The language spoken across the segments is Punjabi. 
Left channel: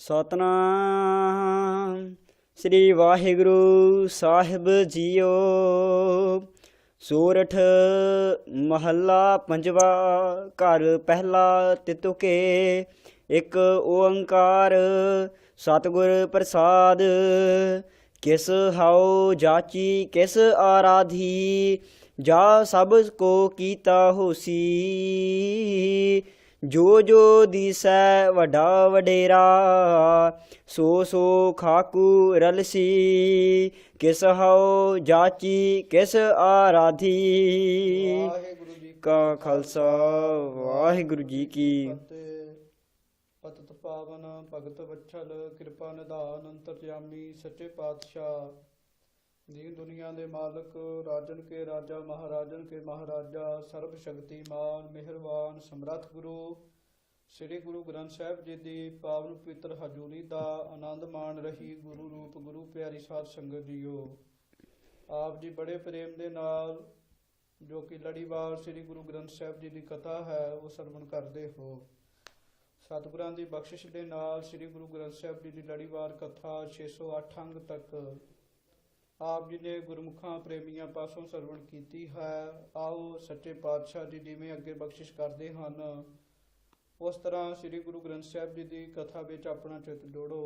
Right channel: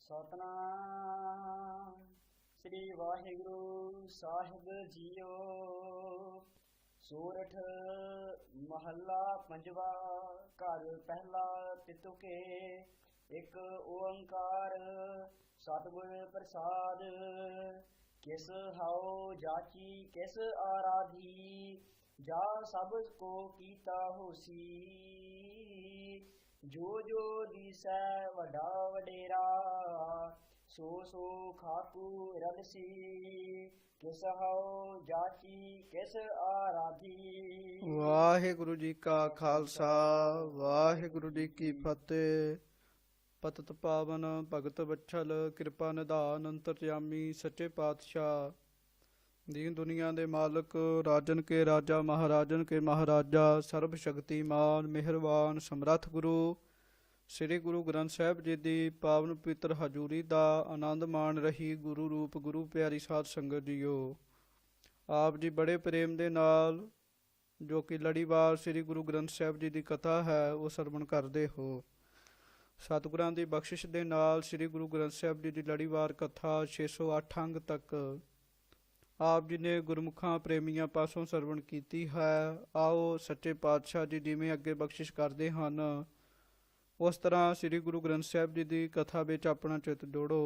ਸਤਨਾਮ ਸ੍ਰੀ ਵਾਹਿਗੁਰੂ ਸਾਹਿਬ ਜੀਓ। ਸੋਰਠ ਮਹੱਲਾ ਪੰਜਵਾ। ਘਰ ਪਹਿਲਾ ਤਿਤੁਕੇ। ਇੱਕ ਓੰਕਾਰ ਸਤਿਗੁਰ ਪ੍ਰਸਾਦ। ਕਿਸ ਹਉ ਜਾਚੀ ਕਿਸ ਆਰਾਧੀ, ਜਾ ਸਭ ਕੋ ਕੀਤਾ ਹੋਸੀ। ਜੋ ਜੋ ਦੀਸੈ ਵੱਡਾ ਵਡੇਰਾ, ਸੋ ਸੋ ਖਾਕੂ ਰਲਸੀ। ਕਿਸ ਹਉ ਜਾਚੀ ਕਿਸ ਆਰਾਧੀ। ਵਾਹਿਗੁਰੂ ਜੀ ਕਾ ਖਾਲਸਾ ਵਾਹਿਗੁਰੂ ਜੀ ਕੀ ਫਤਿਹ। ਪਤਿਤ ਪਾਵਨ ਭਗਤ ਵਛਲ, ਕਿਰਪਾ ਨਿਧਾਨ ਅੰਤਰਜਾਮੀ ਸੱਚੇ ਪਾਤਸ਼ਾਹ। ਦੀਨ ਦੁਨੀਆ ਦੇ ਮਾਲਕ, ਰਾਜਨ ਕੇ ਰਾਜਾ ਮਹਾਰਾਜਨ ਕੇ ਮਹਾਰਾਜਾ, ਸਰਬ ਸ਼ਕਤੀਮਾਨ ਮਿਹਰਬਾਨ ਸਮਰੱਥ ਗੁਰੂ ਸ੍ਰੀ ਗੁਰੂ ਗ੍ਰੰਥ ਸਾਹਿਬ ਜੀ ਦੀ ਪਾਵਨ ਪਵਿੱਤਰ ਹਜ਼ੂਰੀ ਦਾ ਆਨੰਦ ਮਾਣ ਰਹੀ ਗੁਰੂ ਰੂਪ ਗੁਰੂ ਪਿਆਰੀ ਸਾਧ ਸੰਗਤ ਜੀਓ। ਆਪ ਜੀ ਬੜੇ ਪ੍ਰੇਮ ਦੇ ਨਾਲ ਜੋ ਕਿ ਲੜੀਵਾਰ ਸ੍ਰੀ ਗੁਰੂ ਗ੍ਰੰਥ ਸਾਹਿਬ ਜੀ ਦੀ ਕਥਾ ਹੈ ਉਹ ਸਰਵਣ ਕਰਦੇ ਹੋ। ਸਤਿਗੁਰਾਂ ਦੀ ਬਖਸ਼ਿਸ਼ ਦੇ ਨਾਲ ਸ੍ਰੀ ਗੁਰੂ ਗ੍ਰੰਥ ਸਾਹਿਬ ਜੀ ਦੀ ਲੜੀਵਾਰ ਕਥਾ 608 ਅੰਗ ਤੱਕ ਆਪ ਜੀ ਨੇ ਗੁਰਮੁਖਾਂ ਪ੍ਰੇਮੀਆਂ ਪਾਸੋਂ ਸਰਵਣ ਕੀਤੀ ਹੈ। ਆਓ ਸੱਚੇ ਪਾਤਸ਼ਾਹ ਜੀ ਜਿਵੇਂ ਅੱਗੇ ਬਖਸ਼ਿਸ਼ ਕਰਦੇ ਹਨ ਉਸ ਤਰ੍ਹਾਂ ਸ੍ਰੀ ਗੁਰੂ ਗ੍ਰੰਥ ਸਾਹਿਬ ਜੀ ਦੀ ਕਥਾ ਵਿੱਚ ਆਪਣਾ ਚਿੱਤ ਜੋੜੋ।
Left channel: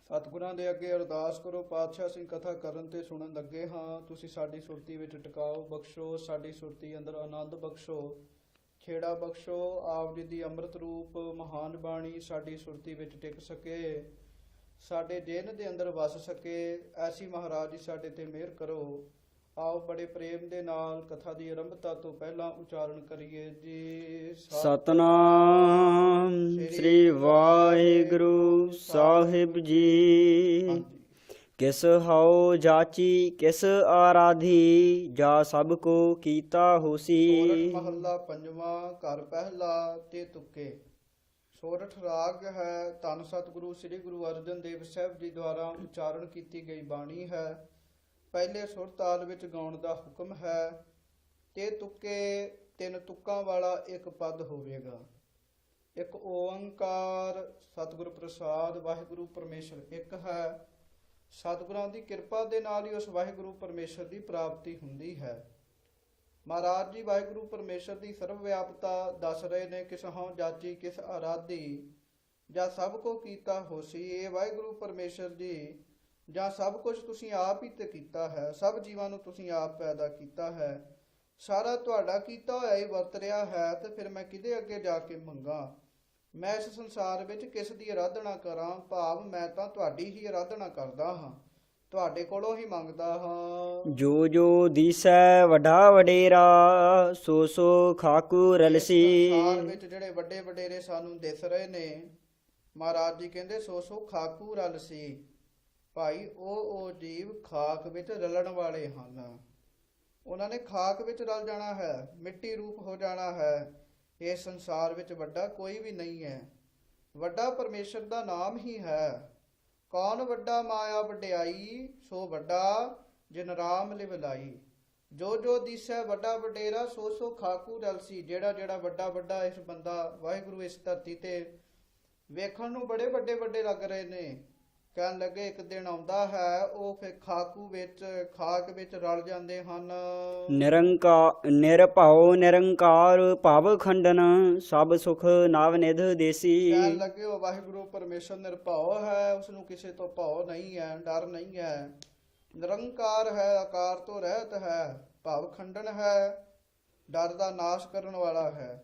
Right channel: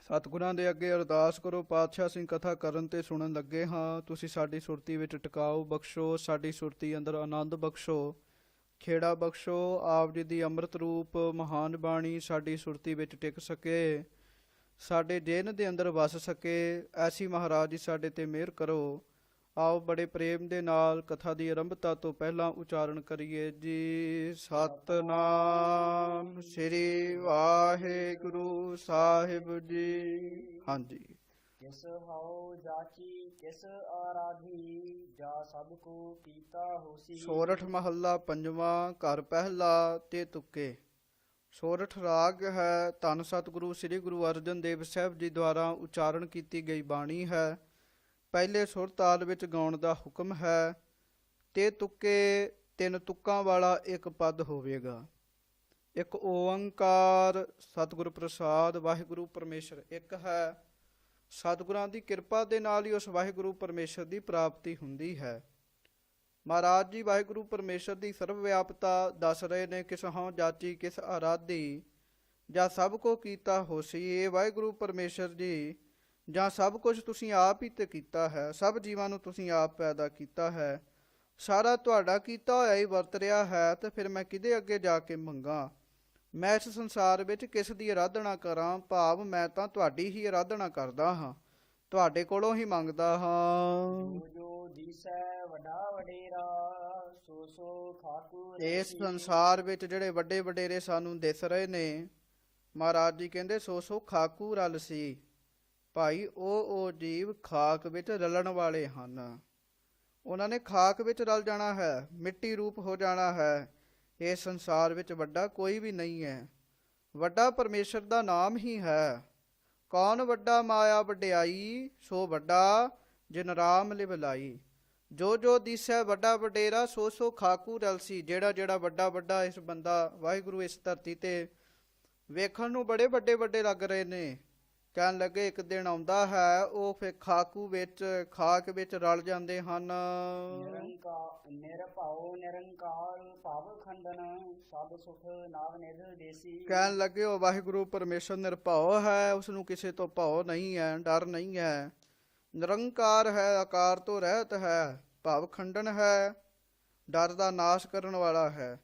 ਸਤਿਗੁਰਾਂ ਦੇ ਅੱਗੇ ਅਰਦਾਸ ਕਰੋ, ਪਾਤਸ਼ਾਹ ਸਿੰਘ ਕਥਾ ਕਰਨ ਤੇ ਸੁਣਨ ਲੱਗੇ ਹਾਂ, ਤੁਸੀਂ ਸਾਡੀ ਸੁਰਤੀ ਵਿੱਚ ਟਿਕਾਓ ਬਖਸ਼ੋ, ਸਾਡੀ ਸੁਰਤੀ ਅੰਦਰ ਆਨੰਦ ਬਖਸ਼ੋ, ਖੇੜਾ ਬਖਸ਼ੋ। ਆਪ ਜੀ ਦੀ ਅੰਮ੍ਰਿਤ ਰੂਪ ਮਹਾਨ ਬਾਣੀ ਸਾਡੀ ਸੁਰਤੀ ਵਿੱਚ ਟਿਕ ਸਕੇ, ਸਾਡੇ ਜੇਨ ਦੇ ਅੰਦਰ ਵਸ ਸਕੇ, ਐਸੀ ਮਹਾਰਾਜ ਜੀ ਸਾਡੇ ਤੇ ਮਿਹਰ ਕਰੋ। ਆਓ ਬੜੇ ਪ੍ਰੇਮ ਦੇ ਨਾਲ ਕਥਾ ਦੀ ਆਰੰਭਤਾ ਤੋਂ ਪਹਿਲਾਂ ਉਚਾਰਨ ਕਰੀਏ ਜੀ। ਸਤਨਾਮ ਸ੍ਰੀ ਵਾਹਿਗੁਰੂ ਸਾਹਿਬ ਜੀ। ਹਾਂਜੀ। ਕਿਸ ਹਉ ਜਾਚੀ ਕਿਸ ਆਰਾਧੀ, ਜਾ ਸਭ ਕੋ ਕੀਤਾ ਹੋਸੀ। ਸੋਰਠ ਮਹੱਲਾ ਪੰਜਵਾਂ। ਘਰ ਪਹਿਲਾ ਤੇ ਤੁਕੇ। ਸੋਰਠ ਰਾਗ ਹੈ। ਧੰਨ ਸਤਿਗੁਰੂ ਸ੍ਰੀ ਗੁਰੂ ਅਰਜਨ ਦੇਵ ਸਾਹਿਬ ਜੀ ਦੁਆਰਾ ਉਚਾਰਨ ਕੀਤੀ ਗਈ ਬਾਣੀ ਹੈ। ਪਹਿਲੇ ਸੁਰ ਤਾਲ ਵਿੱਚ ਗਾਉਣ ਦਾ ਹੁਕਮ ਹੈ। ਤੇ ਤੁਕੇ ਤਿੰਨ ਤੁਕਾਂ ਵਾਲਾ ਇੱਕ ਪਦ ਹੋਵੇਗਾ। ਇੱਕ ਓੰਕਾਰ ਸਤਿਗੁਰ ਪ੍ਰਸਾਦ। ਵਾਹਿਗੁਰੂ ਪਰਮੇਸ਼ਰ ਇੱਕ ਹੈ। ਸਤਿਗੁਰਾਂ ਦੀ ਕਿਰਪਾ ਦੇ ਨਾਲ ਹੀ ਉਸ ਵਾਹਿਗੁਰੂ ਪਰਮੇਸ਼ਰ ਦੀ ਪ੍ਰਾਪਤੀ ਹੁੰਦੀ ਹੈ। ਮਹਾਰਾਜ ਜੀ ਵਾਹਿਗੁਰੂ ਪਰਮੇਸ਼ਰ ਦੀ ਸਰਵ ਵਿਆਪਤਾ ਦੱਸ ਰਹੇ ਨੇ। ਕਿਸ ਹਉ ਜਾਚੀ ਕਿਸ ਆਰਾਧੀ, ਜਾਂ ਸਭ ਕੋ ਕੀਤਾ ਹੋਸੀ। ਇਹ ਵਾਹਿਗੁਰੂ ਪਰਮੇਸ਼ਰ ਜੀ ਜਾਂ ਸਭ ਕੁਝ ਤੁਸੀਂ ਆਪ ਹੀ ਤੇ ਕੀਤਾ ਹੈ। ਸਭ ਜੀਵਾਂ ਨੂੰ ਤੁਸੀਂ ਆਪ ਪੈਦਾ ਕੀਤਾ ਹੈ। ਸਾਰਾ ਤੁਹਾਡਾ ਕੀਤਾ ਹੋਇਆ ਹੀ ਵਰਤ ਰਿਹਾ ਹੈ। ਤੇ ਫਿਰ ਮੈਂ ਕਿਹਦੇ ਅੱਗੇ ਜਾ ਕੇ ਮੰਗਾਂ। ਮੈਂ ਇਸ ਸੰਸਾਰ ਵਿੱਚ ਕਿਸ ਦੀ ਆਰਾਧਨਾ ਕਰਾਂ। ਭਾਵ ਮੈਂ ਤਾਂ ਤੁਹਾਡੀ ਹੀ ਆਰਾਧਨਾ ਕਰਦਾ ਹਾਂ, ਤੁਹਾਡੇ ਕੋਲੋਂ ਹੀ ਮੰਗਦਾ ਹਾਂ। ਜੋ ਜੋ ਦੀਸੈ ਵੱਡਾ ਵਡੇਰਾ, ਸੋ ਸੋ ਖਾਕੂ ਇਸ ਰਲਸੀ। ਸੰਸਾਰ ਵਿੱਚ ਜਿਹੜੇ ਵੱਡੇ ਵਡੇਰੇ ਸਾਨੂੰ ਦਿਸ ਰਹੇ ਨੇ, ਮਹਾਰਾਜ ਜੀ ਕਹਿੰਦੇ ਸੋ ਸੋ ਖਾਕੂ ਰਲ ਸੀ। ਭਾਈ ਉਹ ਜੀਵ ਖਾਕ ਵਿੱਚ ਰਲਣ ਵਾਲੇ ਹਨ। ਉਹਨਾਂ ਨੇ ਖਾਕ ਵਿੱਚ ਰਲ ਜਾਣਾ ਹੈ, ਮਿੱਟੀ ਰੂਪ ਹੋ ਜਾਣਾ ਹੈ। ਇਸ ਸੰਸਾਰ ਵਿੱਚ ਵੱਡਾ ਕੋਈ ਵੀ ਨਹੀਂ ਹੈ। ਵੱਡਾ ਪਰਮੇਸ਼ਰ ਦਾ ਨਾਮ ਹੀ ਹੈ। ਕੌਣ ਵੱਡਾ ਮਾਇਆ ਵਡਿਆਈ, ਸੋ ਵੱਡਾ ਜਿਨ ਰਾਮ ਲਿਵ ਲਾਈ। ਜੋ ਜੋ ਦੀਸੈ ਵੱਡਾ ਵਡੇਰਾ, ਸੋ ਸੋ ਖਾਕੂ ਰਲਸੀ। ਜਿਹੜਾ ਜਿਹੜਾ ਵੱਡਾ ਵੱਡਾ ਇਸ ਬੰਦਾ ਵਾਹਿਗੁਰੂ ਇਸ ਧਰਤੀ ਤੇ ਵੇਖਣ ਨੂੰ ਬੜੇ ਵੱਡੇ ਵੱਡੇ ਲੱਗ ਰਹੇ ਨੇ। ਕਹਿਣ ਲੱਗੇ ਇੱਕ ਦਿਨ ਆਉਂਦਾ ਹੈ ਉਹ ਫਿਰ ਖਾਕੂ ਵਿੱਚ ਖਾਕ ਵਿੱਚ ਰਲ ਜਾਂਦੇ ਹਨ। ਨਿਰਭਉ ਨਿਰੰਕਾਰ ਭਵ ਖੰਡਨ, ਸਭ ਸੁਖ ਨਵ ਨਿਧ ਦੇਸੀ। ਕਹਿਣ ਲੱਗੇ ਉਹ ਵਾਹਿਗੁਰੂ ਪਰਮੇਸ਼ਰ ਨਿਰਭਉ ਹੈ, ਉਸਨੂੰ ਕਿਸੇ ਤੋਂ ਭਉ ਨਹੀਂ ਹੈ, ਡਰ ਨਹੀਂ ਹੈ। ਨਿਰੰਕਾਰ ਹੈ, ਆਕਾਰ ਤੋਂ ਰਹਿਤ ਹੈ, ਭਵ ਖੰਡਨ ਹੈ, ਡਰ ਦਾ ਨਾਸ਼ ਕਰਨ ਵਾਲਾ ਹੈ,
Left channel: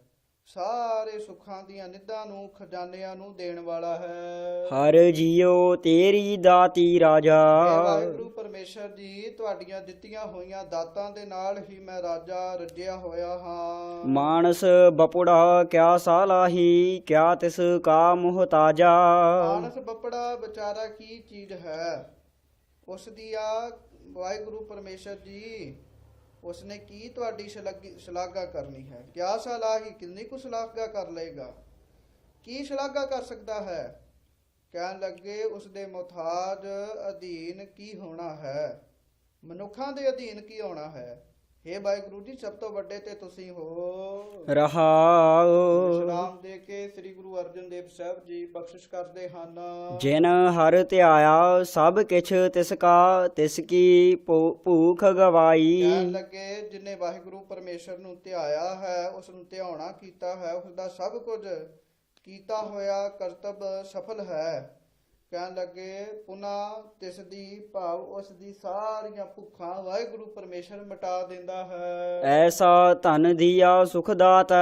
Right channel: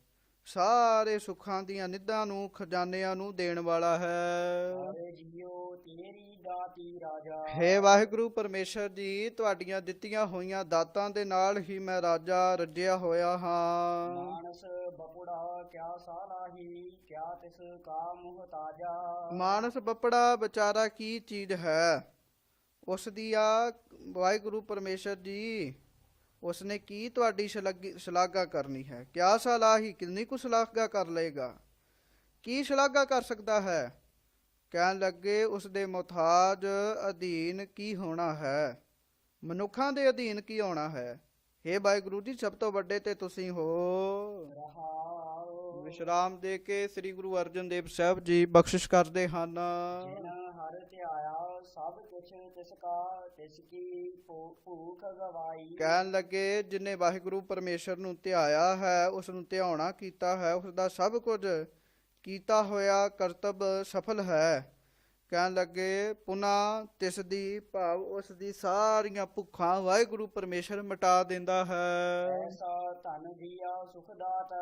ਸਾਰੇ ਸੁੱਖਾਂ ਦੀਆਂ ਨਿੱਧਾਂ ਨੂੰ ਖਜ਼ਾਨਿਆਂ ਨੂੰ ਦੇਣ ਵਾਲਾ ਹੈ। ਹਰ ਜੀਓ ਤੇਰੀ ਦਾਤੀ ਰਾਜਾ। ਹੇ ਵਾਹਿਗੁਰੂ ਪਰਮੇਸ਼ਰ ਜੀ, ਤੁਹਾਡੀਆਂ ਦਿੱਤੀਆਂ ਹੋਈਆਂ ਦਾਤਾਂ ਦੇ ਨਾਲ ਹੀ ਮੈਂ ਰਾਜਾ ਰੱਜਿਆ ਹੋਇਆ ਹਾਂ। ਮਾਨਸ ਬਪੁੜਾ ਕਿਆ ਸਾਲਾਹੀ, ਕਿਆ ਤਿਸ ਕਾ ਮੁਹਤਾਜਾ। ਮਾਨਸ ਬੱਪੜਾ ਵਿਚਾਰਾ ਕੀ ਚੀਜ਼ ਹੈ, ਉਸ ਦੀ ਆ ਵਾਹਿਗੁਰੂ ਪਰਮੇਸ਼ਰ ਜੀ ਉਸਨੇ ਕੀ ਤੁਹਾਡੀ ਸ਼ਲਾਘਾ ਕਰਨੀ ਹੈ। ਕਿਆ ਸਲਾਹੀ, ਕਿੰਨੀ ਕੁ ਸ਼ਲਾਘਾ ਕਰ ਲਏਗਾ, ਕੀ ਸ਼ਲਾਘਾ ਕਰ ਸਕਦਾ ਹੈ। ਕਹਿਣ ਲੱਗੇ ਉਸਦੇ ਮੁਹਤਾਜ ਅਧੀਨ ਕੀ ਹੋਣਾ ਹੈ, ਮਨੁੱਖਾਂ ਦੇ ਅਧੀਨ ਕੀ ਹੋਣਾ ਹੈ। ਹੇ ਵਾਹਿਗੁਰੂ ਜੀ, ਸਭ ਤੋਂ ਵੱਡੇ ਤੇ ਤੁਸੀਂ ਹੋ। ਰਹਾਉ। ਸਲਾਮ ਦੇ ਕੇ ਸ੍ਰੀ ਗੁਰੂ ਅਰਜਨ ਦੇਵ ਸਾਹਿਬ ਜੀ ਬਖਸ਼ਿਸ਼ ਕਰਦੇ ਹਨ। ਜਿਨ ਹਰ ਧਿਆਇਆ ਸਭ ਕਿਛ ਤਿਸ ਕਾ, ਤਿਸ ਕੀ ਭੂਖ ਗਵਾਈ। ਕਹਿਣ ਲੱਗੇ ਜਿਨੇ ਵਾਹਿਗੁਰੂ ਪਰਮੇਸ਼ਰ ਨੂੰ ਧਿਆਇਆ ਹੈ, ਉਸ ਨੂੰ ਧਿਆਉਣਾ ਕੀਤਾ ਹੈ, ਉਸ ਦਾ ਸਭ ਕੁਝ ਕੀਤਾ ਹੋਇਆ ਕਰਤੱਵ ਸਫਲ ਹੈ। ਕਹਿਣ ਲੱਗੇ ਪੁਨਾ ਤਿਸ ਦੀ ਭਾਵ ਉਸ ਦੀ ਸਾਰੀਆਂ ਭੁੱਖਾਂ ਵਾਹਿਗੁਰੂ ਪਰਮੇਸ਼ਰ ਮਿਟਾ ਦਿੰਦਾ ਹੈ। ਐਸਾ ਧਨ ਦੀਆ ਸੁਖ ਦਾਤਾ,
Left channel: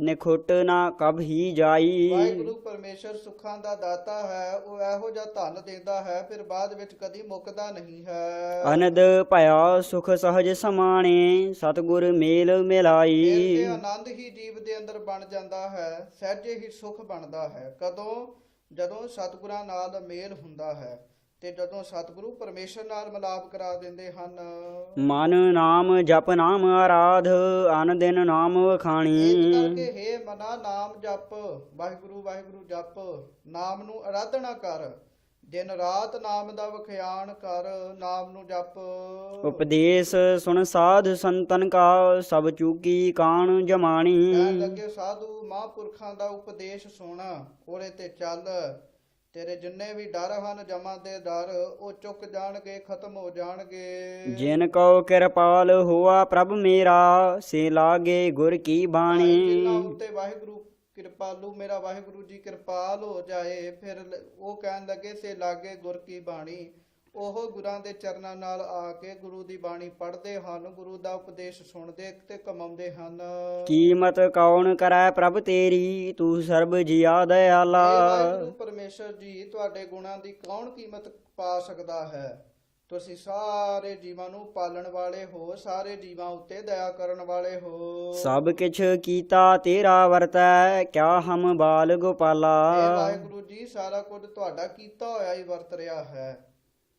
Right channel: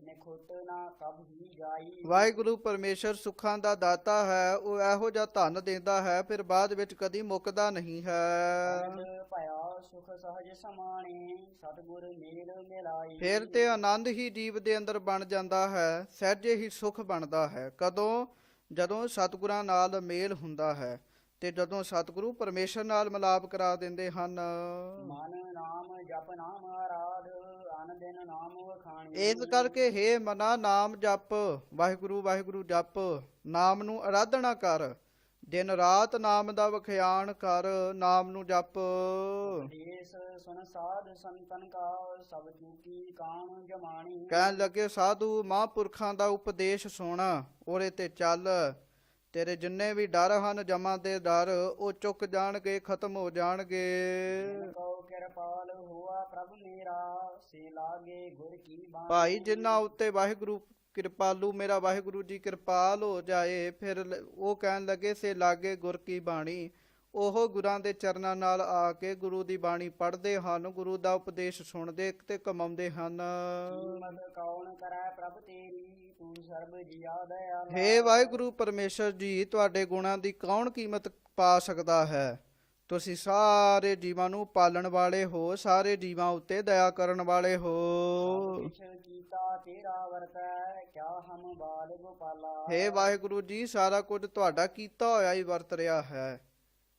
ਨਿਖੁੱਟ ਨਾ ਕਬ ਹੀ ਜਾਈ। ਵਾਹਿਗੁਰੂ ਪਰਮੇਸ਼ਰ ਸੁੱਖਾਂ ਦਾ ਦਾਤਾ ਹੈ, ਉਹ ਇਹੋ ਜਿਹਾ ਧਨ ਦਿੰਦਾ ਹੈ ਫਿਰ ਬਾਅਦ ਵਿੱਚ ਕਦੀ ਮੁੱਕਦਾ ਨਹੀਂ ਹੈ। ਅਨੰਦ ਭਇਆ ਸੁਖ ਸਹਜ ਸਮਾਣੇ, ਸਤਿਗੁਰ ਮੇਲ ਫਿਰ ਮਿਲਾਈ। ਤੇ ਆਨੰਦ ਹੀ ਜੀਵ ਦੇ ਅੰਦਰ ਬਣ ਜਾਂਦਾ ਹੈ, ਸਹਿਜੇ ਹੀ ਸੁਖ ਬਣਦਾ ਹੈ। ਕਦੋਂ? ਜਦੋਂ ਸਤਿਗੁਰਾਂ ਨਾਲ ਮੇਲ ਹੁੰਦਾ ਹੈ ਤੇ ਜਦੋਂ ਸਤਿਗੁਰੂ ਪਰਮੇਸ਼ਰ ਨਾਲ ਮਿਲਾਪ ਕਰਾ ਦਿੰਦੇ ਹਨ। ਮਨ ਨਾਮ ਜਪ ਨਾਮ ਆਰਾਧ, ਅਨ ਦਿਨ ਨਾਮ ਵਖਾਣੀ। ਇਸ ਕਰਕੇ ਹੇ ਮਨਾ ਨਾਮ ਜਪ, ਵਾਹਿਗੁਰੂ ਵਾਹਿਗੁਰੂ ਜਪ, ਨਾਮ ਨੂੰ ਆਰਾਧਨਾ ਕਰ, ਦਿਨ ਰਾਤ ਨਾਮ ਦਾ ਵਖਿਆਣ ਕਰ, ਨਾਮ ਨੂੰ ਜਪ। ਉਪਦੇਸ਼ ਸੁਣ ਸਾਧ ਸੰਤਨ ਕਾ, ਸਭ ਚੂਕੀ ਕਾਣ ਜਮਾਣੀ। ਕਹਿਣ ਲੱਗੇ ਸਾਧੂ ਮਹਾਂਪੁਰਖਾਂ ਦਾ ਉਪਦੇਸ਼ ਸੁਣ, ਉਹਦੇ ਤੇ ਚੱਲ, ਤੇਰੇ ਜਿੰਨੇ ਵੀ ਡਰ ਹਨ ਜਮਾਂ ਦੇ ਡਰ, ਉਹ ਚੁੱਕ ਜਾਣਗੇ, ਖਤਮ ਹੋ ਜਾਣਗੇ। ਜਿਨ ਕਉ ਕਿਰਪਾਲ ਹੋਆ ਪ੍ਰਭ ਮੇਰਾ, ਸੇ ਲਾਗੇ ਗੁਰ ਕੀ ਭਾਈ ਬਾਣੀ। ਜਿਨ੍ਹਾਂ ਉੱਤੇ ਵਾਹਿਗੁਰੂ ਕਿਰਪਾਲੂ ਮੇਰਾ ਵਾਹਿਗੁਰੂ ਜੀ ਕਿਰਪਾਲ ਹੋ ਜਾਏ, ਫਿਰ ਉਹ ਕਹਿਣ ਲੱਗੇ ਸੇ ਲਾਗੇ ਗੁਰ ਕੀ ਬਾਣੀ। ਉਹ ਗੁਰਾਂ ਦੇ ਚਰਨਾਂ ਨਾਲ ਆ ਕੇ ਗੁਰੂ ਦੀ ਬਾਣੀ ਪੜ੍ਹਦੇ ਹਨ, ਗੁਰੂ ਦਾ ਉਪਦੇਸ਼ ਸੁਣਦੇ ਤੇ ਕਮਾਉਂਦੇ ਹਨ। ਕੀਮਤ ਕੌਣ ਕਰੈ ਪ੍ਰਭ ਤੇਰੀ, ਤੂੰ ਸਰਬ ਜੀਆ ਦਇਆਲਾ। ਇਹ ਵਾਹਿਗੁਰੂ ਪਰਮੇਸ਼ਰ ਜੀ, ਤੁਹਾਡੇ ਗੁਣਾਂ ਦੀ ਕੌਣ ਕੀਮਤ ਪਾ ਸਕਦਾ ਹੈ? ਤੁਸੀਂ ਸਾਰੇ ਜੀਵਾਂ ਨੂੰ ਪਾਲਣ ਵਾਲੇ ਹੋ, ਸਾਰੇ ਜੀਵਾਂ ਉੱਤੇ ਦਇਆ ਕਰਨ ਵਾਲੇ ਹੋ। ਸਭ ਕਿਛ ਕੀਤਾ ਤੇਰਾ ਵਰਤੈ, ਕਿਆ ਹਮ ਬਾਲ ਗੋਪਾਲਾ। ਇਹ ਵਾਹਿਗੁਰੂ ਜੀ, ਸਾਰਾ ਕੁਝ ਤੁਹਾਡਾ ਕੀਤਾ ਹੋਇਆ ਹੀ ਵਰਤ ਰਿਹਾ ਹੈ।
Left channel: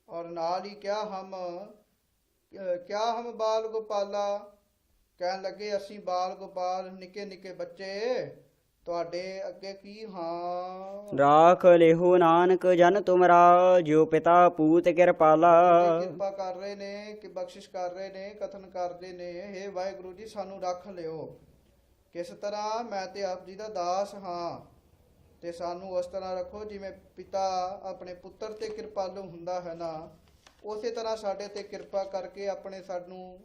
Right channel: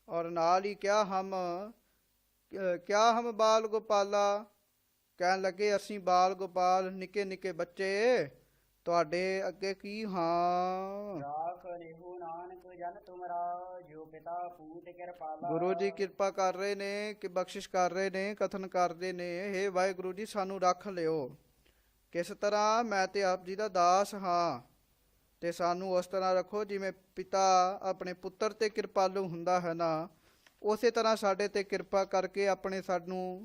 ਔਰ ਨਾਲ ਹੀ ਕਿਆ ਹਮ ਬਾਲ ਗੋਪਾਲਾ, ਕਹਿਣ ਲੱਗੇ ਅਸੀਂ ਬਾਲ ਗੋਪਾਲ ਨਿੱਕੇ ਨਿੱਕੇ ਬੱਚੇ ਤੁਹਾਡੇ ਅੱਗੇ ਕੀ ਹਾਂ। ਰਾਖ ਲਿਹੋ ਨਾਨਕ ਜਨ ਤੁਮਰਾ, ਜਿਉ ਪਿਤਾ ਪੂਤ ਕਿਰਪਾਲਾ। ਗੁਰੂ ਜੀ ਕਿਰਪਾ ਕਰ ਰਹੇ ਨੇ ਕਿ ਬਖਸ਼ਿਸ਼ ਕਰ ਰਹੇ ਨੇ, ਕਥਨ ਕਰਦੇ ਨੇ, ਹੇ ਵਾਹਿਗੁਰੂ ਜੀ ਸਾਨੂੰ ਰੱਖ ਲਿਓ। ਕਿਸ ਤਰ੍ਹਾਂ? ਮੈਂ ਤੇ ਆਪ ਜੀ ਦਾ ਦਾਸ ਹਾਂ ਤੇ ਸਾਨੂੰ ਉਸ ਤਰ੍ਹਾਂ ਰੱਖੋ ਜਿਵੇਂ ਪਿਤਾ ਆਪਣੇ ਪੁੱਤਰ ਤੇ ਕਿਰਪਾਲੂ ਹੁੰਦਾ ਹੈ ਨਾ, ਉਸੇ ਤਰ੍ਹਾਂ ਸਾਡੇ ਤੇ ਕਿਰਪਾ ਕਰਕੇ ਆਪਣੇ ਸਾਨੂੰ,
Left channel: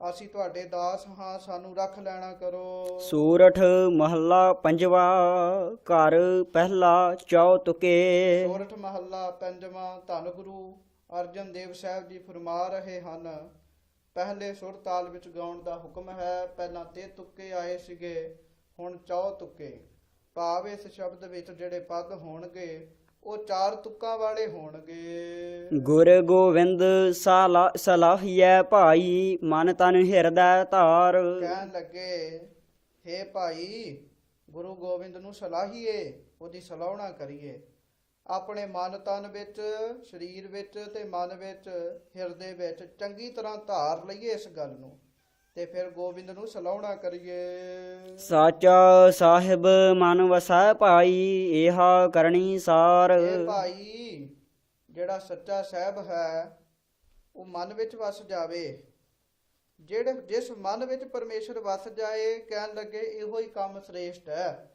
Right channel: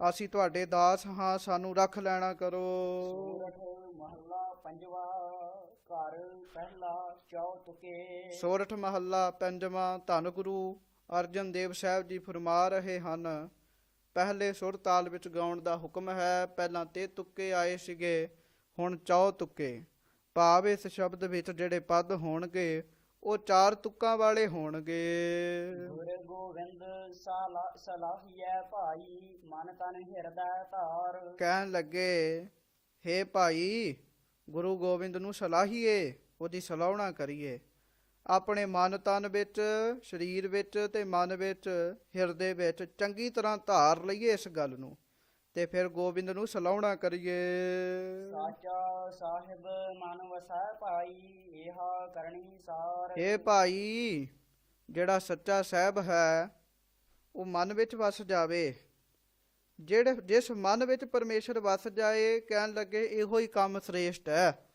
ਅਸੀਂ ਤੁਹਾਡੇ ਦਾਸ ਹਾਂ, ਸਾਨੂੰ ਰੱਖ ਲੈਣਾ ਕਰੋ। ਸੂਰਠ ਮਹੱਲਾ ਪੰਜਵਾ, ਘਰ ਪਹਿਲਾ ਚੌ ਤੁਕੇ। ਸੋਰਠ ਮਹੱਲਾ ਪੰਜਵਾਂ। ਧੰਨ ਗੁਰੂ ਅਰਜਨ ਦੇਵ ਸਾਹਿਬ ਜੀ ਫਰਮਾ ਰਹੇ ਹਨ, ਪਹਿਲੇ ਸੁਰ ਤਾਲ ਵਿੱਚ ਗਾਉਣ ਦਾ ਹੁਕਮ ਹੈ। ਪਹਿਲਾਂ ਤੇ ਤੁੱਕੇ ਆਏ ਸੀਗੇ, ਹੁਣ ਚੌ ਤੁੱਕੇ। ਭਾਵ ਇਸ ਸ਼ਬਦ ਵਿੱਚ ਜਿਹੜੇ ਪਦ ਹੋਣਗੇ ਉਹ ਚਾਰ ਤੁਕਾਂ ਵਾਲੇ ਹੋਣਗੇ। ਗੁਰ ਗੋਵਿੰਦ ਸਲਾਹੀਐ ਭਾਈ, ਮਨ ਤਨ ਹਿਰਦੈ ਧਾਰ। ਕਹਿਣ ਲੱਗੇ ਹੇ ਭਾਈ, ਗੁਰੂ ਗੋਬਿੰਦ ਨੂੰ ਸਲਾਹੀਏ, ਉਹਦੀ ਸਲਾਹੁਣਾ ਕਰੀਏ, ਆਪਣੇ ਮਨ ਤਨ ਵਿੱਚ, ਸਰੀਰ ਵਿੱਚ ਤੇ ਮਨ ਵਿੱਚ, ਹਿਰਦੇ ਵਿੱਚ ਚੰਗੀ ਤਰ੍ਹਾਂ ਧਾਰ ਲਈਏ ਇਸ ਗੱਲ ਨੂੰ, ਤੇ ਫਿਰ ਗੋਬਿੰਦ ਨੂੰ ਸਲਾਹੁਣਾ ਕਰੀਏ। ਸਾਚਾ ਸਾਹਿਬ ਮਨ ਵਸੈ ਭਾਈ, ਇਹਾ ਕਰਨੀ ਸਾਰ। ਇਹ ਭਾਈ, ਜਿਹੜਾ ਸੱਚਾ ਸਾਹਿਬ ਹੈ ਉਹ ਮਨ ਵਿੱਚ ਵਸ ਜਾਵੇ। ਜਿਸ ਮਨ ਵਿੱਚ ਪਰਮੇਸ਼ਰ ਵਸ ਜਾਏ, ਕਹਿਣ ਲੱਗੇ ਇਹੋ ਹੀ ਕੰਮ ਸ੍ਰੇਸ਼ਟ ਹੈ।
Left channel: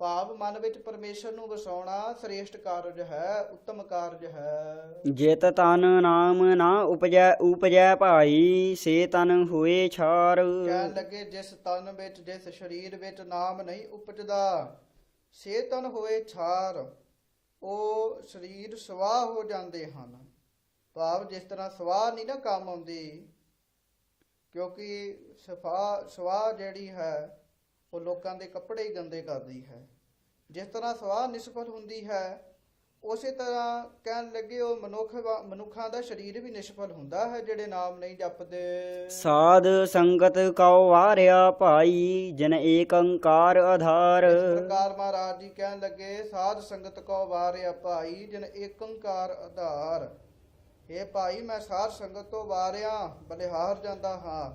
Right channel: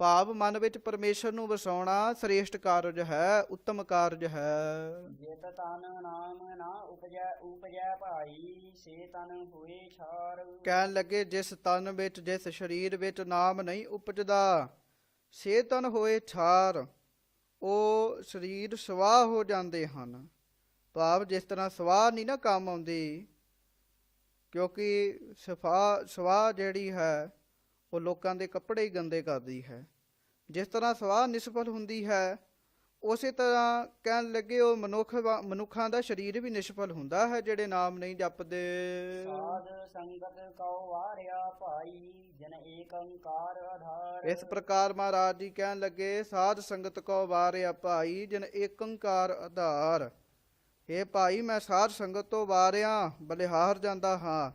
ਭਾਵ ਮਨ ਵਿੱਚ ਪਰਮੇਸ਼ਰ ਨੂੰ ਵਸਾਉਣਾ ਸ੍ਰੇਸ਼ਟ ਕਾਰਜ ਹੈ, ਉੱਤਮ ਕਾਰਜ ਹੈ। ਜਿਤ ਤਨ ਨਾਮ ਨਾ ਉਪਜੈ ਭਾਈ, ਸੇ ਤਨ ਹੋਏ ਛਾਰ। ਕਹਿਣ ਲੱਗੇ ਜਿਸ ਤਨ ਵਿੱਚ, ਜਿਸ ਸਰੀਰ ਵਿੱਚ ਨਾਮ ਨਹੀਂ ਉਪਜਦਾ, ਸੇ ਤਨ ਹੋਏ ਛਾਰ, ਉਹ ਸਰੀਰ ਸਵਾਹ ਹੋ ਜਾਂਦੇ ਹਨ। ਭਾਵ ਜਿਸ ਤਰ੍ਹਾਂ ਸਵਾਹ ਨਹੀਂ ਨਾ ਕੰਮ ਆਉਂਦੀ, ਕਿਉਂਕਿ ਸਵਾਹ ਜਿਹੜੀ ਹੈ ਉਹ ਲੋਕਾਂ ਦੇ ਕੱਪੜੇ ਹੀ ਗੰਦੇ ਕਰਦੀ ਹੈ। ਜਿਸ ਤਰ੍ਹਾਂ ਸਵਾਹ ਨਿਸਫਲ ਹੁੰਦੀ ਹੈ, ਉਸੇ ਤਰ੍ਹਾਂ ਕਹਿਣ ਲੱਗੇ ਉਹ ਮਨੁੱਖਾਂ ਦਾ ਸਰੀਰ ਵੀ ਨਿਸਫਲ ਹੁੰਦਾ ਹੈ ਜਿਹੜੇ ਨਾਮ ਨਹੀਂ ਜਪਦੇ। ਸਾਧ ਸੰਗਤ ਕਉ ਵਾਰਿਆ ਭਾਈ, ਜਿਨ ਏਕ ਓੰਕਾਰ ਆਧਾਰ। ਇਸ ਪ੍ਰਕਾਰ ਮਹਾਰਾਜ ਜੀ ਕਹਿਣ ਲੱਗੇ ਸਾਧ ਸੰਗਤ ਕੋ ਵਾਰਿਆ ਭਾਈ, ਜਿਨ ਏਕ ਓੰਕਾਰ ਆਧਾਰ। ਇਹ ਭਾਈ, ਮੈਂ ਸਾਧ ਸੰਗਤ ਤੋਂ ਵਾਰਿਆ, ਬਲਿਹਾਰ ਜਾਂਦਾ ਹਾਂ,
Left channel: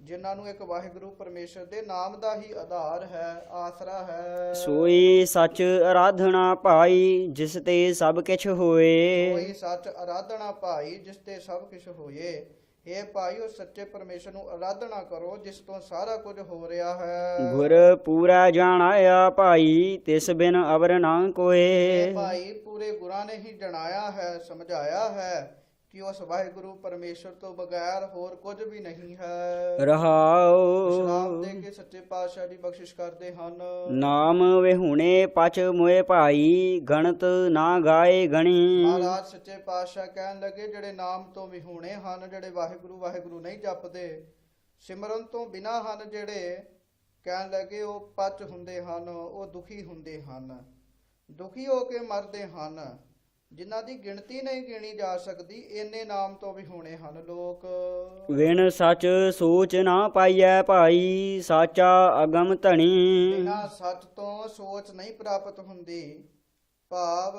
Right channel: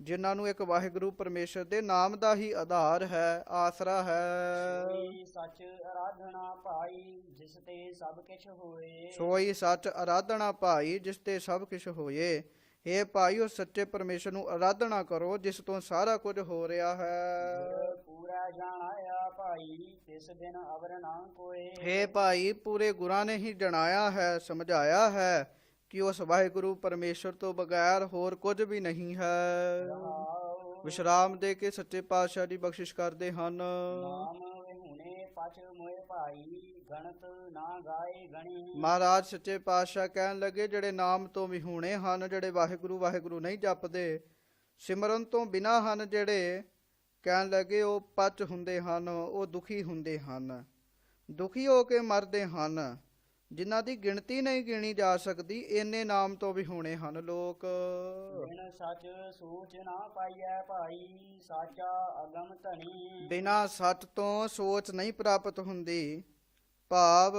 ਜਿਨ੍ਹਾਂ ਨੂੰ ਇੱਕ ਵਾਹਿਗੁਰੂ ਪਰਮੇਸ਼ਰ ਦੇ ਨਾਮ ਦਾ ਹੀ ਆਧਾਰ ਹੈ, ਆਸਰਾ ਹੈ। ਸੋਈ ਸੱਚ ਆਰਾਧਨਾ ਭਾਈ, ਜਿਸ ਤੇ ਸਭ ਕਿਛ ਹੋਏ। ਸੋਈ ਸੱਚ ਆਰਾਧਨਾ ਭਾਈ, ਜਿਸ ਤੇ ਸਭ ਕੁਛ ਹੋਏ। हे ਭਾਈ ਉਸ ਸੱਚੇ ਪਰਮੇਸ਼ਰ ਨੂੰ ਆਰਾਧਨਾ ਕਰੋ ਜਿਸ ਤੋਂ ਸਾਰਾ ਕੁਝ ਹੋ ਰਿਹਾ ਹੈ। ਗੁਰ ਪੂਰਾ ਜਾਣਾਇਆ ਭਾਈ ਤਿਸ ਬਿਨ ਅਵਰ ਨਾ ਕੋਏ। ਇਹ ਭਾਈ ਪੂਰੇ ਗੁਰਾਂ ਨੇ ਹੀ ਜਣਾਇਆ ਹੈ, ਸਮਝਾਇਆ ਹੈ ਕਿ ਉਸ ਵਾਹਿਗੁਰੂ ਪਰਮੇਸ਼ਰ ਤੋਂ ਬਗੈਰ ਹੋਰ ਕੁਝ ਵੀ ਨਹੀਂ ਹੈ। ਰਹਾਉ ਵਿਸ਼ਰਾਮ ਦੇ ਕੇ ਸੱਚੇ ਪਾਤਸ਼ਾਹ ਦੀ ਬਖਸ਼ਿਸ਼ ਕਰਦੇ ਹਨ। ਨਾਮ ਵਿਹੁਣੇ ਪਛ ਮੋਏ ਭਾਈ ਗਣਤ ਨਾ ਗਾਏ ਗਣੀ। ਮਹਾਰਾਜ ਸੱਚੇ ਪਾਤਸ਼ਾਹ ਕਹਿਣ ਲੱਗੇ ਜਿਹੜੇ ਨਾਮ ਤੋਂ ਵਿਹੂਣੇ ਹਨ, ਜਿਹੜੇ ਵਾਹਿਗੁਰੂ ਵਾਹਿਗੁਰੂ ਨਹੀਂ ਜਪਦੇ, ਸਿਮਰਨ ਤੋਂ ਬਿਨਾਂ ਹਨ ਜਿਹੜੇ, ਕਹਿਣ ਲੱਗੇ ਉਹ ਪਚ ਹੁੰਦੇ ਹਨ, ਉਹ ਦੁਖੀ ਹੁੰਦੇ ਹਨ, ਦੁਖੀ ਹੋ ਕੇ ਮਰਦੇ ਹਨ, ਜਿਨ੍ਹਾਂ ਦੀ ਗਿਣਤੀ ਨਹੀਂ ਗਿਣੀ ਜਾ ਸਕਦੀ, ਇੰਨੇ ਨਾਮ ਤੋਂ ਵਿਹੂਣੇ ਹਨ ਲੋਕ। ਵਿਣ ਸਚ ਸੋਚ ਨਾ ਪਾਈਐ ਭਾਈ ਸਾਚਾ ਅਗਮ ਧਣੀ। ਬਿਨਾਂ ਸੱਚ ਤੋਂ ਸੋਚ ਨਹੀਂ ਪ੍ਰਾਪਤ ਹੁੰਦੀ। ਭਾਵ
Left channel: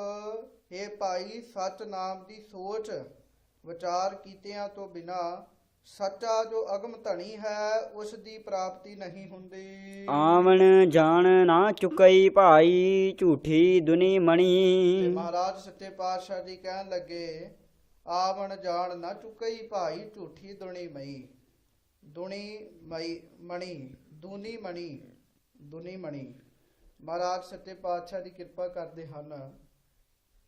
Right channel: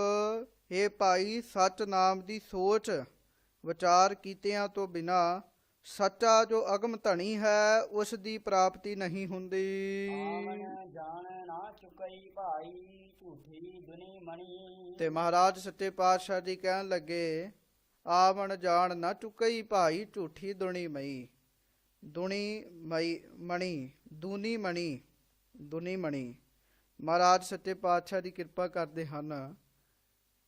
ਇਹ ਭਾਈ ਸੱਚ ਨਾਮ ਦੀ ਸੋਚ ਵਿਚਾਰ ਕੀਤਿਆਂ ਤੋਂ ਬਿਨਾਂ ਸੱਚਾ ਜੋ ਅਗਮ ਧਣੀ ਹੈ ਉਸ ਦੀ ਪ੍ਰਾਪਤੀ ਨਹੀਂ ਹੁੰਦੀ। ਆਵਣ ਜਾਣ ਨਾ ਚੁਕਈ ਭਾਈ ਝੂਠੀ ਦੁਨੀ ਤੇ ਮਣੀ। ਮਹਾਰਾਜ ਸੱਚੇ ਪਾਤਸ਼ਾਹ ਜੀ ਕਹਿਣ ਲੱਗੇ ਆਵਣ ਜਾਣ ਨਾ ਚੁਕਈ ਭਾਈ ਝੂਠੀ ਦੁਨੀ ਮਈ। ਦੁਨੀ ਮਈ ਮਣੀ, ਦੂਨੀ ਮਣੀ, ਦੁਨੀ ਮਣੀ। ਮਹਾਰਾਜ ਸੱਚੇ ਪਾਤਸ਼ਾਹ ਦੀ ਕਿਰਪਾ ਕਰਦੇ ਹਨ।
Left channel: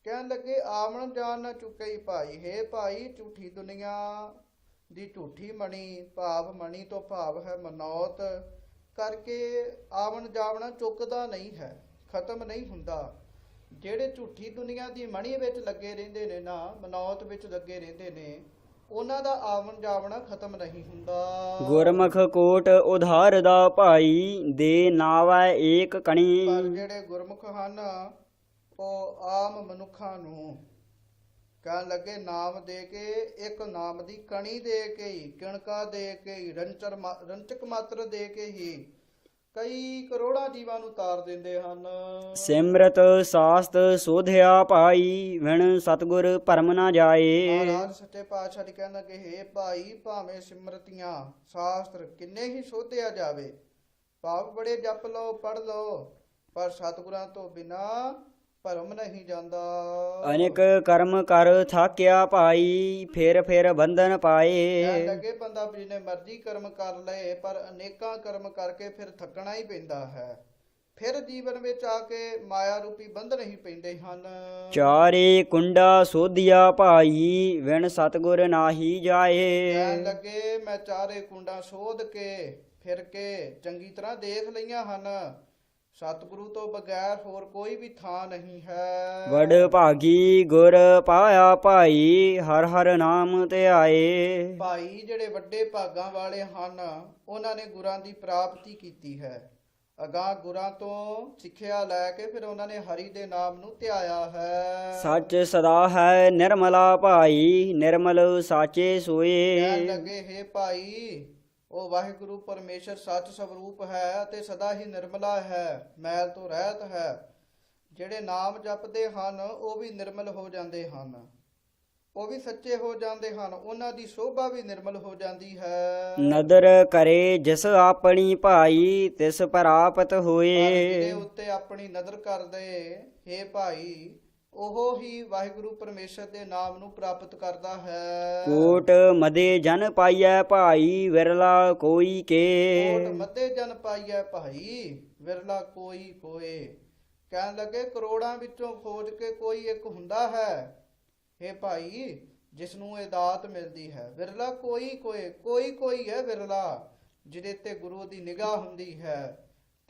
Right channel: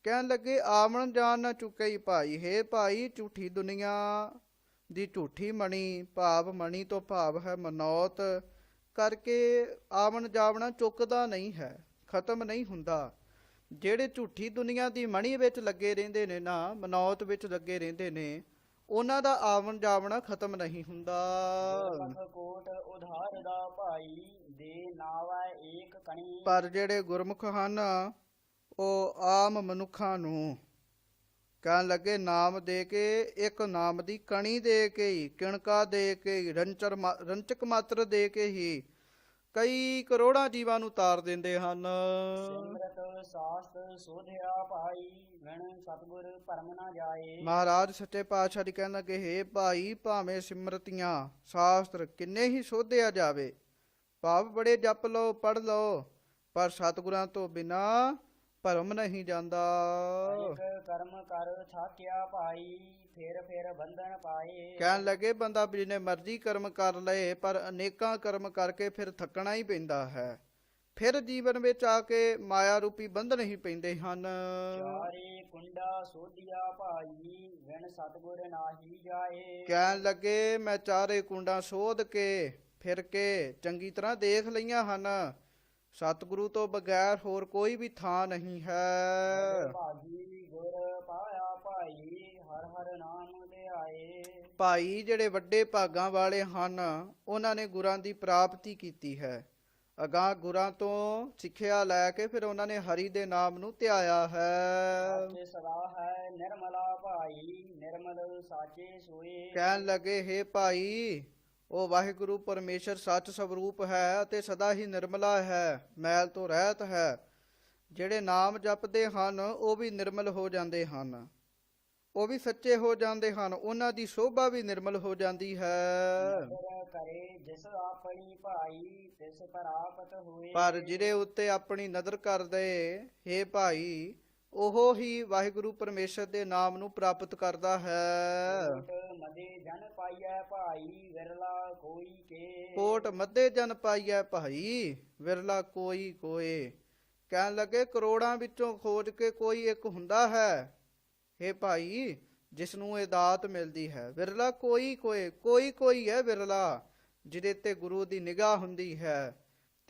ਕਹਿਣ ਲੱਗੇ ਆਵਣ ਜਾਣ ਨਾ ਚੁਕਈ ਭਾਈ, ਹੈ ਭਾਈ ਝੂਠੀ ਦੁਨੀਆ ਦੀ ਝੂਠੀ ਮਣੀ, ਭਾਵ ਮਣੀ ਤੋਂ ਭਾਵ ਹੈ ਮਨੌਤ ਕਰਕੇ ਆਵਣ ਜਾਵਣਾ ਚੁੱਕਦਾ ਨਹੀਂ ਹੈ, ਖਤਮ ਨਹੀਂ ਹੁੰਦਾ। ਜਿਹੜੇ ਝੂਠੀ ਦੁਨੀਆ ਦੀ ਮਣੀ ਵਿੱਚ ਲੱਗੇ ਰਹਿੰਦੇ ਨੇ ਨਾ, ਮਨੌਤ ਵਿੱਚ ਲੱਗੇ ਰਹਿੰਦੇ ਨੇ, ਉਹਨਾਂ ਦਾ ਆਵਣ ਜਾਵਣਾ ਖਤਮ ਨਹੀਂ ਹੁੰਦਾ। ਗੁਰਮੁਖ ਕੋਟ ਉਧਾਰ ਦਾ ਭਾਈ ਦੇ ਨਾਵੈ ਏਕ ਕਣੀ। ਪਰ ਜਿਹੜੇ ਗੁਰਮੁਖ ਹਨ ਉਹ ਆਮ ਮਨੁੱਖਾਂ ਨੂੰ ਕਹਿਣ ਲੱਗੇ ਨਾਮ ਦੇ ਕੇ, ਇੱਕ ਨਾਮ ਦੀ ਕਣੀ ਦੇ ਕੇ ਹੀ, ਕਿਣਕਾ ਦੇ ਕੇ ਹੀ, ਰੰਚਕ ਮਾਤਰ ਦੇ ਕੇ ਹੀ ਕਈ ਕਰੋੜਾਂ ਜੀਵਾਂ ਨੂੰ ਤਾਰ ਦਿੰਦੇ ਹਨ। ਸਿਮਰਤ ਸਾਸਤ ਸੋਧਿਆ ਭਾਈ ਵਿਣ ਸਤਗੁਰ ਭਰਮ ਨਾ ਜਾਏ। ਮਹਾਰਾਜ ਸੱਚੇ ਪਾਤਸ਼ਾਹ ਜੀ ਕਹਿਣ ਲੱਗੇ ਹੈ ਭਾਈ ਭਾਵੇਂ ਸਿਮਰਤੀਆਂ ਸ਼ਾਸਤਰ ਕਿੰਨੇ ਹੀ ਸੋਧਿਆ ਜਾਵੇ, ਭਾਵ ਬੜੇ ਜਪ ਲਓ ਪੜ੍ਹ ਲਓ, ਪਰ ਸਤਿਗੁਰਾਂ ਤੋਂ ਬਿਨਾਂ ਭਰਮ ਨਹੀਂ ਜਾਂਦਾ। ਅਨੇਕ ਕਰਮ ਕਰ ਥਾਕਿਆ ਭਾਈ ਫਿਰ ਫਿਰ ਬੰਧਨ ਪਾਏ। ਕਹਿਣ ਲੱਗੇ ਬੰਦਾ ਜਿੰਨੇ ਮਰਜ਼ੀ ਕਰਮ ਕਰ ਲਏ ਪਰ ਅਨੇਕਾਂ ਕਰਮ ਕਰਕੇ ਫਿਰ ਥੱਕਣਾ ਹੀ ਪੈਂਦਾ ਹੈ, ਫਿਰ ਜੀਵਨ ਵਿੱਚ ਆ ਕੇ ਮਾਇਆ ਰੂਪੀ ਬੰਧਨ ਹੀ ਪੈਂਦੇ ਹਨ। ਚਾਰੇ ਕੁੰਡਾ ਸੋਧਿਆ ਭਾਈ ਵਿਣ ਸਤਗੁਰ ਨਾਹੀ ਜਾਏ। ਕਹਿਣ ਲੱਗੇ ਮੈਂ ਚਾਰੇ ਕੁੰਡਾਂ ਸੋਧ ਕੇ ਫਿਰ ਕੇ ਚੰਗੀ ਤਰ੍ਹਾਂ ਦੇਖ ਲਈਆਂ ਹਨ, ਸਤਿਗੁਰੂ ਤੋਂ ਬਗੈਰ ਹੋਰ ਕੋਈ ਵੀ ਥਾਂ ਨਹੀਂ ਹੈ। ਵਡ ਭਾਗੀ ਗੁਰ ਪਾਇਆ ਭਾਈ ਹਰ ਹਰ ਨਾਮ ਧਿਆਏ। ਭਾਈ ਜਿਹੜੇ ਵੱਡੇ ਭਾਗਾਂ ਵਾਲੇ ਹਨ ਉਹਨਾਂ ਨੇ ਗੁਰਾਂ ਦੀ ਪ੍ਰਾਪਤੀ ਕੀਤੀ ਹੈ, ਅਗਾਂਹ ਗੁਰਾਂ ਤੋਂ ਸਿੱਖਿਆ ਲੈ ਕੇ ਫਿਰ ਉਹਨਾਂ ਨੇ ਹਰੀ ਦੇ ਨਾਮ ਨੂੰ ਧਿਆਇਆ ਹੈ। ਸੱਚ ਸਦਾ ਹੈ ਨਿਰਮਲਾ ਭਾਈ ਨਿਰਮਲ ਸਾਚੇ ਸੋਏ। ਕਹਿਣ ਲੱਗੇ ਹੈ ਭਾਈ ਉਹ ਵਾਹਿਗੁਰੂ ਪਰਮੇਸ਼ਰ ਸੱਚ ਸਵਰੂਪ ਹੈ ਅਤੇ ਸਦਾ ਹੀ ਨਿਰਮਲਾ ਹੈ, ਮੈਲ ਤੋਂ ਰਹਿਤ ਹੈ। ਜਿਹੜੇ ਨਾਮ ਜਪਦੇ ਹਨ ਉਹ ਵੀ ਨਿਰਮਲ ਹੋ ਜਾਂਦੇ ਹਨ, ਉਹ ਵੀ ਸੱਚੇ ਹੋ ਜਾਂਦੇ ਹਨ, ਉਹਨਾਂ ਦੀ ਸੋਭਾ ਵੀ ਨਿਰਮਲ ਹੋ ਜਾਂਦੀ ਹੈ। ਨਦਰ ਕਰੇ ਜਿਸ ਆਪਣੀ ਭਾਈ ਤਿਸ ਪ੍ਰਾਪਤ ਹੋਏ। ਪਰ ਜਿਹਦੇ ਉੱਤੇ ਆਪਣੀ ਨਦਰ ਕਰਦੇ ਹੈ ਭਾਈ ਉਹ ਹੀ ਵਾਹਿਗੁਰੂ ਪਰਮੇਸ਼ਰ ਦੇ ਨਾਮ ਨੂੰ ਪ੍ਰਾਪਤ ਕਰਦਾ ਹੈ। ਕੋਟ ਮਦੇ ਜਨ ਪਾਈਐ ਭਾਈ ਵਿਰਲਾ ਕੋਈ ਕੇ। ਕੋਟ ਮੱਧੇ ਜਨ ਪਾਈਐ ਭਾਈ ਵਿਰਲਾ ਕੋਈ ਕੋਏ। ਕਹਿਣ ਲੱਗੇ ਕਰੋੜਾਂ ਵਿੱਚੋਂ ਖੋਜ ਕੇ ਕੋਈ ਇੱਕ ਹੁੰਦਾ ਹੈ ਇਹ ਭਾਈ ਜਿਸ ਨੂੰ ਇਹ ਦਾਤ ਮਿਲਦੀ ਹੈ। ਵਿਰਲਾ ਕੋਈ ਕੋਏ, ਕੋਈ ਕੋਈ ਹੈ ਵਿਰਲਾ ਜਿਹਦੇ ਤੇ ਗੁਰੂ ਦੀ ਨਿਗਾਹ ਹੁੰਦੀ ਹੈ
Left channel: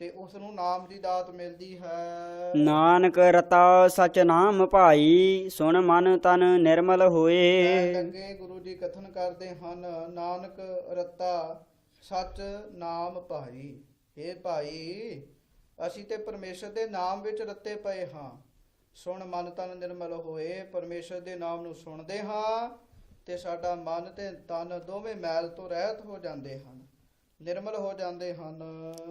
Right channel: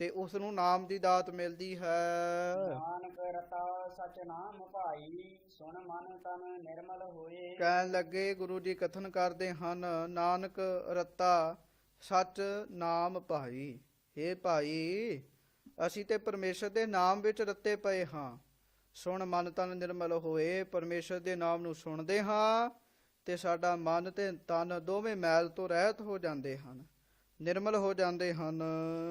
ਤੇ ਉਸ ਨੂੰ ਨਾਮ ਦੀ ਦਾਤ ਮਿਲਦੀ ਹੈ। ਨਾਨਕ ਰਤਾ ਸਚ ਨਾਮ ਭਾਈ ਸੁਣ ਮਨ ਤਨ ਨਿਰਮਲ ਹੋਏ। ਕਹਿਣ ਲੱਗੇ ਗੁਰੂ ਜੀ ਕਥਨ ਕਰਦੇ ਹਨ ਨਾਨਕ ਰਤਾ ਸਚ ਨਾਮ ਭਾਈ। ਇਹ ਭਾਈ ਅਸੀਂ ਤੇ ਪਰਮੇਸ਼ਰ ਦੇ ਨਾਮ ਵਿੱਚ ਰੱਤੇ ਪਏ ਹਾਂ, ਸੁਣ ਮਨ ਤਨ ਨਿਰਮਲ ਹੋਏ। ਪਰਮੇਸ਼ਰ ਦੇ ਨਾਮ ਨੂੰ ਸੁਣਦੇ ਹਾਂ ਤੇ ਸਾਡਾ ਮਨ ਤੇ ਤਨ ਦੋਵੇਂ ਮੈਲ ਤੋਂ ਰਹਿਤ ਹੋ ਜਾਂਦੇ ਹਨ, ਨਿਰਮਲ ਹੋ ਜਾਂਦੇ ਹਨ।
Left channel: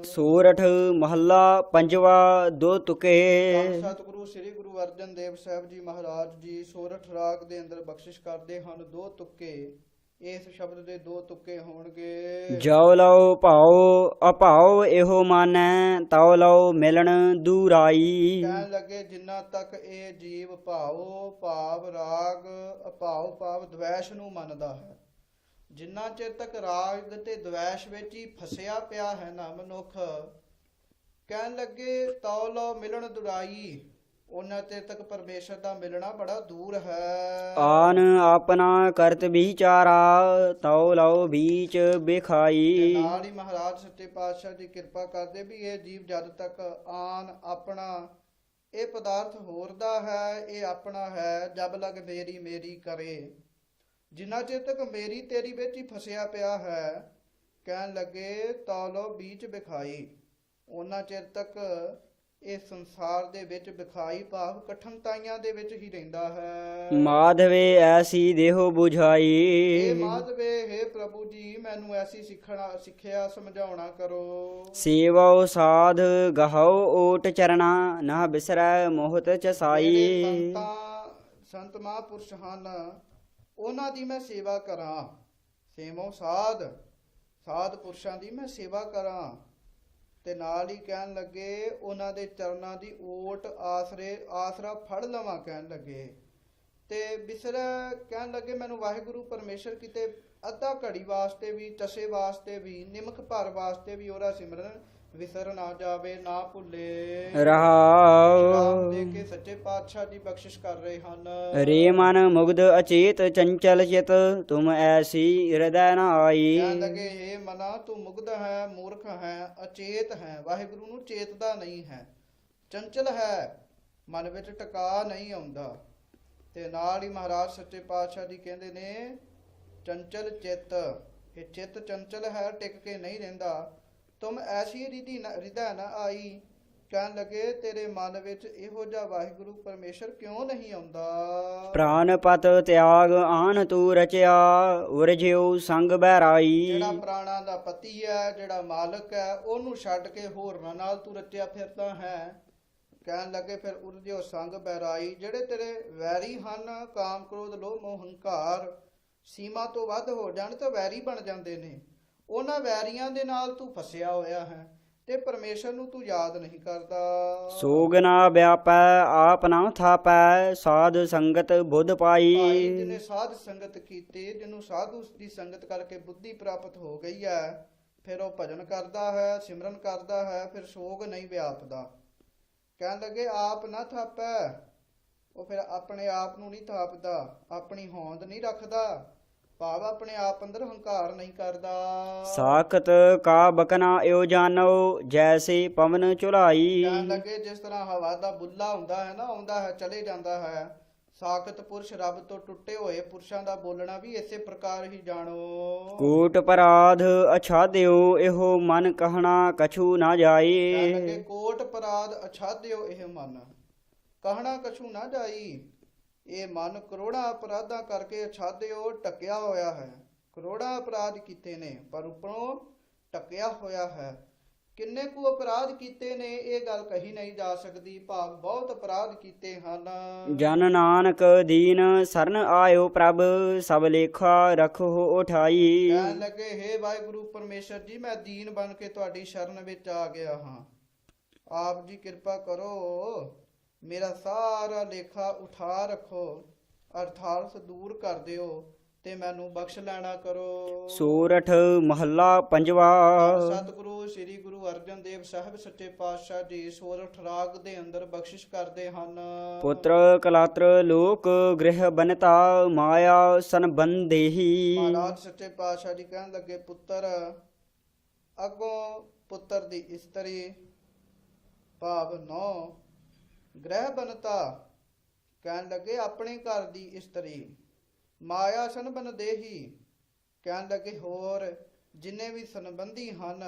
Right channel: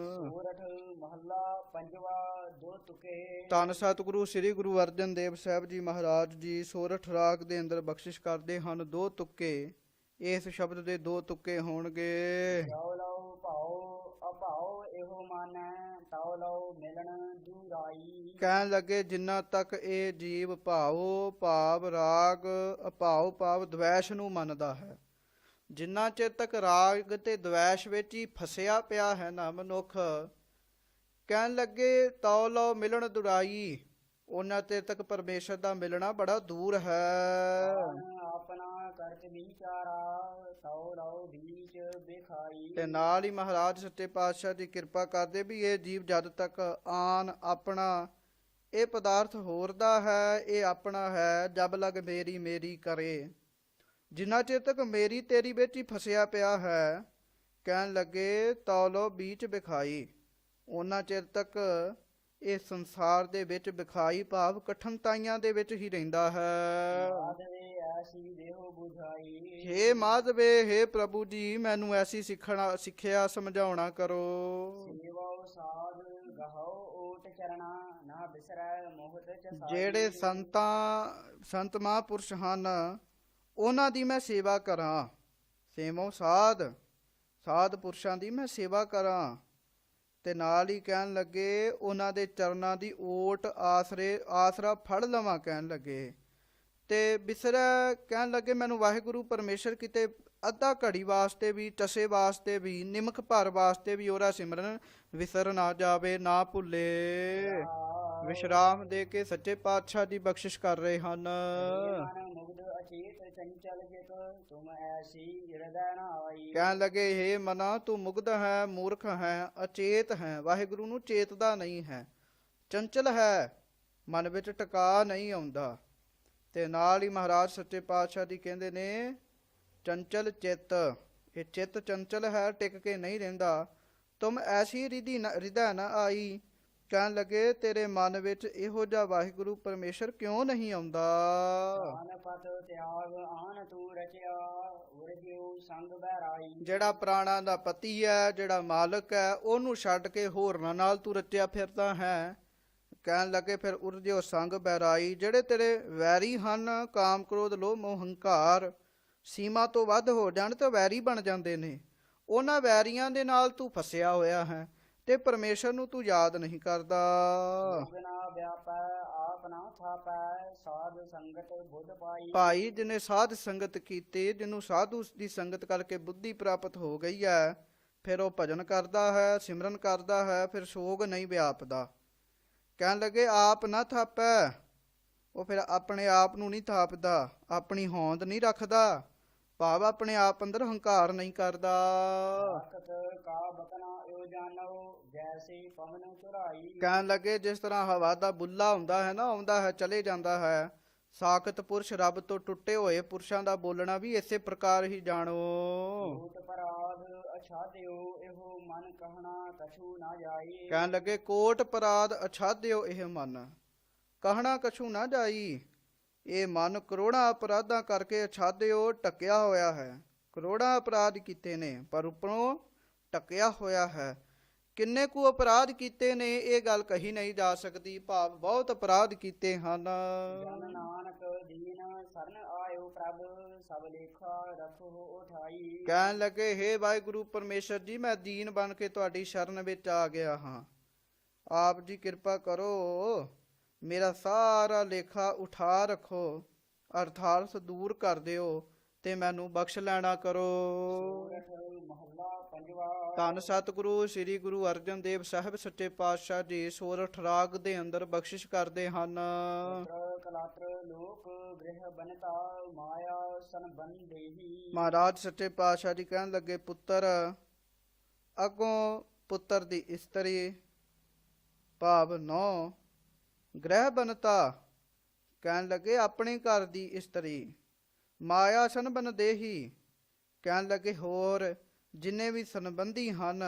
ਸੂਰਠ ਮਹੱਲਾ ਪੰਜਵਾ ਦੋ ਤੁਕੇ। ਧੰਨ ਸਤਿਗੁਰੂ ਸ੍ਰੀ ਗੁਰੂ ਅਰਜਨ ਦੇਵ ਸਾਹਿਬ ਜੀ ਮਹਾਰਾਜ ਜੀ ਸੋਰਠ ਰਾਗ ਦੇ ਅੰਦਰ ਬਖਸ਼ਿਸ਼ ਕਰਦੇ ਹਨ ਦੋ ਤੁਕੇ। ਇਸ ਸ਼ਬਦ ਦੇ ਦੋ ਤੁਕੇ ਹੋਣਗੇ। ਜੋ ਲਓ ਭਾਉ ਅਭਾਉ ਇਹੋ ਮਾਨੈ ਤਉ ਲਓ ਮਿਲਣ ਦੂਰਾਈ। ਕਹਿਣ ਲੱਗੇ ਜਿੰਨਾ ਤੱਕ ਇਹ ਜੀਵ ਭਾਉ ਭਾਵ ਰਾਗ ਅਭਾਉ ਭਾਵ ਦਵੈਸ਼ ਨੂੰ ਮੰਨਦਾ ਹੈ, ਜਿੰਨਾ ਚਿਰ ਤੱਕ ਰਾਗ ਤੇ ਦਵੈਸ਼ ਵਿੱਚ ਹੀ ਫਸਿਆ ਪਿਆ ਹੈ ਨਾ ਮਨੁੱਖ, ਕਹਿਣ ਲੱਗੇ ਤਉ ਲੋ ਮਿਲਣ ਦੁਰਾਈ, ਉਹਨਾਂ ਚਿਰ ਤੱਕ ਪਰਮੇਸ਼ਰ ਦਾ ਮਿਲਣਾ ਬੜਾ ਦੂਰ ਹੈ। ਆਨ ਆਪਣਾ ਕਰਤ ਵਿਚਾਰਾ, ਤਉ ਲਓ ਬੀਚ ਤੇ ਬਿਖਾਈ। ਨਾਲ ਹੀ ਮਹਾਰਾਜ ਸੱਚੇ ਪਾਤਸ਼ਾਹ ਦੀ ਕਿਰਪਾ ਕਰਦੇ ਵੀ ਇਹ ਜੀਵ ਜਦ ਤੱਕ ਆਨ ਆਪਣਾ ਇਹ ਪਦਾਰਥ ਹੋਰ ਦਾ ਹੈ, ਇਹ ਆਪਣਾ ਹੈ, ਜਬ ਲਗ ਮੇਰੀ ਮੇਰੀ ਕਰੇ, ਜਿੰਨਾ ਚਿਰ ਤੱਕ ਮੇਰੀ ਤੇਰੀ ਵਿੱਚ ਹੀ ਫਸਿਆ ਪਿਆ ਹੈ, ਕਹਿਣ ਲੱਗੇ ਤਉ ਲੋ ਬੀਚ ਵਿਖਾਈ, ਉਹਨਾਂ ਚਿਰ ਤੱਕ ਇਹ ਸੰਸਾਰ ਦੇ ਵਿੱਚ ਵਿਖਾਈ ਭਾਵ ਕਠਿਨਤਾਈਆਂ ਦੇ ਵਿੱਚ ਹੀ ਰਹਿੰਦਾ ਹੈ। ਮਾਧਵੇ ਐਸੀ ਦੇਹੋ 부ਝਾਈ। ਇਹ ਮਾਧਵੇ ਹੈ ਪ੍ਰਭੂ ਜੀ, ਮੈਨੂੰ ਐਸੀ ਸਿੱਖਿਆ ਸਮਝਾਉਣਾ ਕਰੋ। ਸੇਵੋ ਸਾਧ ਗਹਉ ਓਟ ਚਰਣਾ, ਨਾ ਬਿਸਰੈ ਮੋਹਤ ਜਿਹੜੇ ਚਸਾਈ। ਸੰਤ ਮਹਾਂਪੁਰਸ਼ ਹਨ ਉਹਨਾਂ ਦੀ ਮੈਂ ਸੇਵਾ ਕਰਾਂ, ਸੇਵੋ ਸਾਧ ਪੁਰਸ਼ਾਂ ਦੀ ਮੈਂ ਸੇਵਾ ਕਰਾਂ, ਤੇ ਨਾਲ ਹੀ ਕਹਿਣ ਲੱਗੇ ਉਹਨਾਂ ਦੇ ਚਰਨਾਂ ਦੀ ਓਟ ਆਸਰਾ ਫੜ ਲਵਾਂ, ਕਹਿਣ ਲੱਗੇ ਤੇ ਬਿਸਰੈ, ਕਹਿਣ ਲੱਗੇ ਮੈਨੂੰ ਵਾਹਿਗੁਰੂ ਪਰਮੇਸ਼ਰ ਕਿਤੇ ਅੱਧਾ ਘੜੀ ਵਾਸਤੇ ਵੀ, ਟਸੇ ਵਾਸਤੇ ਵੀ, ਨਿਮਕ ਭਰ ਵਾਸਤੇ ਵੀ ਉਹਦਾ ਸਿਮਰਨ ਵਿਸਰ ਨਾ ਜਾਵੇ, ਨਾ ਭੁੱਲੇ। ਰਹਾਉ ਵਿਸ਼ਰਾਮ ਦੇ ਕੇ ਸੱਚੇ ਪਾਤਸ਼ਾਹ ਦੀ ਬਖਸ਼ਿਸ਼ ਕਰ ਰਹੇ ਹਨ। ਰੇ ਮਨ ਮੁਗਧ ਅਚੇਤ ਚੰਚਲ ਚਿਤ, ਤੁਮ ਐਸੀ ਹਿਰਦੈ ਨ ਆਈ। ਕਹਿਣ ਲੱਗੇ ਹੇ ਮਨਾ ਤੂੰ ਮੁਗਧ ਹੈ, ਮੂਰਖ ਹੈ, ਅਚੇਤ ਹੈ, ਵਾਹਿਗੁਰੂ ਨੂੰ ਚੇਤਦਾ ਨਹੀਂ ਹੈ, ਚੰਚਲ ਹੈ, ਮਨ ਵਿੱਚ ਟਿਕਾ ਨਹੀਂ ਆਉਂਦਾ। ਤੇ ਨਾਲ ਹੀ ਮਹਾਰਾਜ ਸੱਚੇ ਪਾਤਸ਼ਾਹ ਜੀ ਕਹਿੰਦੇ ਨੇ ਚੰਚਲ ਚਿੱਤ, ਇਹ ਚਿੱਤ ਚੰਚਲ ਹੈ, ਟਿਕ ਕੇ ਨਹੀਂ ਰਹਿੰਦਾ। ਤੁਮ ਐਸੀ ਹਿਰਦੈ ਨ ਆਈ, ਕਹਿਣ ਲੱਗੇ ਤੇਰੇ ਮਨ ਵਿੱਚ ਇਹੋ ਜਿਹਾ ਵਾਹਿਗੁਰੂ ਪਰਮੇਸ਼ਰ ਕਿਉਂ ਨਹੀਂ ਆਉਂਦਾ। ਪ੍ਰਾਨ ਪਤ ਤਿਆਗ ਆਨ ਤੂ ਰਚਿਆ, ਉਰਜਿਉ ਸੰਗ ਬਹਿਰਾਈ। ਜਿਹੜਾ ਪ੍ਰਾਣਾਂ ਦਾ ਪਤੀ ਹੈ, ਜਿਹੜਾ ਮਾਲਕ ਹੈ, ਉਹਨੂੰ ਛੱਡ ਕੇ ਹੋਰਨਾਂ ਨਾਲ ਤੂੰ ਰਚਿਆ ਫਿਰਦਾ ਹੈ। ਕਹਿਣ ਲੱਗੇ ਫਿਰ ਉਰਜਿਉ ਸੰਗ ਬਹਿਰਾਈ, ਜਿਹੜੇ ਤੇਰੇ ਵੈਰੀ ਹਨ, ਕਾਮ ਕ੍ਰੋਧ ਲੋਭ ਮੋਹ ਹੰਕਾਰ ਸੀਮਾ ਤੋਂ ਵੱਧ ਹੋ ਜਾਣ ਤਾਂ ਵੈਰੀ ਬਣ ਜਾਂਦੇ ਨੇ, ਉਹਨਾਂ ਵੈਰੀਆਂ ਦੇ ਨਾਲ ਤੂੰ ਫਸਿਆ ਹੋਇਆ ਹੈ ਤੇ ਪਰਮੇਸ਼ਰ ਨੂੰ ਤੂੰ ਯਾਦ ਨਹੀਂ ਕਰਦਾ। ਸੋਗ ਨਾ ਵਿਆਪੈ ਆਪ ਨਾ ਥਾਪੈ, ਸਾਧ ਸੰਗਤ ਬੁੱਧ ਪਾਈ। ਭਾਈ ਜਿਹਨੇ ਸਾਧ ਸੰਗਤ ਕੀਤੀ, ਜਿਹਨੂੰ ਸਾਧੂ ਦੀ ਸੰਗਤ ਕਰਕੇ ਬੁੱਧੀ ਪ੍ਰਾਪਤ ਹੋ ਗਈ ਹੈ, ਫਿਰ ਉਹ ਭਜਨ ਕਰਦਾ ਹੈ, ਸਿਮਰਨ ਕਰਦਾ ਹੈ, ਫਿਰ ਸੋਗ ਨਹੀਂ ਵਿਆਪਦਾ। ਕਹਿਣ ਲੱਗੇ ਆਪ ਨਾ ਥਾਪੈ, ਉਹ ਫਿਰ ਆਪਣੇ ਆਪ ਨੂੰ ਨਹੀਂ ਥਾਪਦਾ, ਆਪਣੀ ਹੋਂਦ ਨਹੀਂ ਰੱਖਦਾ, ਭਾਵ ਆਪਣੇ ਆਪ ਅੰਦਰ ਹੰਕਾਰ ਨਹੀਂ ਕਰਦਾ। ਸਾਖਤ ਕਾ ਬਕਨਾ ਇਉ ਜਾਣੋ, ਜੈਸੇ ਪਵਨ ਚੁਲਾਈ। ਕਹਿਣ ਲੱਗੇ ਜਿਸ ਤਰ੍ਹਾਂ ਹਵਾ ਦਾ ਬੁੱਲਾ ਹੁੰਦਾ ਹੈ ਨਾ, ਆਉਂਦਾ ਹੈ ਚਲੇ ਜਾਂਦਾ ਹੈ, ਸਾਖਤ ਪੁਰਸ਼ ਰੱਬ ਤੋਂ ਟੁੱਟੇ ਹੋਏ ਪੁਰਸ਼ਾਂ ਦਾ ਬੋਲਣਾ ਵੀ ਇਸੇ ਪ੍ਰਕਾਰ ਹੀ ਜਾਣੋ। ਕੋਟ ਪਰਾਧ ਅਛਾਦਿਓ, ਇਹੋ ਮਨ ਕਹਿਣਾ ਕਛੂ ਨਾ ਜਾਈ। ਕਹਿਣ ਲੱਗੇ ਕੋਟ ਪਰਾਧ ਅਛਾਦਿਓ ਇਹ ਮਨ, ਕਹਿਣਾ ਕਛੂ ਨਾ ਜਾਈ। ਇਹ ਮਨ ਕਰੋੜਾਂ ਅਪਰਾਧਾਂ ਕਰਕੇ ਅਛਾਦਿਓ ਢੱਕਿਆ ਹੋਇਆ ਹੈ, ਕਰੋੜਾਂ ਅਪਰਾਧ ਕੀਤੇ ਨੇ ਪਰ ਉੱਪਰੋਂ ਢੱਕਿਆ ਹੋਇਆ ਹੈ। ਕਿੰਨੇ ਕੁ ਅਪਰਾਧ ਕੀਤੇ ਨੇ ਇਹ ਗੱਲ ਕਹੀ ਨਹੀਂ ਜਾ ਸਕਦੀ, ਭਾਵ ਬਹੁਤ ਅਪਰਾਧ ਕੀਤੇ ਹਨ। ਜਨ ਨਾਨਕ ਦੀਨ ਸਰਨ ਆਇਓ ਪ੍ਰਭ, ਸਭ ਲੇਖਾ ਰਖੋ ਉਠਾਈ। ਕਹਿਣ ਲੱਗੇ ਹੇ ਵਾਹਿਗੁਰੂ ਪਰਮੇਸ਼ਰ ਜੀ, ਮੈਂ ਦੀਨ ਬਣ ਕੇ ਤੁਹਾਡੀ ਸ਼ਰਨ ਵਿੱਚ ਆ ਗਿਆ ਹਾਂ, ਆਪ ਜੀ ਕਿਰਪਾ ਕਰੋ, ਮੇਰਾ ਸਾਰਾ ਲੇਖਾ ਉਠਾ ਰੱਖੋ, ਅਰਥਾਤ ਦੂਰ ਕਰ ਦਿਓ ਤੇ ਮੈਨੂੰ ਬਖਸ਼ ਲੈਣਾ ਕਰੋ। ਸੂਰਠ ਮਹੱਲਾ ਪੰਜਵਾ। ਸਤਿਗੁਰੂ ਸ੍ਰੀ ਗੁਰੂ ਅਰਜਨ ਦੇਵ ਸਾਹਿਬ ਸੱਚੇ ਪਾਤਸ਼ਾਹ ਜੀ ਸੋਰਠ ਰਾਗ ਦੇ ਅੰਦਰ ਬਖਸ਼ਿਸ਼ ਕਰਦੇ ਹਨ। ਪੁੱਤਰ ਕਲਾਤਰ ਲੋਕ ਗ੍ਰਹਿ ਬਨਤਾ, ਮਾਇਆ ਸੰਬੰਧੇਹੀ। ਮਹਾਰਾਜ ਸੱਚੇ ਪਾਤਸ਼ਾਹ ਜੀ ਕਹਿਣ ਲੱਗੇ ਪੁੱਤਰ, ਅੱਗੋਂ ਪੁੱਤਰ ਦੀ ਇਸਤਰੀ ਭਾਵ ਨੌ, ਗ੍ਰਹਿ ਬਨਤਾ ਕਹਿਣ ਲੱਗੇ ਆਪਣੇ ਘਰ ਦੀ ਇਸਤਰੀ, ਮਾਇਆ ਸੰਬੰਧੇਹੀ ਕਹਿਣ ਲੱਗੇ ਹੋਰ ਜਿੰਨੇ ਵੀ ਸੰਬੰਧੀ ਹਨ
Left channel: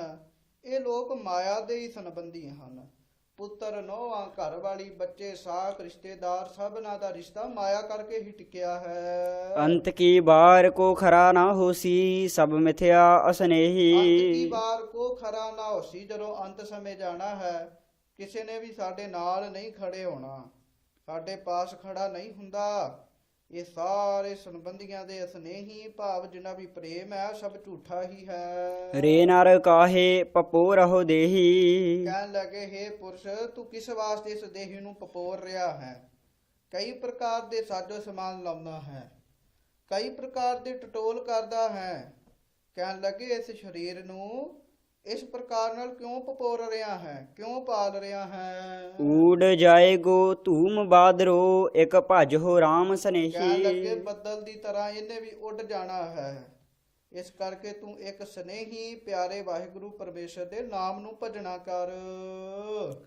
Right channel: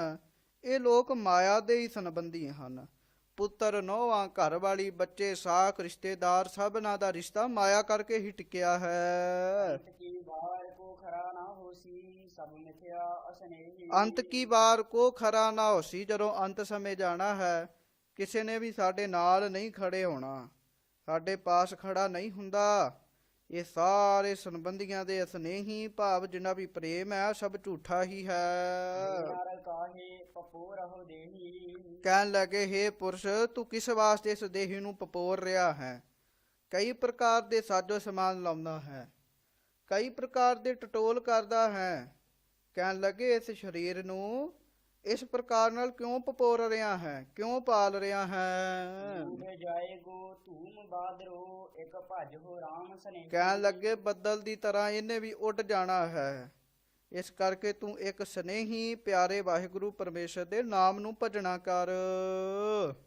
ਇਹ ਲੋਕ ਮਾਇਆ ਦੇ ਹੀ ਸੰਬੰਧੀ ਹਨ। ਪੁੱਤਰ ਨੋਹਾਂ ਘਰ ਵਾਲੀ ਬੱਚੇ ਸਾਖ ਰਿਸ਼ਤੇਦਾਰ ਸਭਨਾਂ ਦਾ ਰਿਸ਼ਤਾ ਮਾਇਆ ਕਰਕੇ ਹੀ ਟਿਕਿਆ ਹੈ। ਅੰਤ ਕੀ ਬਾਰ ਕੋ ਖਰਾ ਨਾ ਹੋਸੀ, ਸਭ ਮਿਥਿਆ ਅਸਨੇਹੀ। ਅੰਤ ਕੀ ਬਾਰ ਕੋ ਖਰਾ ਨਾ ਹੋਸੀ, ਜਦੋਂ ਅੰਤ ਸਮੇਂ ਜਾਣਾ ਹੈ ਕਿਸੇ ਨੇ ਵੀ ਸਾਡੇ ਨਾਲ ਨਹੀਂ ਖੜੇ ਹੋਣਾ, ਸਾਡੇ ਪਾਸ ਖੜਾ ਨਹੀਂ ਹੁੰਦਾ। ਇਹ ਸਾਰੇ ਸੰਬੰਧੀਆਂ ਦੇ ਅਸਨੇਹੀ ਭਾਵ ਜਿੰਨਾ ਵੀ ਪ੍ਰੇਮ ਹੈ ਸਭ ਝੂਠਾ ਹੀ ਹੈ। ਰੇ ਨਰ ਕਾਹੇ ਪਪੋ ਰਹੋ ਦੇਹੀ। ਕਹਿਣ ਲੱਗੇ ਹੇ ਪੁਰਸ਼, ਤੂੰ ਕਿਸ ਵਾਸਤੇ ਇਸ ਦੇਹੀ ਨੂੰ ਪਪੋਰ ਰਿਹਾ ਹੈ? ਕਈ ਪ੍ਰਕਾਰ ਦੇ ਸਾਜੋ ਸਮਾਨ ਲਾਉਂਦਾ ਹੈ, ਕਈ ਪ੍ਰਕਾਰ ਦੇ ਟਟੋਲ ਕਰਦਾ ਹੈ, ਕਹਿਣ ਲੱਗੇ ਇਸ ਸਰੀਰ ਨੂੰ ਇਸ ਪ੍ਰਕਾਰ ਨਾਲ ਕਿਉਂ ਪਪੋਰ ਰਿਹਾ ਹੈ, ਕਿਉਂ ਪਾਲ ਰਿਹਾ ਹੈ। ਊੜ ਜਾਏਗੋ ਧੂਮ ਬਾਦਰੋ, ਇੱਕ ਭਜ ਹੋ ਰਾਮ ਕਹਿਣ ਲੱਗੇ ਸਨੇਹੀ। ਬੱਦਲ ਦੀ ਤਰ੍ਹਾਂ ਇਹਨੇ ਵੀ ਉੱਡ ਜਾਣਾ ਹੈ, ਇਸ ਕਰਕੇ ਤੂੰ ਇੱਕ ਸਨੇਹੀ ਪਿਆਰੇ ਵਾਹਿਗੁਰੂ ਪਰਮੇਸ਼ਰ ਦੇ ਨਾਮ ਨੂੰ ਭਜਣਾ ਕਰ।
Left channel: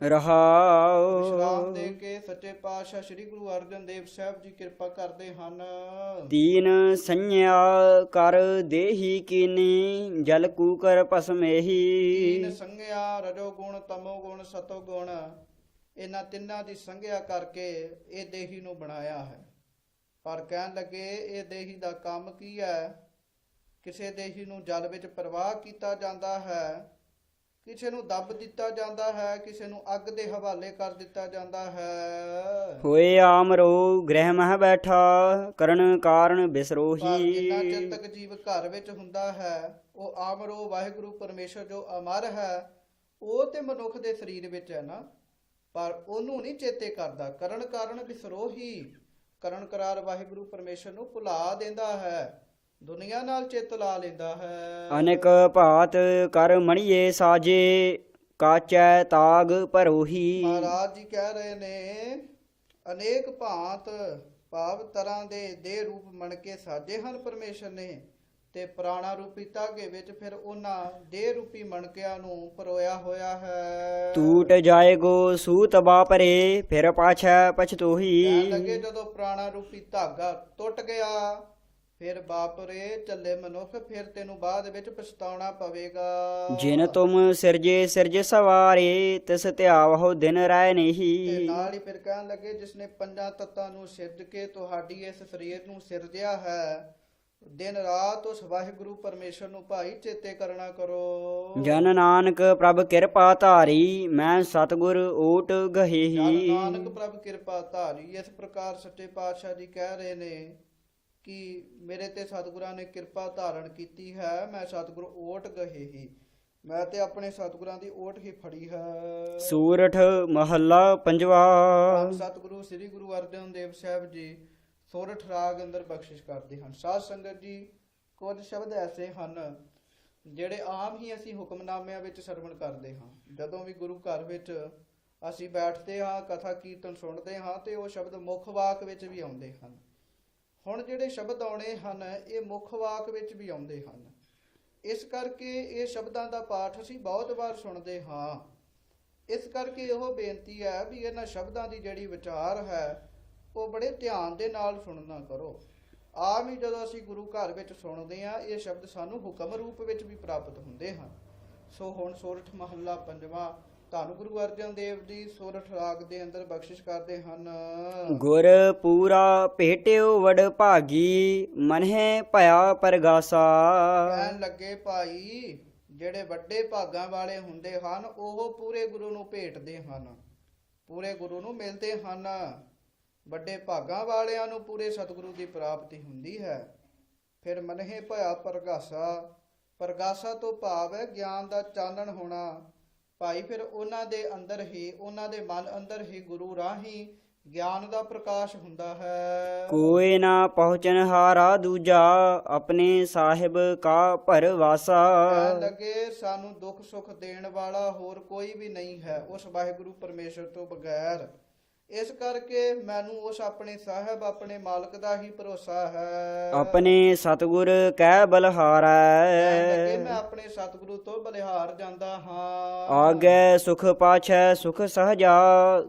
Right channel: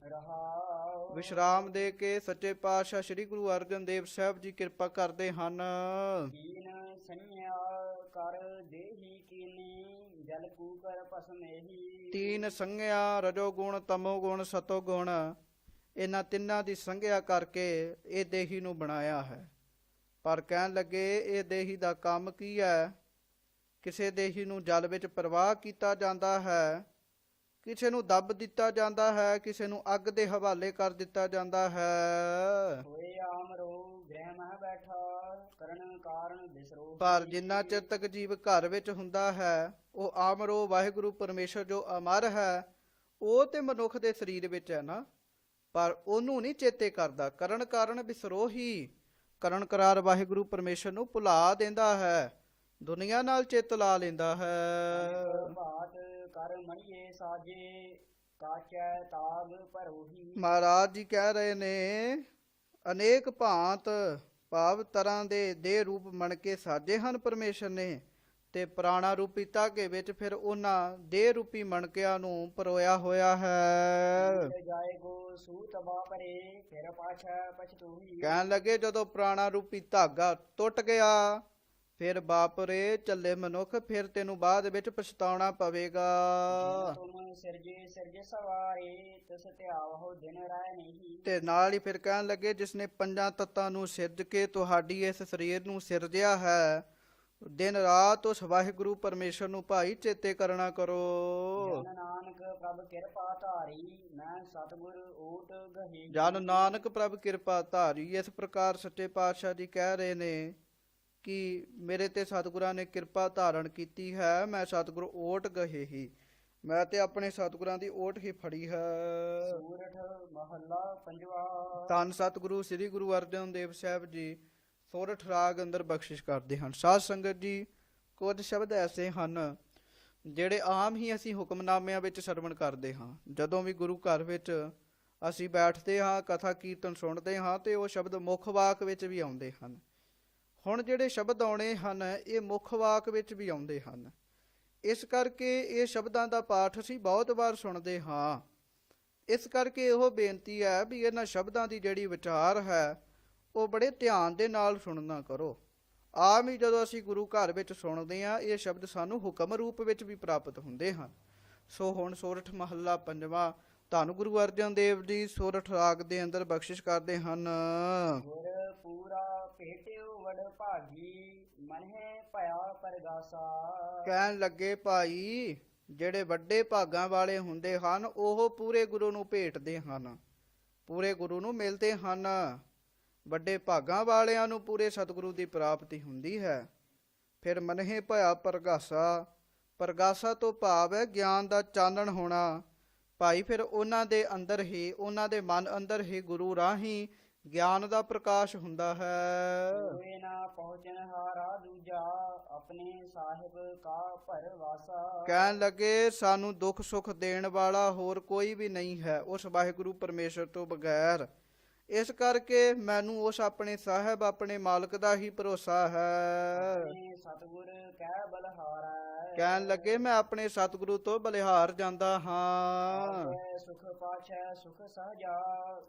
ਰਹਾਉ ਵਿਸ਼ਰਾਮ ਦੇ ਕੇ ਸੱਚੇ ਪਾਤਸ਼ਾਹ ਸ੍ਰੀ ਗੁਰੂ ਅਰਜਨ ਦੇਵ ਸਾਹਿਬ ਜੀ ਕਿਰਪਾ ਕਰਦੇ ਹਨ। ਦੀਨ ਸੰਨਿਆ ਕਰ ਦੇਹੀ ਕੀਨੀ, ਜਲ ਕੂਕਰ ਭਸਮੇਹੀ। ਤੀਨ ਸੰਗਿਆ ਰਜੋ ਗੁਣ ਤਮੋ ਗੁਣ ਸਤੋ ਗੁਣ, ਇਹਨਾਂ ਤਿੰਨਾਂ ਦੀ ਸੰਗਿਆ ਕਰਕੇ ਇਹ ਦੇਹੀ ਨੂੰ ਬਣਾਇਆ ਹੈ। ਪਰ ਕਹਿਣ ਲੱਗੇ ਇਹ ਦੇਹੀ ਦਾ ਕੰਮ ਕੀ ਹੈ। ਕਿਸੇ ਦੇਹੀ ਨੂੰ ਜਲ ਵਿੱਚ ਪ੍ਰਵਾਹ ਕੀਤਾ ਜਾਂਦਾ ਹੈ, ਕਿਸੇ ਨੂੰ ਦੱਬ ਦਿੱਤਾ ਜਾਂਦਾ ਹੈ, ਕਿਸੇ ਨੂੰ ਅੱਗ ਦੇ ਹਵਾਲੇ ਕਰ ਦਿੱਤਾ ਜਾਂਦਾ ਹੈ। ਹੋਏ ਆਮਰੋ ਗ੍ਰਹਿ ਮਹਿ ਬੈਠਾ, ਕਰਨ ਕਾਰਨ ਪਰ ਬਿਸਰੋਹੀ। ਜਿੰਨਾ ਚਿਰ ਤੱਕ ਜੀਵ ਘਰ ਵਿੱਚ ਹੁੰਦਾ ਹੈ, ਉਹ ਆਮਰੋ ਵਾਹਿਗੁਰੂ ਪਰਮੇਸ਼ਰ ਜੋ ਅਮਰ ਹੈ, ਉਹ ਤੇ ਮਨੁੱਖ ਦੇ ਸਰੀਰ ਵਿੱਚ ਹੈ ਨਾ, ਪਰ ਉਹਨੂੰ ਨਹੀਂ ਚੇਤੇ ਕਰਦਾ। ਕਰਨ ਕਾਰਨ ਬਿਸਰੋਹੀ, ਕਰਨ ਕਰਾਰ ਵਾਹਿਗੁਰੂ ਪਰਮੇਸ਼ਰ ਨੂੰ ਭੁਲਾ ਦਿੰਦਾ ਹੈ, ਦੁਨੀਆ ਨਾਲ ਚਿੱਤ ਲਾ ਲੈਂਦਾ ਹੈ। ਅਨੇਕ ਭਾਤ ਕਰ ਮਣੀਏ ਸਾਜੇ, ਕਾਚੈ ਤਾਗ ਭਰੋਹੀ। ਮਹਾਰਾਜ ਜੀ ਕਹਿ ਰਹੇ ਨੇ ਅਨੇਕ ਭਾਂਤ ਭਾਵ ਤਰ੍ਹਾਂ ਦੇ ਦੇਹ ਰੂਪ ਮਣ ਕੇ ਸਾਜੇ ਹਨ ਪਰਮੇਸ਼ਰ ਨੇ, ਤੇ ਪ੍ਰਾਣਾ ਰੂਪੀ ਧਾਗੇ ਵਿੱਚ ਫਿਰ ਉਹਨਾਂ ਦੇਹ ਰੂਪੀ ਮਣਕਿਆਂ ਨੂੰ ਪਰੋਇਆ ਹੋਇਆ ਹੈ। ਟੂਟ ਜਾਏਗੋ ਸੂਤ ਬਾਪਰੇ, ਫਿਰ ਪਾਛੈ ਪਛਤੋਹੀ। ਕਹਿਣ ਲੱਗੇ ਜਦੋਂ ਪ੍ਰਾਣਾ ਰੂਪੀ ਧਾਗਾ ਟੁੱਟ ਗਿਆ, ਫਿਰ ਬਾਪਰੇ ਚੱਲੇ ਮਨੁੱਖ, ਫਿਰ ਤੈਨੂੰ ਬਾਅਦ ਵਿੱਚ ਪਛਤਾਉਣਾ ਪਵੇਗਾ। ਜਿਨ ਤੁਮ ਸਿਰਜੇ ਸਿਰਜ ਸਵਾਰੇ, ਤਿਸ ਧਿਆਵਹੁ ਦਿਨ ਰਹਿ ਤੇ ਨਹੀਂ। ਨਾਲ ਹੀ ਫਿਰ ਕਹਿਣ ਲੱਗੇ ਜਿਸਨੇ ਪੰਜਾਂ ਤੱਤਾਂ ਨੂੰ ਸਿਰਜ ਕੇ ਤੁਹਾਡੀ ਇਸ ਸਰੀਰ ਨੂੰ ਸਿਰਜਿਆ ਹੈ, ਦਿਨ ਰਾਤ ਉਸ ਵਾਹਿਗੁਰੂ ਪਰਮੇਸ਼ਰ ਨੂੰ ਭਾਈ ਚੇਤੇ ਕਰਨਾ ਕਰੋ। ਜਨ ਨਾਨਕ ਪ੍ਰਭ ਕਿਰਪਾ ਧਾਰੀ, ਮੈਂ ਸਤਿਗੁਰ ਓਟ ਗਹੇਹੀ। ਜਨ ਨਾਨਕ ਪ੍ਰਭ ਕਿਰਪਾ ਧਾਰੀ, ਇਸ ਪ੍ਰਕਾਰ ਸੱਚੇ ਪਾਤਸ਼ਾਹ ਜੀ ਕਹਿ ਰਹੇ ਨੇ ਕਿ ਮੇਰੇ ਤੇ ਸਤਿਗੁਰਾਂ ਨੇ ਕਿਰਪਾ ਧਾਰਨ ਕੀਤੀ ਹੈ, ਮੈਂ ਸਤਿਗੁਰ ਓਟ ਗਹੇ ਹੀ, ਮੈਂ ਤੇ ਆਪਣੇ ਸਤਿਗੁਰਾਂ ਦੀ ਓਟ ਹੀ ਫੜੀ ਹੈ। ਸੂਰਠ ਮਹੱਲਾ ਪੰਜਵਾ। ਧੰਨ ਸਤਿਗੁਰੂ ਸ੍ਰੀ ਗੁਰੂ ਅਰਜਨ ਦੇਵ ਸਾਹਿਬ ਜੀ ਸੋਰਠ ਰਾਗ ਅੰਦਰ ਬਖਸ਼ਿਸ਼ ਕਰਦੇ ਹਨ। ਸਾਧ ਸੰਗਤ ਜੀ, ਕੁਝ ਸ਼ਬਦ ਐਸੇ ਹਨ ਜਿਹੜੇ ਆਮ ਹੀ ਅਸੀਂ ਹੁਕਮਨਾਮਿਆਂ ਵਿੱਚ ਸਰਵਣ ਕਰਦੇ ਹਾਂ। ਜਦੋਂ ਵੀ ਗੁਰੂ ਘਰ ਵਿੱਚ ਅਸੀਂ ਬੈਠਦੇ ਹਾਂ, ਕਥਾ ਕੀਰਤਨ ਸੁਣਦੇ ਹਾਂ, ਤੇ ਉਹ ਸ਼ਬਦ ਮੁੱਖ ਵਾਕ ਵਿੱਚ ਵੀ ਆਉਂਦੇ ਹਨ। ਹੁਣ ਜਿਹੜੇ ਸ਼ਬਦ ਆਉਣੇ ਹਨ, ਇਹ ਮੁੱਖ ਵਾਕ ਵਿੱਚ ਵੀ ਆਉਂਦੇ ਹਨ। ਇਸ ਕਰਕੇ ਇਹ ਸ਼ਬਦਾਂ ਦਾ ਪਾਠ ਅਸੀਂ ਬਹੁਤ ਵਾਰ ਸੁਣਦੇ ਹਾਂ। ਇਸ ਕਰਕੇ ਇਹੋ ਬੇਨਤੀ ਹੈ ਵੀ ਇਹਨਾਂ ਸ਼ਬਦਾਂ ਦੀ ਜਿਹੜੀ ਵਿਚਾਰ ਹੈ ਉਹ ਬੜੇ ਧਿਆਨ ਦੇ ਨਾਲ ਸੁਣਨਾ ਕਰੋ। ਆਮ ਹੀ ਜਦੋਂ ਅਸੀਂ ਗੁਰੂ ਘਰ ਵਿੱਚ ਸੁਣਦੇ ਹਾਂ, ਇਹ ਸ਼ਬਦ ਸਾਨੂੰ ਹੁਕਮ ਰੂਪ ਵਿੱਚ ਵੀ ਪ੍ਰਾਪਤ ਹੁੰਦੇ ਹਨ। ਸੋ ਹੁਣ ਸੋਰਠ ਮਹੱਲਾ ਪੰਜਵਾਂ ਧੰਨ ਗੁਰੂ ਅਰਜਨ ਦੇਵ ਜੀ ਸੋਰਠ ਰਾਗ ਦੇ ਅੰਦਰ ਬਖਸ਼ਿਸ਼ ਕਰਦੇ ਹਨ। ਗੁਰ ਪੂਰਾ ਭੇਟਿਓ ਵਡ ਭਾਗੀ, ਮਨਹਿ ਭਇਆ ਪਰਗਾਸਾ। ਕਹਿਣ ਲੱਗੇ ਭਾਈ ਜਿਹੜੇ ਵੱਡੇ ਭਾਗਾਂ ਵਾਲੇ ਹੁੰਦੇ ਹਨ, ਉਹ ਪੂਰੇ ਗੁਰੂ ਨੂੰ ਭੇਟਦੇ ਹਨ, ਪੂਰੇ ਗੁਰੂ ਨੂੰ ਮਿਲਦੇ ਹਨ। ਵੱਡੇ ਭਾਗਾਂ ਵਾਲਿਆਂ ਨੂੰ ਪੂਰੇ ਸਤਿਗੁਰੂ ਦੀ ਪ੍ਰਾਪਤੀ ਹੁੰਦੀ ਹੈ। ਫਿਰ ਮਨਹਿ ਭਇਆ ਪਰਗਾਸਾ, ਪਰਗਾਸਾ ਤੋਂ ਭਾਵ ਹੈ ਗਿਆਨ ਦਾ ਚਾਨਣ ਹੋਣਾ। ਭਾਈ ਫਿਰ ਉਹਨਾਂ ਦੇ ਅੰਦਰ ਹੀ, ਉਹਨਾਂ ਦੇ ਮਨ ਅੰਦਰ ਹੀ ਗੁਰੂ ਰਾਹੀਂ ਗਿਆਨ ਦਾ ਪ੍ਰਕਾਸ਼ ਹੁੰਦਾ ਹੈ। ਕੋਇ ਨਾ ਪਹੁੰਚਨ ਹਾਰਾ ਦੂਜਾ, ਆਪਣੇ ਸਾਹਿਬ ਕਾ ਭਰਵਾਸਾ। ਕਹਿਣ ਲੱਗੇ ਸਾਨੂੰ ਦੁੱਖ ਸੁੱਖ ਦੇਣ ਵਾਲਾ ਹੋਰ ਕੋਈ ਵੀ ਨਹੀਂ ਹੈ ਉਸ ਵਾਹਿਗੁਰੂ ਪਰਮੇਸ਼ਰ ਤੋਂ ਬਗੈਰ। ਇਸ ਕਰਕੇ ਮੈਨੂੰ ਉਸ ਆਪਣੇ ਸਾਹਿਬ, ਆਪਣੇ ਮਾਲਕ ਦਾ ਹੀ ਭਰੋਸਾ ਹੈ। ਆਪਣੇ ਸਤਿਗੁਰ ਕਹਿ ਬਲਹਾਰੈ, ਕਹਿਣ ਲੱਗੇ ਮੈਂ ਆਪਣੇ ਸਤਿਗੁਰੂ ਤੋਂ ਬਲਿਹਾਰ ਜਾਂਦਾ ਹਾਂ। ਆਗੇ ਸੁਖ ਪਾਛੈ ਸੁਖ ਸਹਜਾ,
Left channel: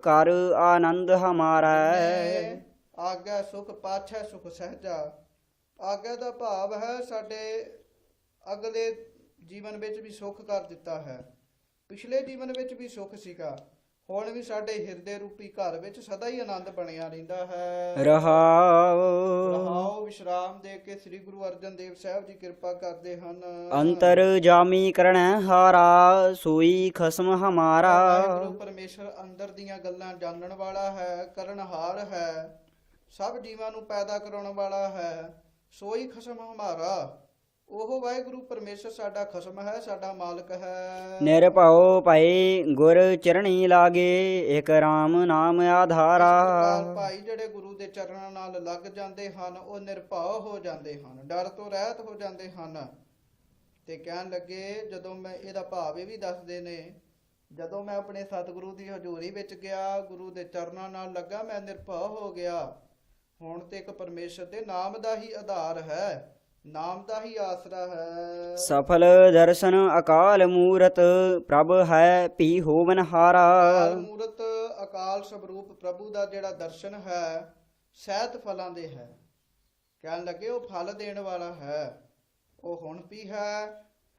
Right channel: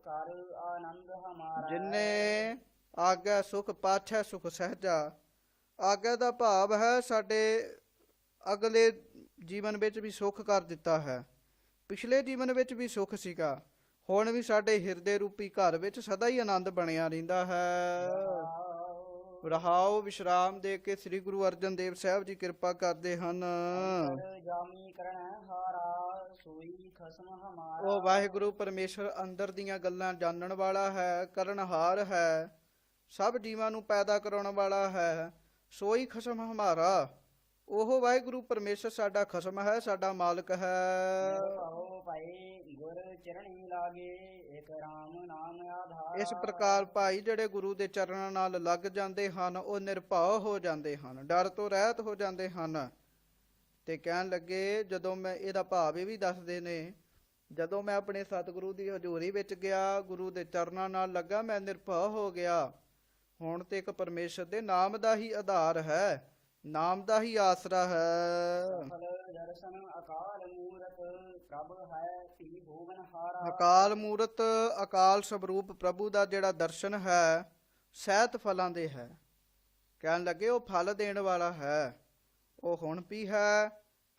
ਕਰ ਆਨੰਦ ਹਮਾਰਾ। ਨੇ ਆਗੇ ਸੁਖ ਪਾਛੈ ਸੁਖ ਸਹਜਾ, ਆਗੇ ਦਾ ਭਾਵ ਹੈ ਸਾਡੇ ਅਗਲੇ ਜੀਵਨ ਵਿੱਚ ਵੀ ਸੁਖ ਕਰ ਦਿੱਤਾ ਹੈ। ਪਿਛਲੇ ਜੀਵਨ ਵਿੱਚ ਵੀ ਸੁਖ ਸੀਗਾ, ਹੁਣ ਵੀ ਸਾਡੇ ਹਿਰਦੇ ਰੂਪੀ ਘਰ ਵਿੱਚ ਸਦਾ ਹੀ ਆਨੰਦ ਬਣਿਆ ਰਹਿੰਦਾ ਹੈ। ਰਹਾਉ ਵਿਸ਼ਰਾਮ ਦੇ ਕੇ ਸ੍ਰੀ ਗੁਰੂ ਅਰਜਨ ਦੇਵ ਸਾਹਿਬ ਜੀ ਕਿਰਪਾ ਕਰਦੇ ਹਨ। ਅੰਤਰ ਜਾਮੀ ਕਰਣੈ ਹਾਰਾ, ਸੋਈ ਖਸਮ ਹਮਾਰਾ। ਵਾਹਿਗੁਰੂ ਪਰਮੇਸ਼ਰ ਅੰਦਰ ਦੀਆਂ ਗੱਲਾਂ ਜਾਣਨ ਵਾਲਾ ਹੈ, ਕਰਨਹਾਰ ਹੈ, ਸਭ ਜੀਵਾਂ ਨੂੰ ਪੈਦਾ ਕਰਾਉਣ ਵਾਲਾ ਹੈ। ਸੋਈ ਖਸਮ ਹਮਾਰਾ, ਉਹ ਵਾਹਿਗੁਰੂ ਪਰਮੇਸ਼ਰ ਸਾਡਾ ਖਸਮ ਹੈ, ਸਾਡਾ ਮਾਲਕ ਹੈ। ਨਿਰਭਉ ਭਈ ਗੁਰ ਚਰਣੀ ਲਾਗੇ, ਇਕ ਰਾਮ ਨਾਮ ਆਧਾਰਾ। ਇਸ ਪ੍ਰਕਾਰ ਭਾਈ ਜਿਹੜੇ ਗੁਰੂ ਦੇ ਚਰਨਾਂ ਨਾਲ ਲੱਗ ਜਾਂਦੇ ਹਨ, ਉਹ ਨਿਰਭਉ ਹੋ ਜਾਂਦੇ ਹਨ, ਡਰ ਤੋਂ ਰਹਿਤ ਹੋ ਜਾਂਦੇ ਹਨ। ਤੇ ਕਹਿਣ ਲੱਗੇ, ਜਦੋਂ ਮੈਂ ਇਹਦਾ ਭਾਵ ਇਹ ਵੀ ਦੱਸਦੇ ਨੇ, ਜਦੋਂ ਮੈਂ ਆਪਣੇ ਸਤਿਗੁਰੂ ਦੀ ਹਜ਼ੂਰੀ ਵਿੱਚ ਗਿਆ, ਗੁਰੂ ਦੇ ਚਰਨਾਂ ਨਾਲ ਲੱਗਾ, ਮੈਂ ਨਿਰਭਉ ਹੋ ਗਿਆ। ਹੁਣ ਤੇ ਇੱਕ ਪਰਮੇਸ਼ਰ ਦੇ ਨਾਮ ਦਾ ਹੀ ਆਧਾਰ ਹੈ, ਨਾਮ ਦਾ ਹੀ ਆਸਰਾ ਹੈ। ਸਫਲ ਦਰਸ਼ਨ ਅਕਾਲ ਮੂਰਤ ਪ੍ਰਭ ਹੈ ਭੀ ਹੋਵਨ ਹਾਰਾ। ਅਕਾਲ ਮੂਰਤ ਅਕਾਲ ਸਵਰੂਪ ਪ੍ਰਭੂ ਦਾ ਜਿਹੜਾ ਦਰਸ਼ਨ ਹੈ, ਸਹਿਤ ਫਲਾਂ ਦੇ ਹੈ। ਕਹਿਣ ਲੱਗੇ ਉਹ ਫਲ ਦੇਣ ਵਾਲਾ ਹੈ। ਉਹ ਹੁਣ ਵੀ ਹੈ,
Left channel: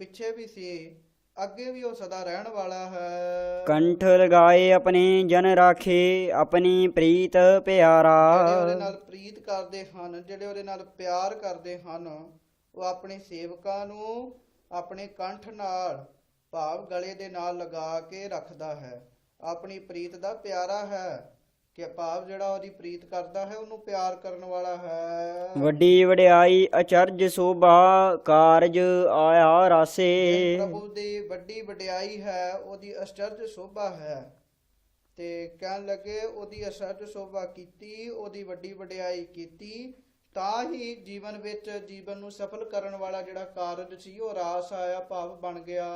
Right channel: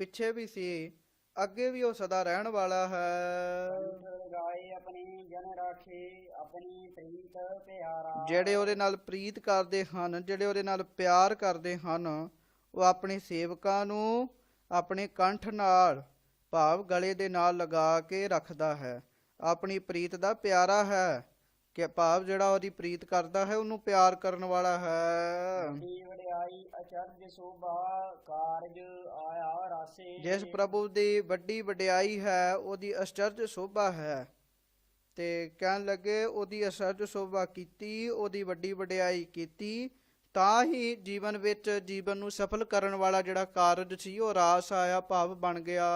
ਪਿੱਛੇ ਵੀ ਸੀ, ਅੱਗੇ ਵੀ ਉਹ ਸਦਾ ਰਹਿਣ ਵਾਲਾ ਹੈ। ਕੰਠ ਲਗਾਏ ਆਪਣੇ ਜਨ ਰਾਖੇ ਆਪਣੀ ਪ੍ਰੀਤ ਪਿਆਰਾ। ਜਿਹੜੇ ਉਹਦੇ ਨਾਲ ਪ੍ਰੀਤ ਕਰਦੇ ਹਨ, ਜਿਹੜੇ ਉਹਦੇ ਨਾਲ ਪਿਆਰ ਕਰਦੇ ਹਨ, ਉਹ ਆਪਣੇ ਸੇਵਕਾਂ ਨੂੰ ਆਪਣੇ ਕੰਠ ਨਾਲ ਭਾਵ ਗਲੇ ਦੇ ਨਾਲ ਲਗਾ ਕੇ ਰੱਖਦਾ ਹੈ। ਆਪਣੀ ਪ੍ਰੀਤ ਦਾ ਪਿਆਰਾ ਹੈ, ਕਿ ਭਾਵ ਜਿਹੜਾ ਉਹਦੀ ਪ੍ਰੀਤ ਕਰਦਾ ਹੈ ਉਹਨੂੰ ਪਿਆਰ ਕਰਨ ਵਾਲਾ ਹੈ। ਵੱਡੀ ਵਡਿਆਈ ਅਚਰਜ ਸੋਭਾ ਕਾਰਜ ਆਇਆ ਰਾਸੇ। ਜਿਸ ਪ੍ਰਭੂ ਦੀ ਵੱਡੀ ਵਡਿਆਈ ਹੈ, ਉਹਦੀ ਅਚਰਜ ਸੋਭਾ ਹੈ। ਤੇ ਕਹਿਣ ਲੱਗੇ ਉਹਦੀ ਅਚਰਜ ਸੋਭਾ ਕੀਤੀ, ਉਹਦੀ ਵੱਡੀ ਵਡਿਆਈ ਕੀਤੀ, ਤਾਂ ਹੀ ਜੀਵਨ ਵਿੱਚ ਜੀਵਨ ਨੂੰ ਸਫਲ ਕਰਨ ਵਾਲਾ ਜਿਹੜਾ ਕਾਰਜ ਸੀ ਉਹ ਰਾਸ ਆਇਆ, ਭਾਵ ਬਣ ਗਿਆ।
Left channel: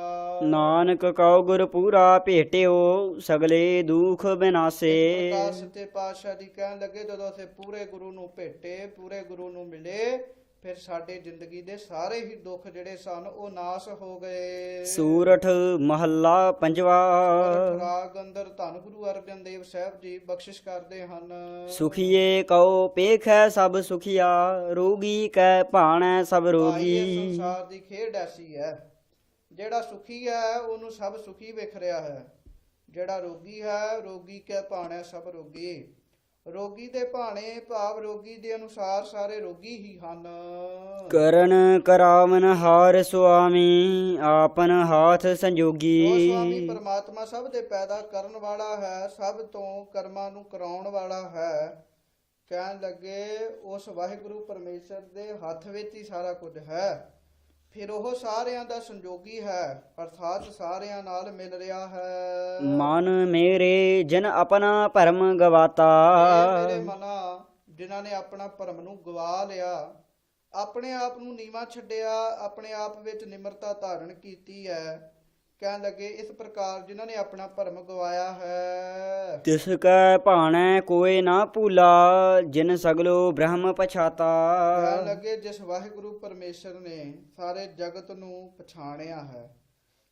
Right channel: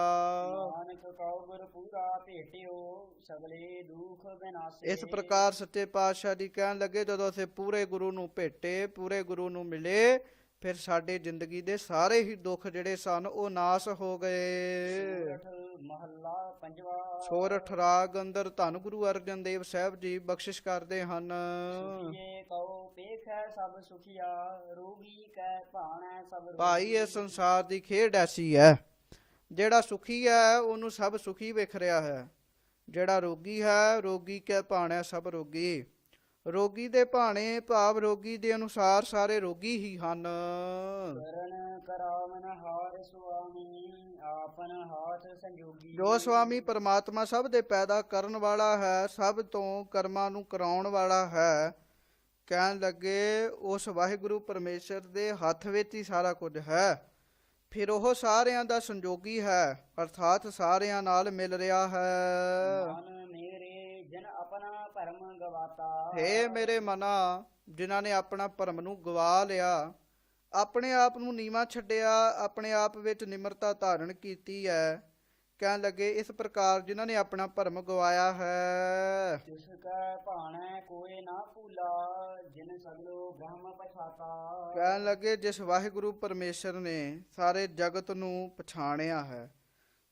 ਨਾਨਕ ਕਉ ਗੁਰ ਪੂਰਾ ਭੇਟਿਓ ਸਗਲੇ ਦੁਖ ਬਿਨਾਸੇ। ਇਸ ਪ੍ਰਕਾਰ ਸੱਚੇ ਪਾਤਸ਼ਾਹ ਜੀ ਕਹਿਣ ਲੱਗੇ, ਜਦੋਂ ਅਸੀਂ ਪੂਰੇ ਗੁਰੂ ਨੂੰ ਭੇਟੇ, ਪੂਰੇ ਗੁਰੂ ਨੂੰ ਮਿਲੇ, ਫਿਰ ਸਾਡੇ ਜ਼ਿੰਦਗੀ ਦੇ ਸਾਰੇ ਹੀ ਦੁੱਖ ਜਿਹੜੇ ਸਨ ਉਹ ਨਾਸ ਹੋ ਗਏ। ਸੂਰਠ ਮਹੱਲਾ ਪੰਜਵਾ। ਸੂਰਠ ਰਾਗ ਅੰਦਰ ਧੰਨ ਗੁਰੂ ਅਰਜਨ ਦੇਵ ਸਾਹਿਬ ਜੀ ਬਖਸ਼ਿਸ਼ ਕਰਦੇ ਹਨ। ਸੁਖੀਏ ਕਉ ਪੇਖੈ ਸਭ ਸੁਖੀਆ ਰੋਗੀ ਕੈ ਭਾਣੈ ਸਭ ਭਾਈ ਇਹ ਰੋਗੀ। ਸੰਸਾਰ ਦੀ ਖੇਡ ਐਸੀ ਹੈ, ਜਿਹੜਾ ਸੁਖੀ ਹੈ ਉਹਨੂੰ ਸਭ ਸੁਖੀ ਵੇਖ ਰਿਹਾ ਹੈ, ਜਿਹੜਾ ਰੋਗੀ ਹੈ ਰੋਗੀ ਕੈ ਭਾਣੈ ਸਭ ਰੋਗੀ। ਰੋਗੀ ਦੇ ਭਾਣੇ ਭਾਵ ਰੋਗੀ ਦੇ ਅਨੁਸਾਰ ਸਾਰੇ ਰੋਗੀ ਹੀ ਹਨ। ਕਰਨ ਕਰਾਵਨ ਹਾਰ ਸੁਆਮੀ ਆਪਨ ਹਾਥ ਸੰਜੋਗੀ। ਜੋ ਸੁਆਮੀ ਪਰਮਾਤਮਾ ਸਭ ਦੇ ਪੈਦਾ ਕਰਨ ਵਾਲਾ ਹੈ, ਸਭ ਤੋਂ ਕਰਮਾਂ ਨੂੰ ਕਰਾਉਣ ਵਾਲਾ ਹੈ। ਕਹਿਣ ਲੱਗੇ ਉਸ ਵਾਹਿਗੁਰੂ ਪਰਮੇਸ਼ਰ ਦੇ ਹੱਥ ਵਿੱਚ ਹੀ ਸਾਰਾ ਕੁਝ ਹੈ। ਫਿਰ ਉਹ ਸਾਰਿਆਂ ਦਾ ਸੰਜੋਗੀ ਹੈ, ਅਰਥਾਤ ਸਾਰਿਆਂ ਨਾਲ ਮਿਲ ਰਿਹਾ ਹੈ। ਮਨ ਮੇਰੇ ਜਨ ਆਪਣਾ ਭਰਮ ਗਵਾਤਾ। ਇਹ ਮੇਰੇ ਮਨਾ ਜਿਨ੍ਹਾਂ ਨੇ ਆਪਣਾ ਭਰਮ ਨੂੰ ਗਵਾ ਲਿਆ, ਆਪਣੇ ਆਪ ਨੂੰ ਨੀਵਾਂ ਛੱਡਿਆ, ਆਪਣੇ ਆਪ ਵਿੱਚ ਨਿਮਰਤਾ ਧਾਰਨ ਕੀਤੀ ਹੈ। ਕਹਿਣ ਲੱਗੇ ਇਸ ਪ੍ਰਕਾਰ ਜਿਨ੍ਹਾਂ ਨੇ ਆਪਣਾ ਭਰਮ ਗਵਾਇਆ ਹੈ। ਤਿਸ ਕੈ ਭਾਣੈ ਕੋਇ ਨਾ ਭੂਲਾ ਜਿਨ ਸਗਲੋ ਬ੍ਰਹਮ ਪਛਾਤਾ। ਕਹਿਣ ਲੱਗੇ ਜਿਸ ਵਾਹਿਗੁਰੂ ਪਰਮੇਸ਼ਰ ਨੇ ਸਾਰੇ ਜਗਤ ਨੂੰ ਪਛਾਣਿਆ ਹੈ,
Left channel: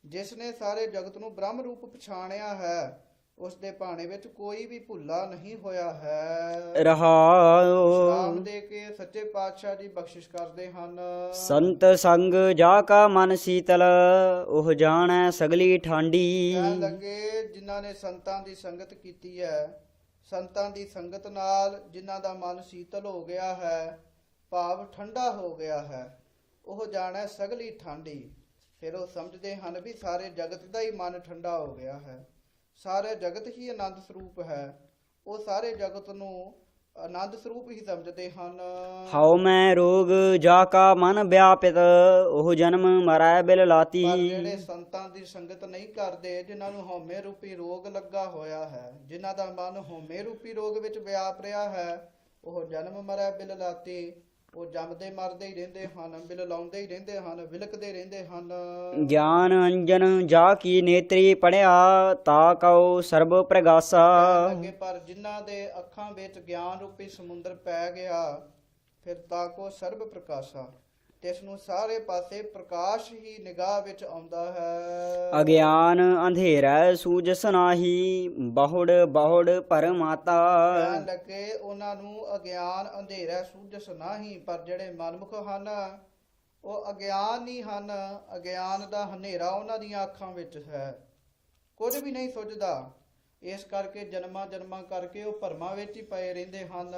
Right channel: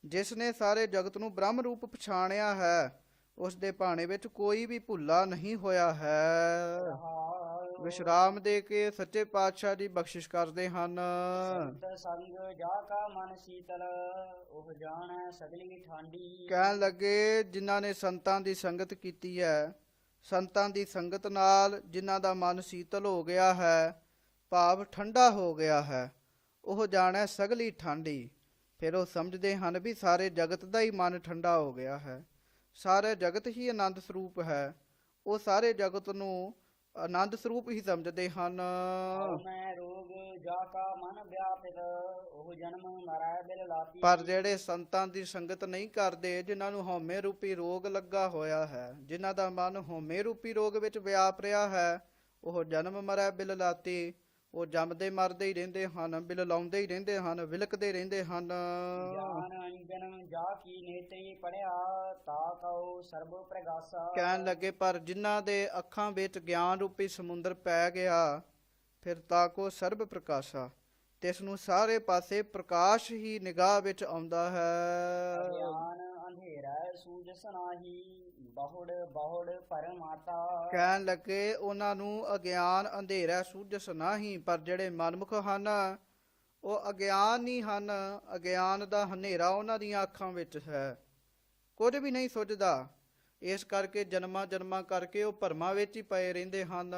ਜਿਸ ਨੇ ਸਾਰੇ ਜਗਤ ਨੂੰ ਬ੍ਰਹਮ ਰੂਪ ਪਛਾਣਿਆ ਹੈ, ਉਸ ਦੇ ਭਾਣੇ ਵਿੱਚ ਕੋਈ ਵੀ ਭੁੱਲਾ ਨਹੀਂ ਹੋਇਆ ਹੈ। ਰਹਾਉ ਵਿਸ਼ਰਾਮ ਦੇ ਕੇ ਸੱਚੇ ਪਾਤਸ਼ਾਹ ਜੀ ਬਖਸ਼ਿਸ਼ ਕਰਦੇ ਹਨ। ਸੰਤ ਸੰਗ ਜਾ ਕਾ ਮਨ ਸੀਤਲ ਉਹ ਜਾਣੈ ਸਗਲੀ ਠਾਂਡੀ। ਕਹਿਣ ਲੱਗੇ ਜਿਨ੍ਹਾਂ ਨੇ ਸੰਤਾਂ ਦੀ ਸੰਗਤ ਕੀਤੀ ਹੈ, ਸੰਤਾਂ ਦੀ ਸੰਗਤ ਨਾਲ ਜਿਨ੍ਹਾਂ ਦਾ ਮਨ ਸੀਤਲ ਹੋ ਗਿਆ ਹੈ, ਭਾਵ ਠੰਡਾ ਹੋ ਗਿਆ ਹੈ, ਉਹ ਜਾਣੈ ਸਗਲੀ ਠਾਂਡੀ। ਫਿਰ ਉਹ ਸਮਝਦੇ ਹਨ ਵੀ ਸਾਰੇ ਜਗਤ ਦਾ ਹੀ ਮਨ ਠੰਡਾ ਹੋ ਗਿਆ ਹੈ, ਸਾਰਾ ਜਗਤ ਹੀ ਆਨੰਦ ਸਰੂਪ ਹੈ। ਉਹ ਸਾਰੇ ਜਗਤ ਨੂੰ ਆਨੰਦ ਸਰੂਪ ਹੀ ਸਮਝਦੇ ਹਨ। ਹਉ ਮੈਂ ਰੋਗ ਜਾ ਕਾ ਮਨ ਵਿਆਪਿਤ ਉਹ ਜਨਮ ਮਰੈ ਬਿਲ ਲਾਤੀ। ਪਰ ਜਿਹੜੇ ਸੰਤਾਂ ਦੀ ਸੰਗਤ ਨਹੀਂ ਕਰਦੇ, ਜਿਨ੍ਹਾਂ ਨੂੰ ਹਉਮੈ ਰੂਪੀ ਰੋਗ ਲੱਗਾ ਹੋਇਆ ਹੈ, ਜਿਨ੍ਹਾਂ ਦਾ ਮਨ ਹਉਮੈ ਰੂਪੀ ਰੋਗ ਵਿੱਚ ਵਿਆਪ ਰਿਹਾ ਹੈ, ਉਹ ਜਨਮ ਮਰੈ ਬਿਲ ਲਾਤੀ। ਉਹ ਜੰਮਦੇ ਮਰਦੇ ਹੀ ਰਹਿੰਦੇ ਹਨ, ਬਿਲ ਲਾਉਂਦੇ ਹੀ ਰਹਿੰਦੇ ਹਨ, ਵਿਲਕਦੇ ਰਹਿੰਦੇ ਹਨ। ਗਿਆਨ ਅੰਜਨ ਜਾ ਕੀ ਨੇਤਰੀ ਪੜਿਆ ਤਾ ਕਉ ਸਰਬ ਪ੍ਰਗਾਸਾ। ਕਹਿਣ ਲੱਗੇ ਪਰ ਜਿਨ੍ਹਾਂ ਦੇ ਅੱਖਾਂ ਵਿੱਚ ਗਿਆਨ ਰੂਪੀ ਸਮੁੰਦਰ ਪੈ ਗਿਆ, ਫਿਰ ਤਾਕੋ ਸਰਬ ਪ੍ਰਕਾਸ਼ਾ, ਤਿਸ ਨੂੰ ਸਾਰੇ ਪਾਸੇ ਪ੍ਰਕਾਸ਼ ਹੀ ਨਿਗਾਹ ਵਿੱਚ ਆਉਂਦਾ ਹੈ। ਅਗਿਆਨ ਅੰਧੇਰੈ ਸੂਝਸ ਨਾਹੀ ਬਹੁੜ ਬਹੁੜ ਪਰਮਾਤਾ। ਕਹਿਣ ਲੱਗੇ ਉਹਨਾਂ ਨੂੰ ਅਗਿਆਨ ਅੰਧੇਰਾ ਸੂਝਸ ਨਾਹੀ, ਪਰ ਜਿਹੜੇ ਮਨਮੁਖ ਹਨ ਉਹ ਅਗਿਆਨ ਹੀ ਹਨ। ਅਗਿਆਨ ਦਾ ਹਨੇਰਾ ਉਹਨਾਂ ਦੀਆਂ ਅੱਖਾਂ ਵਿੱਚ ਹੈ, ਕੁਝ ਵੀ ਨਹੀਂ ਸੁਝਦਾ। ਇਸ ਕਰਕੇ ਜਨਮਾਂ ਜਨਮਾਂ ਕਰਕੇ ਉਹ ਭਰਮਾਂ ਵਿੱਚ ਹੀ ਪਏ ਰਹਿੰਦੇ ਹਨ।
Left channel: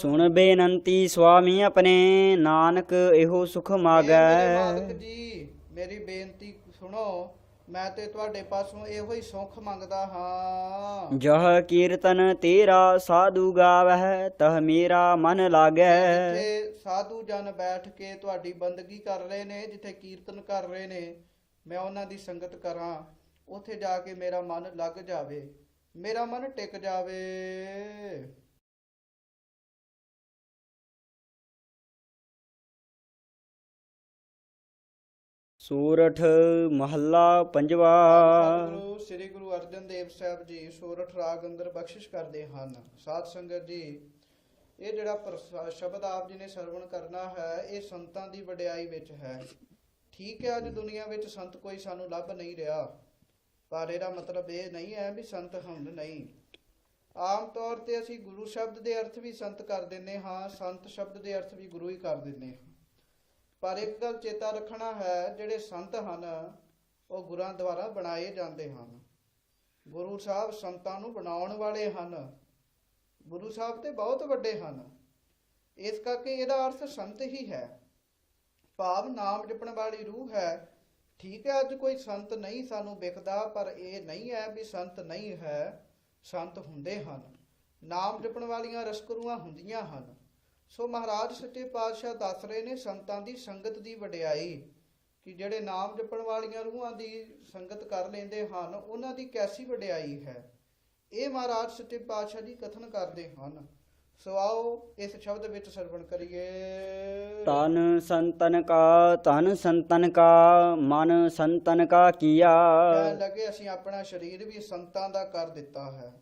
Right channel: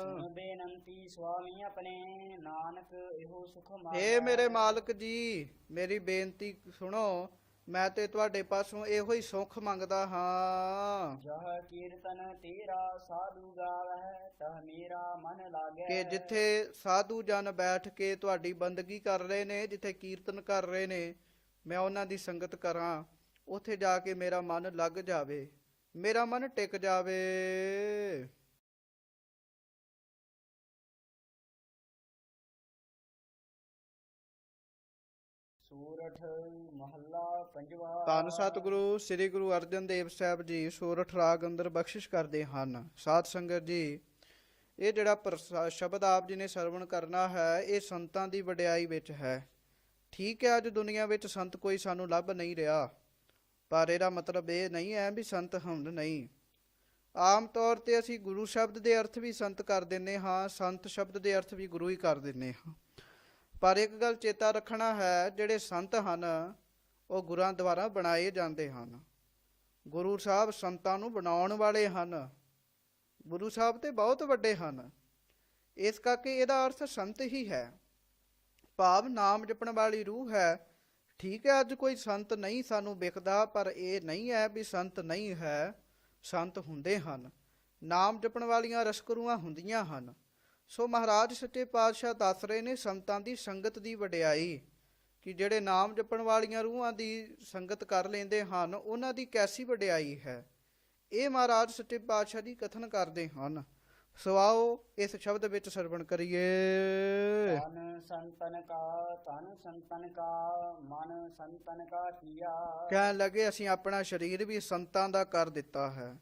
ਸੁਣ ਬੇਨੰਤੀ ਸੁਆਮੀ ਆਪਣੇ ਨਾਨਕ ਇਹੋ ਸੁਖ ਇਹ ਮੇਰੇ ਮਾਗੈ। ਮਾਲਕ ਜੀ ਮੇਰੀ ਬੇਨਤੀ ਸੁਣੋ, ਮੈਂ ਤੇ ਤੁਹਾਡੇ ਪਾਸੋਂ ਇਹੋ ਹੀ ਸੁੱਖ ਮੰਗਦਾ ਹਾਂ। ਜਹ ਕੀਰਤਨ ਤੇਰਾ ਸਾਧੂ ਗਾਵਹਿ ਤਹ ਮੇਰਾ ਮਨ ਲਾਗੈ। ਜਿੱਥੇ ਸਾਧੂ ਜਨ ਬੈਠ ਕੇ ਤੁਹਾਡੀ ਬੰਦਗੀ ਕਰ ਰਹੇ ਨੇ, ਜਿੱਥੇ ਕੀਰਤਨ ਕਰ ਰਹੇ ਨੇ, ਮੈਂ ਉਹਨਾਂ ਦੀ ਸੰਗਤ ਕਰਾਂ, ਉੱਥੇ ਜਾ ਕੇ ਮੇਰਾ ਮਨ ਲੱਗ ਜਾਵੇ, ਮੇਰਾ ਮਨ ਟਿਕ ਜਾਵੇ। ਸੂਰਠ ਮਹੱਲਾ ਪੰਜਵਾ। ਸਤਿਗੁਰੂ ਸ੍ਰੀ ਗੁਰੂ ਅਰਜਨ ਦੇਵ ਸਾਹਿਬ ਜੀ ਸੋਰਠ ਰਾਗ ਅੰਦਰ ਬਖਸ਼ਿਸ਼ ਕਰਦੇ ਹਨ। ਸਾਧ ਸੰਗਤ ਜੀ, ਇਹ ਜਿਹੜਾ ਸ਼ਬਦ ਆਪ ਜੀ ਨੇ ਸਰਵਣ ਕਰਨਾ ਹੈ, ਇਹ ਸੰਤਾਂ ਦੀ ਵਡਿਆਈ ਵਿੱਚ ਹੈ। ਠੀਕ ਹੈ, ਅੱਜ ਦੁਨੀਆ ਵਿੱਚ ਸੰਤ ਕੋਈ ਸਾਨੂੰ ਲੱਭ ਨਹੀਂ ਰਿਹਾ, ਪਰ ਇਹਦਾ ਮਤਲਬ ਇਹ ਨਹੀਂ ਹੈ ਵੀ ਸੰਤ ਹੁੰਦ ਨਹੀਂ। ਆਮ ਤੌਰ ਤੇ ਅਸੀਂ ਗੁਰੂ ਸ਼ਬਦ ਦੇ ਅਰਥ ਵੀ ਸੰਤ ਕਰ ਦਿੰਦੇ ਹਾਂ, ਸੰਤ ਸ਼ਬਦ ਦੇ ਅਰਥ ਵੀ ਗੁਰੂ ਹੀ ਕਰ ਦਿੰਦੇ ਹਾਂ। ਪਰ ਇੱਕ ਗੱਲ ਚੇਤਾ ਰੱਖਣਾ ਹੈ, ਜਿਹੜੇ ਸੰਤ ਹਨ ਉਹ ਗੁਰਾਂ ਦੁਆਰਾ ਬਣਾਏ ਜਾਂਦੇ ਹਨ। ਗੁਰੂ ਸਾਹਿਬ ਸੰਤਾਂ ਨੂੰ ਬਣਾਉਣ ਵਾਲੇ ਹਨ। ਗੁਰੂ ਸਾਹਿਬ ਤੇ ਬਹੁਤ ਵੱਡੇ ਹਨ, ਇਸ ਕਰਕੇ ਇਹਦਾ ਅਰਥ ਸੰਤ ਹੀ ਹੈ, ਭਾਵ ਨਾਮ ਜਪਣ ਵਾਲੀ ਰੂਹ ਹੈ। ਠੀਕ ਹੈ, ਅੱਜ ਕੋਈ ਸੰਤ ਨਹੀਂ ਸਾਨੂੰ ਵਿਖਦਾ, ਪਰ ਇਹ ਨਹੀਂ ਹੈ ਵੀ ਸੰਤ ਨਹੀਂ ਹੈ, ਸੰਤ ਹੁੰਦੇ ਹਨ। ਨਾਮ ਜਪਣ ਵਾਲੀਆਂ ਰਸਕਰੂਆਂ ਹੁੰਦੀਆਂ ਹਨ। ਸੋ ਮਹਾਰਾਜ ਸੱਚੇ ਪਾਤਸ਼ਾਹ ਦੱਸ ਰਹੇ ਨੇ ਸੰਤਾਂ ਦੀ ਸੰਗਤ ਦੀ ਵਡਿਆਈ, ਕਿ ਜਿਹੜੇ ਨਾਮ ਜਪਣ ਵਾਲੀਆਂ ਰੂਹਾਂ ਦੀ ਸੰਗਤ ਕਰ ਲੈਂਦੇ ਹਨ, ਉਹਨਾਂ ਦੀ ਕੈਸੀ ਵਡਿਆਈ ਹੈ। ਇਹ ਮਹਾਰਾਜ ਸੱਚੇ ਪਾਤਸ਼ਾਹ ਜੀ ਕਥਨ ਕਰਦੇ ਹਨ। ਸੋ ਆਓ ਇਸ ਸ਼ਬਦ ਵਿੱਚ ਸਰਵਣ ਕਰੀਏ। ਤਨ ਸੰਤਨ ਕਾ ਮਨ ਸੰਤਨ ਕਾ ਕੀਆ। ਕਹਿਣ ਲੱਗੇ ਅਸੀਂ ਆਪਣਾ ਸਰੀਰ ਵੀ ਸੰਤਾਂ ਦਾ ਕਰ ਦਿੱਤਾ ਹੈ,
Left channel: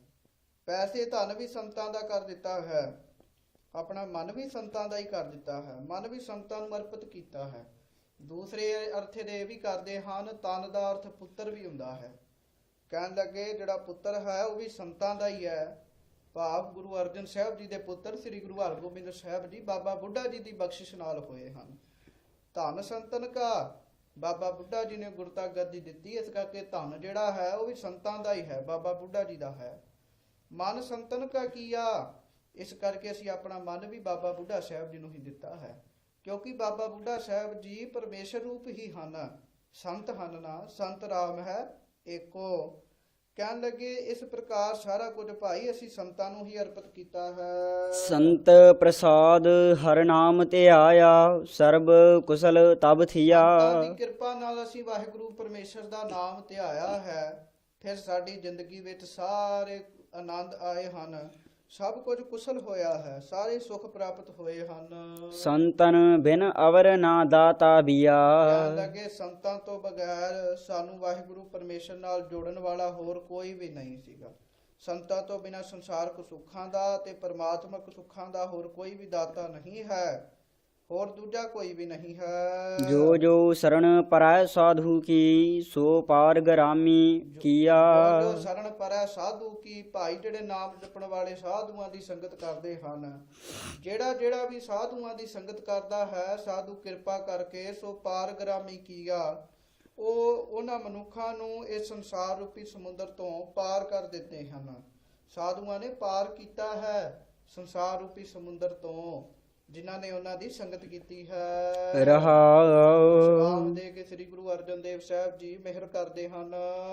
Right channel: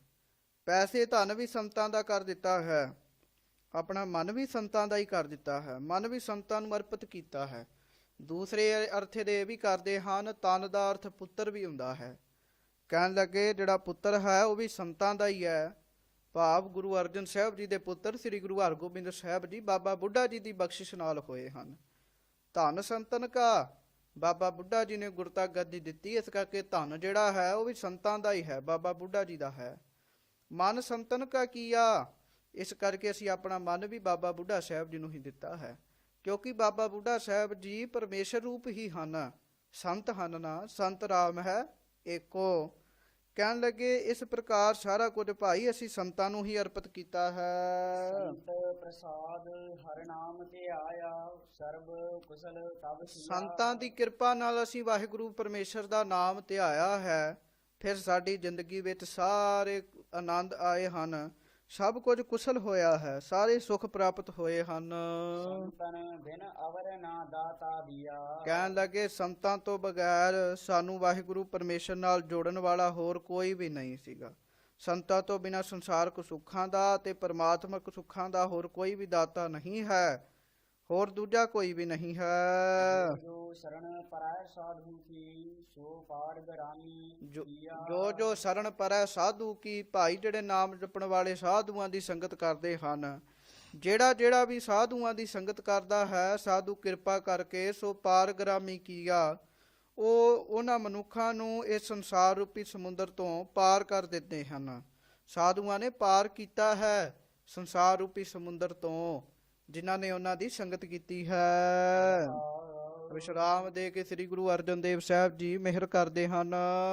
ਪੈਸੇ ਧਨ ਵੀ ਸੰਤਾਂ ਦਾ ਕਰ ਦਿੱਤਾ ਹੈ, ਆਪਣਾ ਮਨ ਵੀ ਸੰਤਾਂ ਦਾ ਹੀ ਕਰ ਦਿੱਤਾ ਹੈ, ਮਨ ਵੀ ਸੰਤਾਂ ਨੂੰ ਅਰਪਿਤ ਕੀਤਾ ਹੈ। ਦੂਸਰੇ ਅਰਥ ਦੇ ਵੀ ਕਰਦੇ ਹਨ, ਤਨ ਦਾ ਅਰਥ ਪੁੱਤਰ ਵੀ ਹੁੰਦਾ ਹੈ। ਕਹਿਣ ਲੱਗੇ ਜਿਹੜਾ ਪੁੱਤਰ ਹੈ ਉਹ ਵੀ ਸੰਤਾਂ ਦਾ ਹੀ ਹੈ, ਭਾਵ ਗੁਰੂ ਅਰਜਨ ਸਾਹਿਬ ਜੀ ਦੇ ਪੁੱਤਰ ਸ੍ਰੀ ਗੁਰੂ ਹਰਗੋਬਿੰਦ ਸਾਹਿਬ ਜੀ ਬਾਬਾ ਬੁੱਢਾ ਜੀ ਦੀ ਬਖਸ਼ਿਸ਼ ਨਾਲ ਹੋਏ ਹਨ। ਧਨ ਸੰਤਨ ਕਾ, ਬਾਬਾ ਬੁੱਢਾ ਜੀ ਨੇ ਗੁਰਤਾ ਗੱਦੀ ਦਿੱਤੀ, ਇਸ ਕਰਕੇ ਧਨ ਜਿਹੜਾ ਹੈ ਉਹ ਵੀ ਸੰਤਾਂ ਦਾ ਹੀ ਹੈ, ਬਾਬਾ ਬੁੱਢਾ ਜੀ ਦਾ ਹੈ। ਮਨ ਸੰਤਨ ਕਾ ਕੀਆ, ਇਸ ਕਰਕੇ ਅਸੀਂ ਆਪਣਾ ਮਨ ਵੀ ਬਾਬਾ ਬੁੱਢਾ ਸਾਹਿਬ ਜੀ ਨੂੰ ਹੀ ਦਿੱਤਾ ਹੈ, ਕਿਉਂਕਿ ਬਾਬਾ ਬੁੱਢਾ ਸਾਹਿਬ ਜੀ ਪਰਮੇਸ਼ਰ ਰੂਪ ਹੀ ਹਨ, ਸੰਤ ਹਨ ਨਾ, ਸੰਤ ਰਾਮ ਹੈ ਏਕੋ। ਕਹਿਣ ਲੱਗੇ ਇਸ ਪ੍ਰਕਾਰ ਸਾਰਾ ਕੁਝ ਭਾਈ ਅਸੀਂ ਸੰਤਾਂ ਨੂੰ ਹੀ ਅਰਪਿਤ ਕੀਤਾ ਹੈ। ਸੰਤ ਪ੍ਰਸਾਦ ਹਰ ਨਾਮ ਤੇ ਆਇਆ, ਸਰਬ ਕੁਸਲ ਤਬ ਥੀਆ। ਸੰਤਾਂ ਦੀ ਕਿਰਪਾ ਨਾਲ ਅਸੀਂ ਵਾਹਿਗੁਰੂ ਪਰਮੇਸ਼ਰ ਦਾ ਨਾਮ ਧਿਆਇਆ ਹੈ, ਫਿਰ ਸਾਡੀ ਜ਼ਿੰਦਗੀ ਵਿੱਚ ਸਾਰੇ ਆਨੰਦ ਆਏ ਹਨ, ਸਭ ਕੁਝ ਕੁਸ਼ਲ ਹੋਇਆ ਹੈ, ਸਾਰੇ ਸੁਖ ਪ੍ਰਾਪਤ ਹੋਏ ਹਨ। ਸੰਤਨ ਬਿਨ ਅਵਰ ਨਾ ਦਾਤਾ ਬੀਆ। ਕਹਿਣ ਲੱਗੇ ਸੰਤਾਂ ਤੋਂ ਬਗੈਰ ਸਾਨੂੰ ਵਾਹਿਗੁਰੂ ਪਰਮੇਸ਼ਰ ਨਾਲ ਜੋੜਨ ਵਾਲਾ ਹੋਰ ਕੋਈ ਵੀ ਨਹੀਂ ਸੀਗਾ। ਸੰਤਾਂ ਤੋਂ ਬਿਨਾਂ ਸੰਸਾਰਕ ਸੁੱਖਾਂ ਦਾ ਤੇ ਪਰਮਾਤਮਕ ਸੁੱਖਾਂ ਦਾ ਹੋਰ ਕੋਈ ਵੀ ਦਾਤਾ ਨਹੀਂ ਹੈ, ਹੋਰ ਦੂਜਾ ਕੋਈ ਵੀ ਨਹੀਂ ਹੈ। ਜੋ ਜੋ ਸਰਣ ਪਰੈ ਸਾਧੂ ਕੀ, ਸੋ ਪਾਰ ਗਰਾਮੀ ਕੀਆ। ਜੋ ਸ਼ਰਨ ਪਰੈ ਸਾਧੂ ਕੀ, ਭਾਈ ਜਿਹੜੇ ਨਾਮ ਜਪਣ ਵਾਲੇ ਸਾਧੂਆਂ ਦੀ ਸੰਗਤ ਕਰਦੇ ਹਨ, ਜਿਹੜਾ ਵੀ ਸਾਧੂਆਂ ਦੀ ਸੰਗਤ ਕਰਦਾ ਹੈ, ਸਾਧੂ ਕਿਰਪਾ ਕਰਕੇ ਸੋ ਪਾਰਗ੍ਰਾਮੀ ਕੀਆ, ਉਹ ਉਹਨਾਂ ਮਨੁੱਖਾਂ ਨੂੰ ਇਸ ਸੰਸਾਰ ਰੂਪੀ ਸਮੁੰਦਰ ਤੋਂ ਪਾਰ ਕਰ ਦਿੱਤੇ ਹਨ। ਸਾਧੂਆਂ ਨੇ ਪਾਰ ਕੀਤਾ ਹੈ ਸੰਸਾਰ ਰੂਪੀ ਸਮੁੰਦਰ ਤੋਂ, ਜਿਨ੍ਹਾਂ ਨੇ ਉਹਨਾਂ ਦੀ ਸੰਗਤ ਕੀਤੀ ਹੈ। ਰਹਾਉ ਵਿਸ਼ਰਾਮ ਦੇ ਕੇ ਸ੍ਰੀ ਗੁਰੂ ਅਰਜਨ ਦੇਵ ਸਾਹਿਬ ਜੀ ਮਿਹਰ ਕਰਦੇ ਹਨ।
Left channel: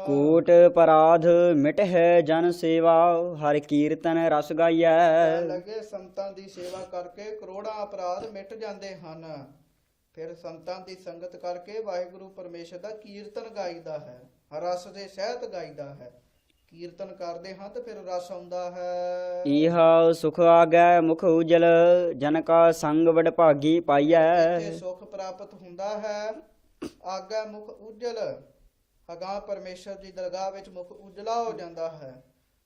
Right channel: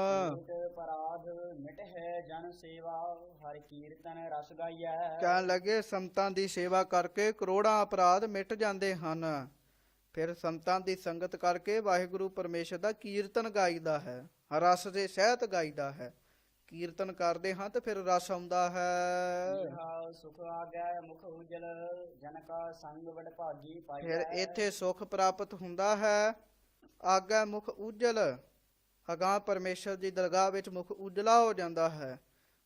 ਕੋਟ ਪਰਾਧ ਮਿਟ ਹੈ ਜਨ ਸੇਵਾ, ਹਰ ਕੀਰਤਨ ਰਸ ਗਾਈਐ। ਕਹਿਣ ਲੱਗੇ ਸੰਤਾਂ ਦੀ ਸੇਵਾ ਕਰਕੇ ਕਰੋੜਾਂ ਅਪਰਾਧ ਮਿਟ ਜਾਂਦੇ ਹਨ, ਫਿਰ ਸੰਤਾਂ ਦੀ ਸੰਗਤ ਕਰਕੇ ਵਾਹਿਗੁਰੂ ਪਰਮੇਸ਼ਰ ਦਾ ਕੀਰਤਨ ਗਾਈਦਾ ਹੈ, ਰਸ ਦੇ ਸਹਿਤ ਗਾਈਦਾ ਹੈ। ਕੀਰਤਨ ਕਰਦੇ ਹਾਂ ਤੇ ਫਿਰ ਰਸ ਆਉਂਦਾ ਹੈ। ਇਹਾ ਸੁਖ ਆਗੈ ਮੁਖ ਉਜਲ, ਜਨ ਕਾ ਸੰਗ ਵਡਭਾਗੀ ਪਾਈਐ। ਇੱਥੇ ਸੁਖ ਪ੍ਰਾਪਤ ਹੁੰਦਾ ਹੈ, ਆਗੈ ਮੁਖ ਉਜਲ, ਅਗਾਂਹ ਪਰਮੇਸ਼ਰ ਦੀ ਦਰਗਾਹ ਵਿੱਚ ਮੁਖ ਉਜਲਾ ਹੋ ਜਾਂਦਾ ਹੈ।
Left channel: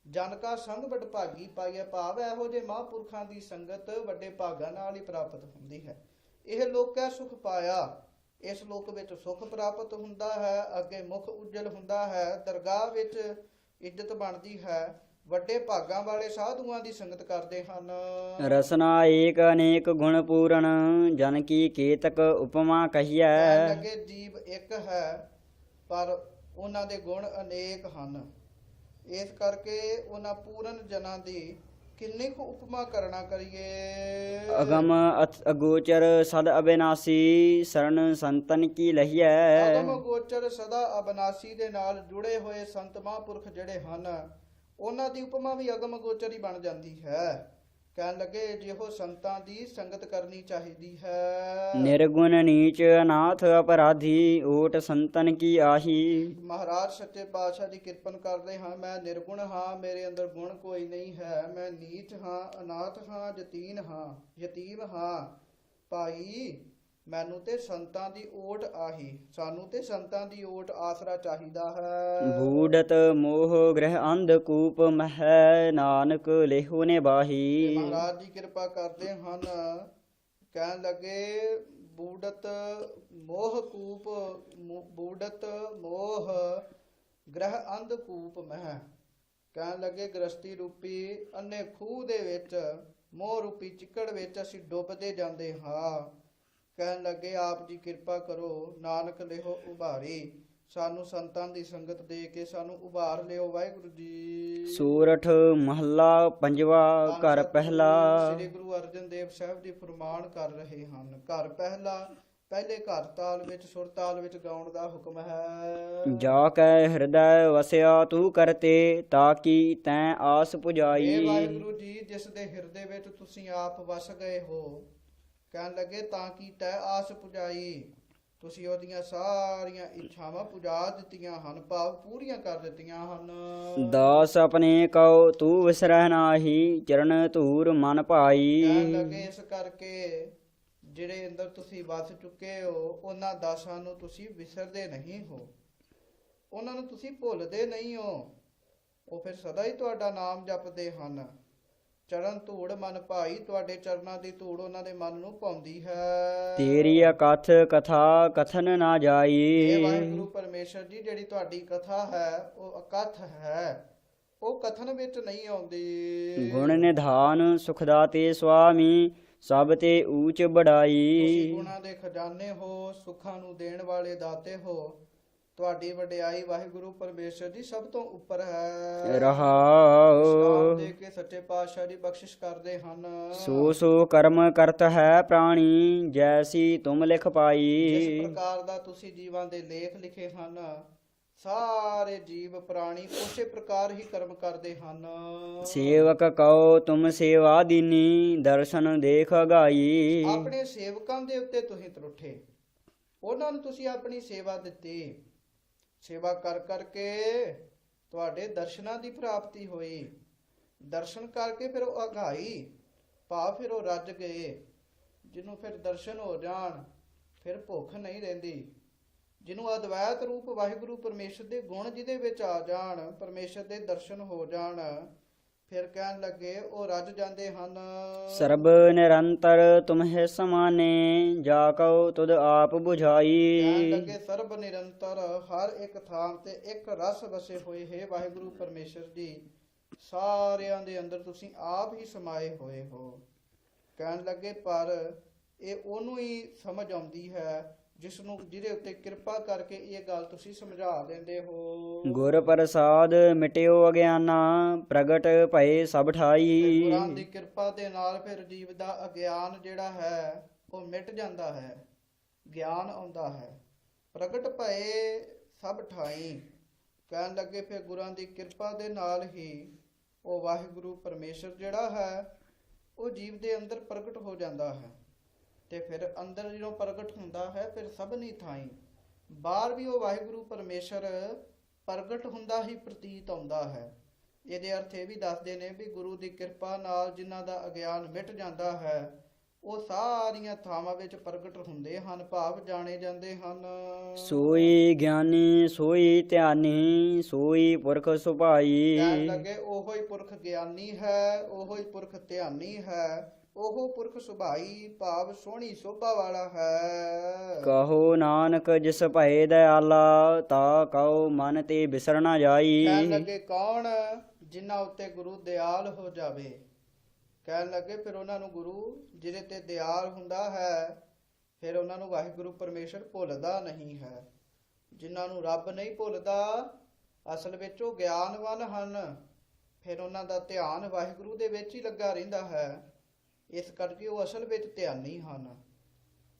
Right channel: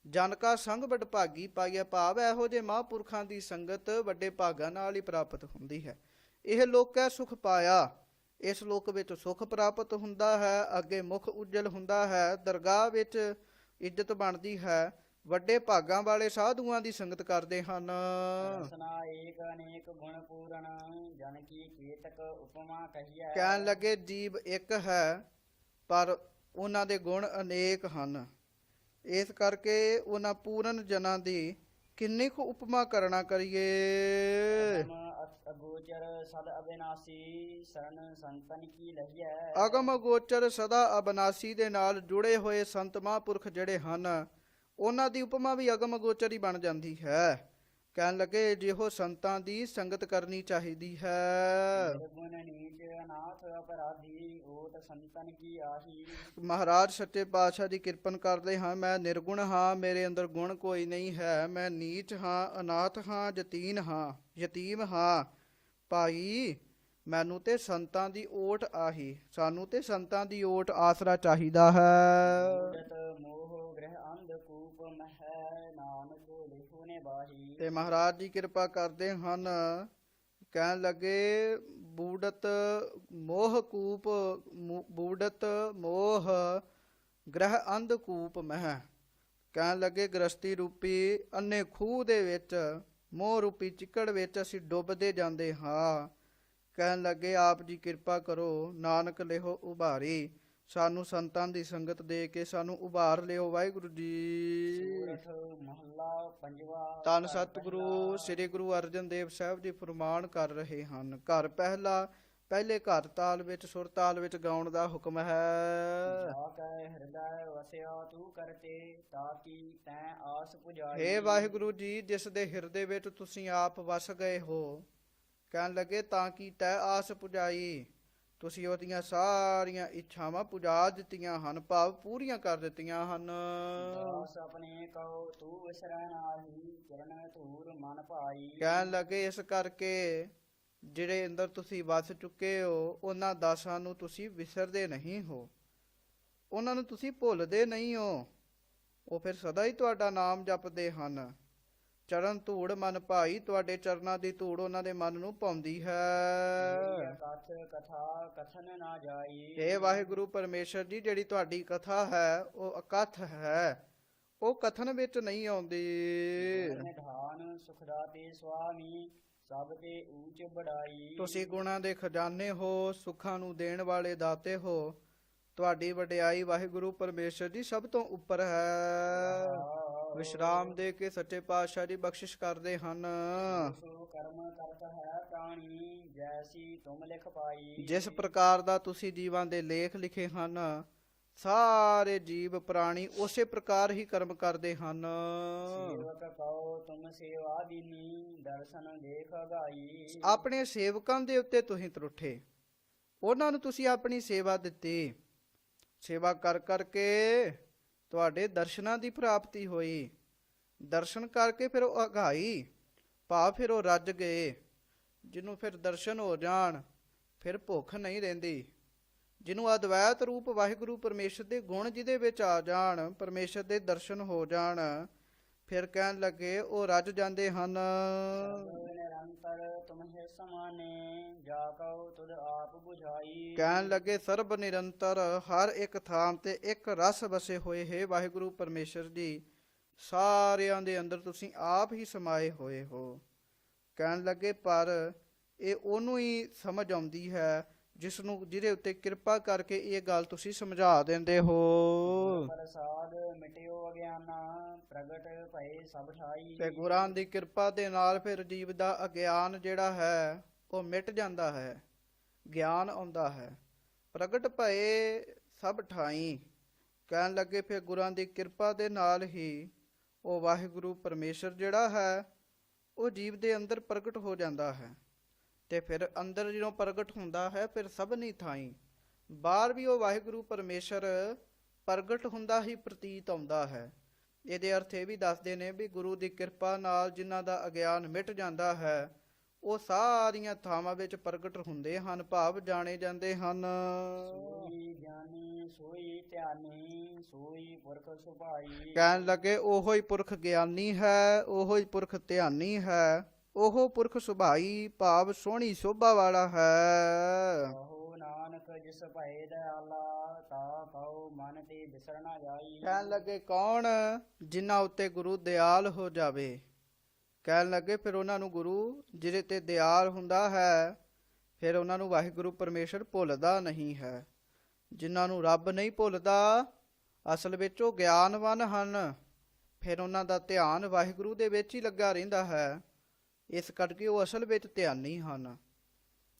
ਜਨ ਕਾ ਸੰਗ ਵਡਭਾਗੀ ਪਾਈਐ, ਭਾਵ ਇਹੋ ਜਿਹੇ ਮਹਾਂਪੁਰਖਾਂ ਦੀ ਸੰਗਤ ਵੱਡੇ ਭਾਗਾਂ ਨਾਲ ਹੀ ਪ੍ਰਾਪਤ ਹੁੰਦੀ ਹੈ। ਇਹ ਲੋਕੈ ਸੁਖ ਪਾਇਆ, ਇਸ ਲੋਕ ਵਿੱਚ ਸੁਖ ਪ੍ਰਾਪਤ ਹੁੰਦਾ ਹੈ, ਅੱਗੇ ਮੁਖ ਉਜਲ ਹੁੰਦਾ ਹੈ, ਦਰਗਾਹ ਵਿੱਚ ਇੱਜ਼ਤ ਬਣਦੀ ਹੈ, ਵੱਡੇ ਭਾਗਾਂ ਵਾਲੇ ਸਾਧੂਆਂ ਦੀ ਸੰਗਤ ਕਰਦੇ ਹਨ। ਰਸਨਾ ਏਕ ਅਨੇਕ ਗੁਣ ਪੂਰਨ, ਜਨ ਕੀ ਕੇਤਕ ਉਪਮਾ ਕਹੀਐ। ਕਹਿਣ ਲੱਗੇ ਜੀਵ ਇੱਕ ਹੈ, ਪਰ ਉਹਨਾਂ ਦੇ ਗੁਣ ਅਨੇਕ ਹਨ, ਇਸ ਕਰਕੇ ਉਹਨਾਂ ਪੂਰਨ ਜਨਾਂ ਦੀ ਕਿੰਨੀ ਕੁ ਉਪਮਾ ਕਰਨਾ ਕਰੀਏ। ਅਗਮ ਅਗੋਚਰ ਸਦ ਅਬਿਨਾਸੀ, ਸਰਣ ਸੰਤਨ ਕੀ ਲਹੀਐ। ਅਗਮ ਗੋਚਰ ਸਦਾ ਅਬਨਾਸੀ ਦੇ ਨਾਲ ਜੁੜੇ ਹੋਏ ਸੰਤ ਮਹਾਂਪੁਰਖ ਜਿਹੜੇ ਹਨ, ਉਹਨਾਂ ਦੀ ਉਪਮਾ ਵੀ ਅਗਮ ਗੋਚਰ ਹੀ ਬਣ ਜਾਂਦੀ ਹੈ। ਕਹਿਣ ਲੱਗੇ ਜਿਹੋ ਸੰਤਾਂ ਦੀ ਸੰਗਤ ਕਰਨੀ ਚਾਹੀਦੀ ਹੈ। ਨਿਰਗੁਣ ਨੀਚ ਅਨਾਥ ਅਪਰਾਧੀ, ਓਟ ਸੰਤਨ ਕੀ ਆਹੀ। ਮਹਾਰਾਜ ਸੱਚੇ ਪਾਤਸ਼ਾਹ ਦੀ ਕਿਰਪਨ ਕਰਦੇ ਹਾਂ, ਮੈਂ ਨਿਰਗੁਣ ਹਾਂ, ਮੇਰੇ ਅੰਦਰ ਗੁਣ ਕੋਈ ਨਹੀਂ ਹੈ, ਮੈਂ ਨੀਚ ਹਾਂ, ਅਨਾਥ ਹਾਂ, ਯਤੀਮ ਹਾਂ ਭਾਈ, ਮੈਨੂੰ ਤੇ ਸੰਤਾਂ ਦੀ ਓਟ ਆਹੀ। ਸਾਨੂੰ ਤੇ ਸੰਤਾਂ ਦੀ ਓਟ ਆਸਰਾ ਚਾਹੀਦਾ ਹੈ। ਬੂੜਤ ਮੋਹ ਗ੍ਰਹਿ ਅੰਧਕੂਪ ਮਹਿ ਨਾਨਕ ਲੇਹੋ ਨੇ ਤੇ ਬਾਹੀ। ਮਹਾਰਾਜ ਜੀ ਕਿਰਪਾ ਕਰਦੇ ਹਨ, ਕਹਿਣ ਲੱਗੇ ਬੂੜਤ ਮੋਹ ਕੂਪ ਬੂੜਤ ਮੋਹ ਗ੍ਰਹਿ ਅੰਧਕੂਪ ਮਹਿ। ਕਹਿਣ ਲੱਗੇ ਗ੍ਰਸਤੀ ਰੂਪੀ ਅੰਨੇ ਖੂਹ ਦੇ ਵਿੱਚ, ਮੋਹ ਰੂਪੀ ਚਿੱਕੜ ਵਿੱਚ ਅਸੀਂ ਡੁੱਬਦੇ ਜਾਂਦੇ ਹਾਂ। ਕਹਿਣ ਲੱਗੇ ਆਪ ਜੀ ਕਿਰਪਾ ਕਰੋ, ਨਾਨਕ ਲਿਹੋ ਉਭਾਰੀ। ਸਾਨੂੰ ਸੰਤਾਂ ਦੀ ਸੰਗਤ ਦੇ ਕੇ ਸਾਨੂੰ ਉਭਾਰ ਲਿਓ ਵਾਹਿਗੁਰੂ ਜੀ। ਸੂਰਠ ਮਹੱਲਾ ਪੰਜਵਾ। ਧੰਨ ਘਰ ਸਤਿਗੁਰੂ ਪਹਿਲਾ। ਸ੍ਰੀ ਗੁਰੂ ਅਰਜਨ ਦੇਵ ਸਾਹਿਬ ਜੀ ਫਰਮਾਨ ਕਰ ਰਹੇ ਹਨ। ਘਰ ਪਹਿਲਾ, ਪਹਿਲੇ ਘਰ ਤਾਲ ਵਿੱਚ ਸੁਰ ਤਾਲ ਵਿੱਚ ਗਾਉਣ ਦਾ ਹੁਕਮ ਹੈ। ਜਾ ਕੈ ਹਿਰਦੈ ਵਸਿਆ ਤੂੰ ਕਰਤੇ ਤਾਕੀ ਤੈਂ ਆਸ ਇਹ ਪੁਜਾਈ। ਵਾਹਿਗੁਰੂ ਜੀ ਜਿਸ ਦੇ ਹਿਰਦੇ ਵਿੱਚ ਤੁਸੀਂ ਆਪ ਵਸ ਗਏ ਹੋ, ਕਹਿਣ ਲੱਗੇ ਤਾਂ ਕਿ ਤੈ ਆਸ ਪੁਜਾਈ। ਤੁਸੀਂ ਉਹਦੀਆਂ ਸਾਰੀਆਂ ਇੱਛਾਵਾਂ ਪੁਜਾ ਦਿੱਤੀਆਂ ਹਨ, ਭਾਵ ਪੂਰੀਆਂ ਕਰ ਦਿੱਤੀਆਂ ਹਨ। ਦਾਸ ਆਪਣੇ ਕਉ ਤੂੰ ਵਿਸਰਹਿ ਨਾਹੀ ਚਰਨ ਧੂਰ ਮਨ ਭਾਈ। ਕਹਿਣ ਲੱਗੇ ਇਸ ਕਰਕੇ ਜਿਹੜੇ ਅੰਦਰ ਤੁਸੀਂ ਵਸ ਚੁੱਕੇ ਹੋ, ਉਹਨਾਂ ਦਾਸਾਂ ਨੂੰ ਤੁਸੀਂ ਵਿਸਰਦੇ ਨਹੀਂ ਹੋ, ਉਹਨਾਂ ਨੂੰ ਤੁਸੀਂ ਭੁੱਲਦੇ ਨਹੀਂ ਹੋ। ਉਹ ਫਿਰ ਸਦਾ ਹੀ ਤੁਹਾਡਾ ਨਾਮ ਜਪਦੇ ਹਨ। ਚਰਨ ਧੂੜ ਮਨ ਭਾਈ, ਤੁਹਾਡੇ ਚਰਨਾਂ ਦੀ ਧੂੜ ਉਹਨਾਂ ਦੇ ਮਨ ਨੂੰ ਪਾਉਂਦੀ ਹੈ। ਤੇਰੀ ਅਕਥ ਕਥਾ ਕਥਨ ਨਾ ਜਾਈ। ਇਹ ਵਾਹਿਗੁਰੂ ਪਰਮੇਸ਼ਰ ਜੀ ਜਿਹੜੀ ਤੁਹਾਡੀ ਕਥਾ ਹੈ ਉਹ ਅਕਥ ਹੈ, ਉਹ ਕਥਨ ਵਿੱਚ ਨਹੀਂ ਆਉਂਦੀ। ਗੁਣ ਨਿਧਾਨ ਸੁਖਦਾਤੇ ਸੁਆਮੀ ਸਭ ਤੇ ਊਚ ਬੜਾਈ। ਤੁਸੀਂ ਗੁਣਾਂ ਦੇ ਖਜ਼ਾਨੇ ਹੋ, ਸੁੱਖਾਂ ਨੂੰ ਦੇਣ ਵਾਲੇ ਦਾਤੇ ਹੋ। ਤੁਹਾਡੀ ਵਡਿਆਈ ਵਾਹਿਗੁਰੂ ਪਰਮੇਸ਼ਰ ਜੀ ਸਭ ਤੋਂ ਉੱਪਰ ਹੈ। ਰਹਾਉ ਵਿਸ਼ਰਾਮ ਦੇ ਕੇ ਸੱਚੇ ਪਾਤਸ਼ਾਹ ਜੀ ਬਖਸ਼ਿਸ਼ ਕਰਦੇ ਹਨ। ਸੋ ਸੋ ਕਰਮ ਕਰਤ ਹੈ ਪ੍ਰਾਣੀ ਜੈਸੀ ਤੁਮ ਲਿਖ ਪਾਈ। ਜਿਸ ਪ੍ਰਕਾਰ ਦਾ ਤੁਸੀਂ ਜੀਵਾਂ ਦੇ ਲੇਖ ਲਿਖੇ ਹਨ, ਸਾਰੇ ਜੀਵ ਪ੍ਰਾਣੀ ਉਸੇ ਪ੍ਰਕਾਰ ਹੀ ਕਰਮ ਕਰਦੇ ਹਨ। ਸੇਵਕ ਕਉ ਤੁਮ ਸੇਵਾ ਦੀਨੀ ਦਰਸ਼ਨ ਦੇਖ ਗਾਈ। ਆਪਣੇ ਸੇਵਕਾਂ ਦੇ ਉੱਤੇ ਤੁਸੀਂ ਤਰੁੱਠੇ, ਉਹਨਾਂ ਨੂੰ ਤੁਸੀਂ ਆਪਣੀ ਸੇਵਾ ਦਿੱਤੀ। ਸੇਵਾ ਕਰ ਕਰਕੇ ਤੁਹਾਡੇ ਦਰਸ਼ਨਾਂ ਦੀ ਪ੍ਰਾਪਤੀ ਹੋਈ। ਦਰਸ਼ਨ ਕਰਕੇ ਫਿਰ ਉਹ ਅਘਾਈ, ਭਾਵ ਫਿਰ ਉਹ ਰੱਜ ਗਏ। ਜਿਹਨੂੰ ਫਿਰ ਦਰਸ਼ਨ ਹੋ ਜਾਣ, ਫਿਰ ਭੁੱਖ ਨਹੀਂ ਰਹਿੰਦੀ। ਜਿਹਨੂੰ ਅਦਵੈਤ ਰੂਪ ਵਾਹਿਗੁਰੂ ਪਰਮੇਸ਼ਰ ਦੇ ਗੁਣ ਜਿਹਦੇ ਵਿੱਚ ਆ ਜਾਣ, ਪਰਮੇਸ਼ਰ ਦੇ ਦਰਸ਼ਨ ਹੋ ਜਾਣ, ਫਿਰ ਕਹਿਣ ਲੱਗੇ ਉਹ ਰੱਜ ਜਾਂਦੇ ਹਨ। ਸਰਬ ਨਿਰੰਤਰ ਤੁਮਹਿ ਸਮਾਨੇ ਜਾ ਕਉ ਤੁਧ ਆਪ 부ਝਾਈ। ਕਹਿਣ ਲੱਗੇ ਸਰਬ ਨਿਰੰਤਰ, ਹਰ ਇੱਕ ਥਾਂ ਤੇ ਇੱਕ ਰਸ ਵਸੇ ਹੋਏ ਹੈ ਵਾਹਿਗੁਰੂ ਪਰਮੇਸ਼ਰ ਜੀ। ਸਾਰਿਆਂ ਦੇ ਅੰਦਰ ਤੁਸੀਂ ਆਪ ਹੀ ਸਮਾਏ ਹੋਏ ਹੋ। ਕਹਿਣ ਲੱਗੇ ਪਰ ਇਹ ਉਹਨੂੰ ਹੀ ਸਮਝ ਆਉਂਦੀ ਹੈ ਜਿਸ ਨੂੰ, ਜਿਹਦੇ ਉੱਤੇ ਕਿਰਪਾ ਕਰਕੇ ਇਹ ਗੱਲ ਤੁਸੀਂ ਸਮਝਾ ਦਿੰਦੇ ਹੋ। ਗੁਰ ਪ੍ਰਸਾਦ ਮਿਟਿਓ ਅਗਿਆਨਾ ਪ੍ਰਗਟ ਭਏ ਸਭ ਤੇ ਠਾਈ। ਗੁਰਾਂ ਦੀ ਕਿਰਪਾ ਦੇ ਨਾਲ ਫਿਰ ਜੀਵ ਦਾ ਅਗਿਆਨ ਜਿਹੜਾ ਹੈ ਉਹ ਮਿਟ ਜਾਂਦਾ ਹੈ, ਗਿਆਨ ਆਉਂਦਾ ਹੈ। ਪ੍ਰਗਟ ਭਏ ਸਭ ਠਾਈ। ਕਹਿਣ ਲੱਗੇ ਫਿਰ ਗੁਰਾਂ ਦੀ ਕਿਰਪਾ ਦੇ ਨਾਲ ਹੀ ਉਹ ਵਾਹਿਗੁਰੂ ਪਰਮੇਸ਼ਰ ਜਿਹੜਾ ਹੈ ਉਹ ਜੀਵ ਦੇ ਅੰਦਰ ਪ੍ਰਗਟ ਹੋ ਜਾਂਦਾ ਹੈ। ਤੇ ਫਿਰ ਅੰਦਰ ਜਦੋਂ ਪ੍ਰਗਟ ਹੁੰਦਾ ਹੈ ਫਿਰ ਸਭਨੀ ਥਾਈ ਬਾਹਰ ਵੀ ਉਹ ਵਾਹਿਗੁਰੂ ਪਰਮੇਸ਼ਰ ਪ੍ਰਗਟ ਹੁੰਦਾ ਹੀ ਪ੍ਰਤੀਤ ਆਉਂਦਾ ਹੈ। ਇਹਦੇ ਅਰਥ ਇਹ ਵੀ ਦੱਸਦੇ ਨੇ ਵੀ ਗੁਰੂ ਦੀ ਕਿਰਪਾ ਨਾਲ ਜਿਨ੍ਹਾਂ ਦਾ ਅਗਿਆਨ ਮਿਟ ਜਾਂਦਾ ਹੈ ਉਹ ਸਾਰੀਆਂ ਥਾਵਾਂ ਵਿੱਚ ਪ੍ਰਗਟ ਹੁੰਦੇ ਹਨ, ਭਾਵ ਜਾਣੇ ਜਾਂਦੇ ਹਨ। ਸੋਈ ਗਿਆਨੀ ਸੋਈ ਧਿਆਨੀ ਸੋਈ ਪੁਰਖ ਸੁਭਾਈ। ਕਹਿਣ ਲੱਗੇ ਉਹੋ ਹੀ ਪੁਰਖ ਗਿਆਨੀ ਹੈ, ਉਹੋ ਹੀ ਪੁਰਖ ਧਿਆਨੀ ਹੈ, ਉਹ ਪੁਰਖ ਸੁਭਾਈ ਭਾਵ ਸੋਹਣੀ ਸ਼ੋਭਾ ਵਾਲਾ ਹੈ। ਕਹੋ ਨਾਨਕ ਜਿਸ ਭਏ ਦਇਆਲਾ ਤਾ ਕਉ ਮਨ ਤੇ ਬਿਸਰ ਨਾ ਜਾਈ। ਕਹਿਣ ਲੱਗੇ ਕੌਣ ਜਿਨ੍ਹਾਂ ਉੱਤੇ ਗੁਰੂ ਦਿਆਲ ਹੋ ਜਾਵੇ। ਕਹਿਣ ਲੱਗੇ ਫਿਰ ਉਹਨਾਂ ਨੂੰ ਗੁਰੂ ਜਿਹਦੇ ਤੇ ਦਿਆਲ ਹੁੰਦਾ ਹੈ, ਫਿਰ ਉਹਨਾਂ ਨੂੰ ਵਾਹਿਗੁਰੂ ਪਰਮੇਸ਼ਰ ਭੁੱਲਦਾ ਨਹੀਂ ਹੈ। ਜਿਨ੍ਹਾਂ ਨੂੰ ਰੱਬ ਨਹੀਂ ਭੁੱਲਦਾ ਅਸਲ ਵਿੱਚ ਉਹ ਗਿਆਨਵਾਨ ਹਨ, ਫਿਰ ਉਹਨਾਂ ਦਾ ਧਿਆਨ ਵਾਹਿਗੁਰੂ ਦੇ ਵਿੱਚ ਹੀ ਲੱਗਾ ਰਹਿੰਦਾ ਹੈ। ਇਸ ਕਰਕੇ ਉਹ ਅਸਲ ਵਿੱਚ ਧਿਆਨੀ ਹਨ।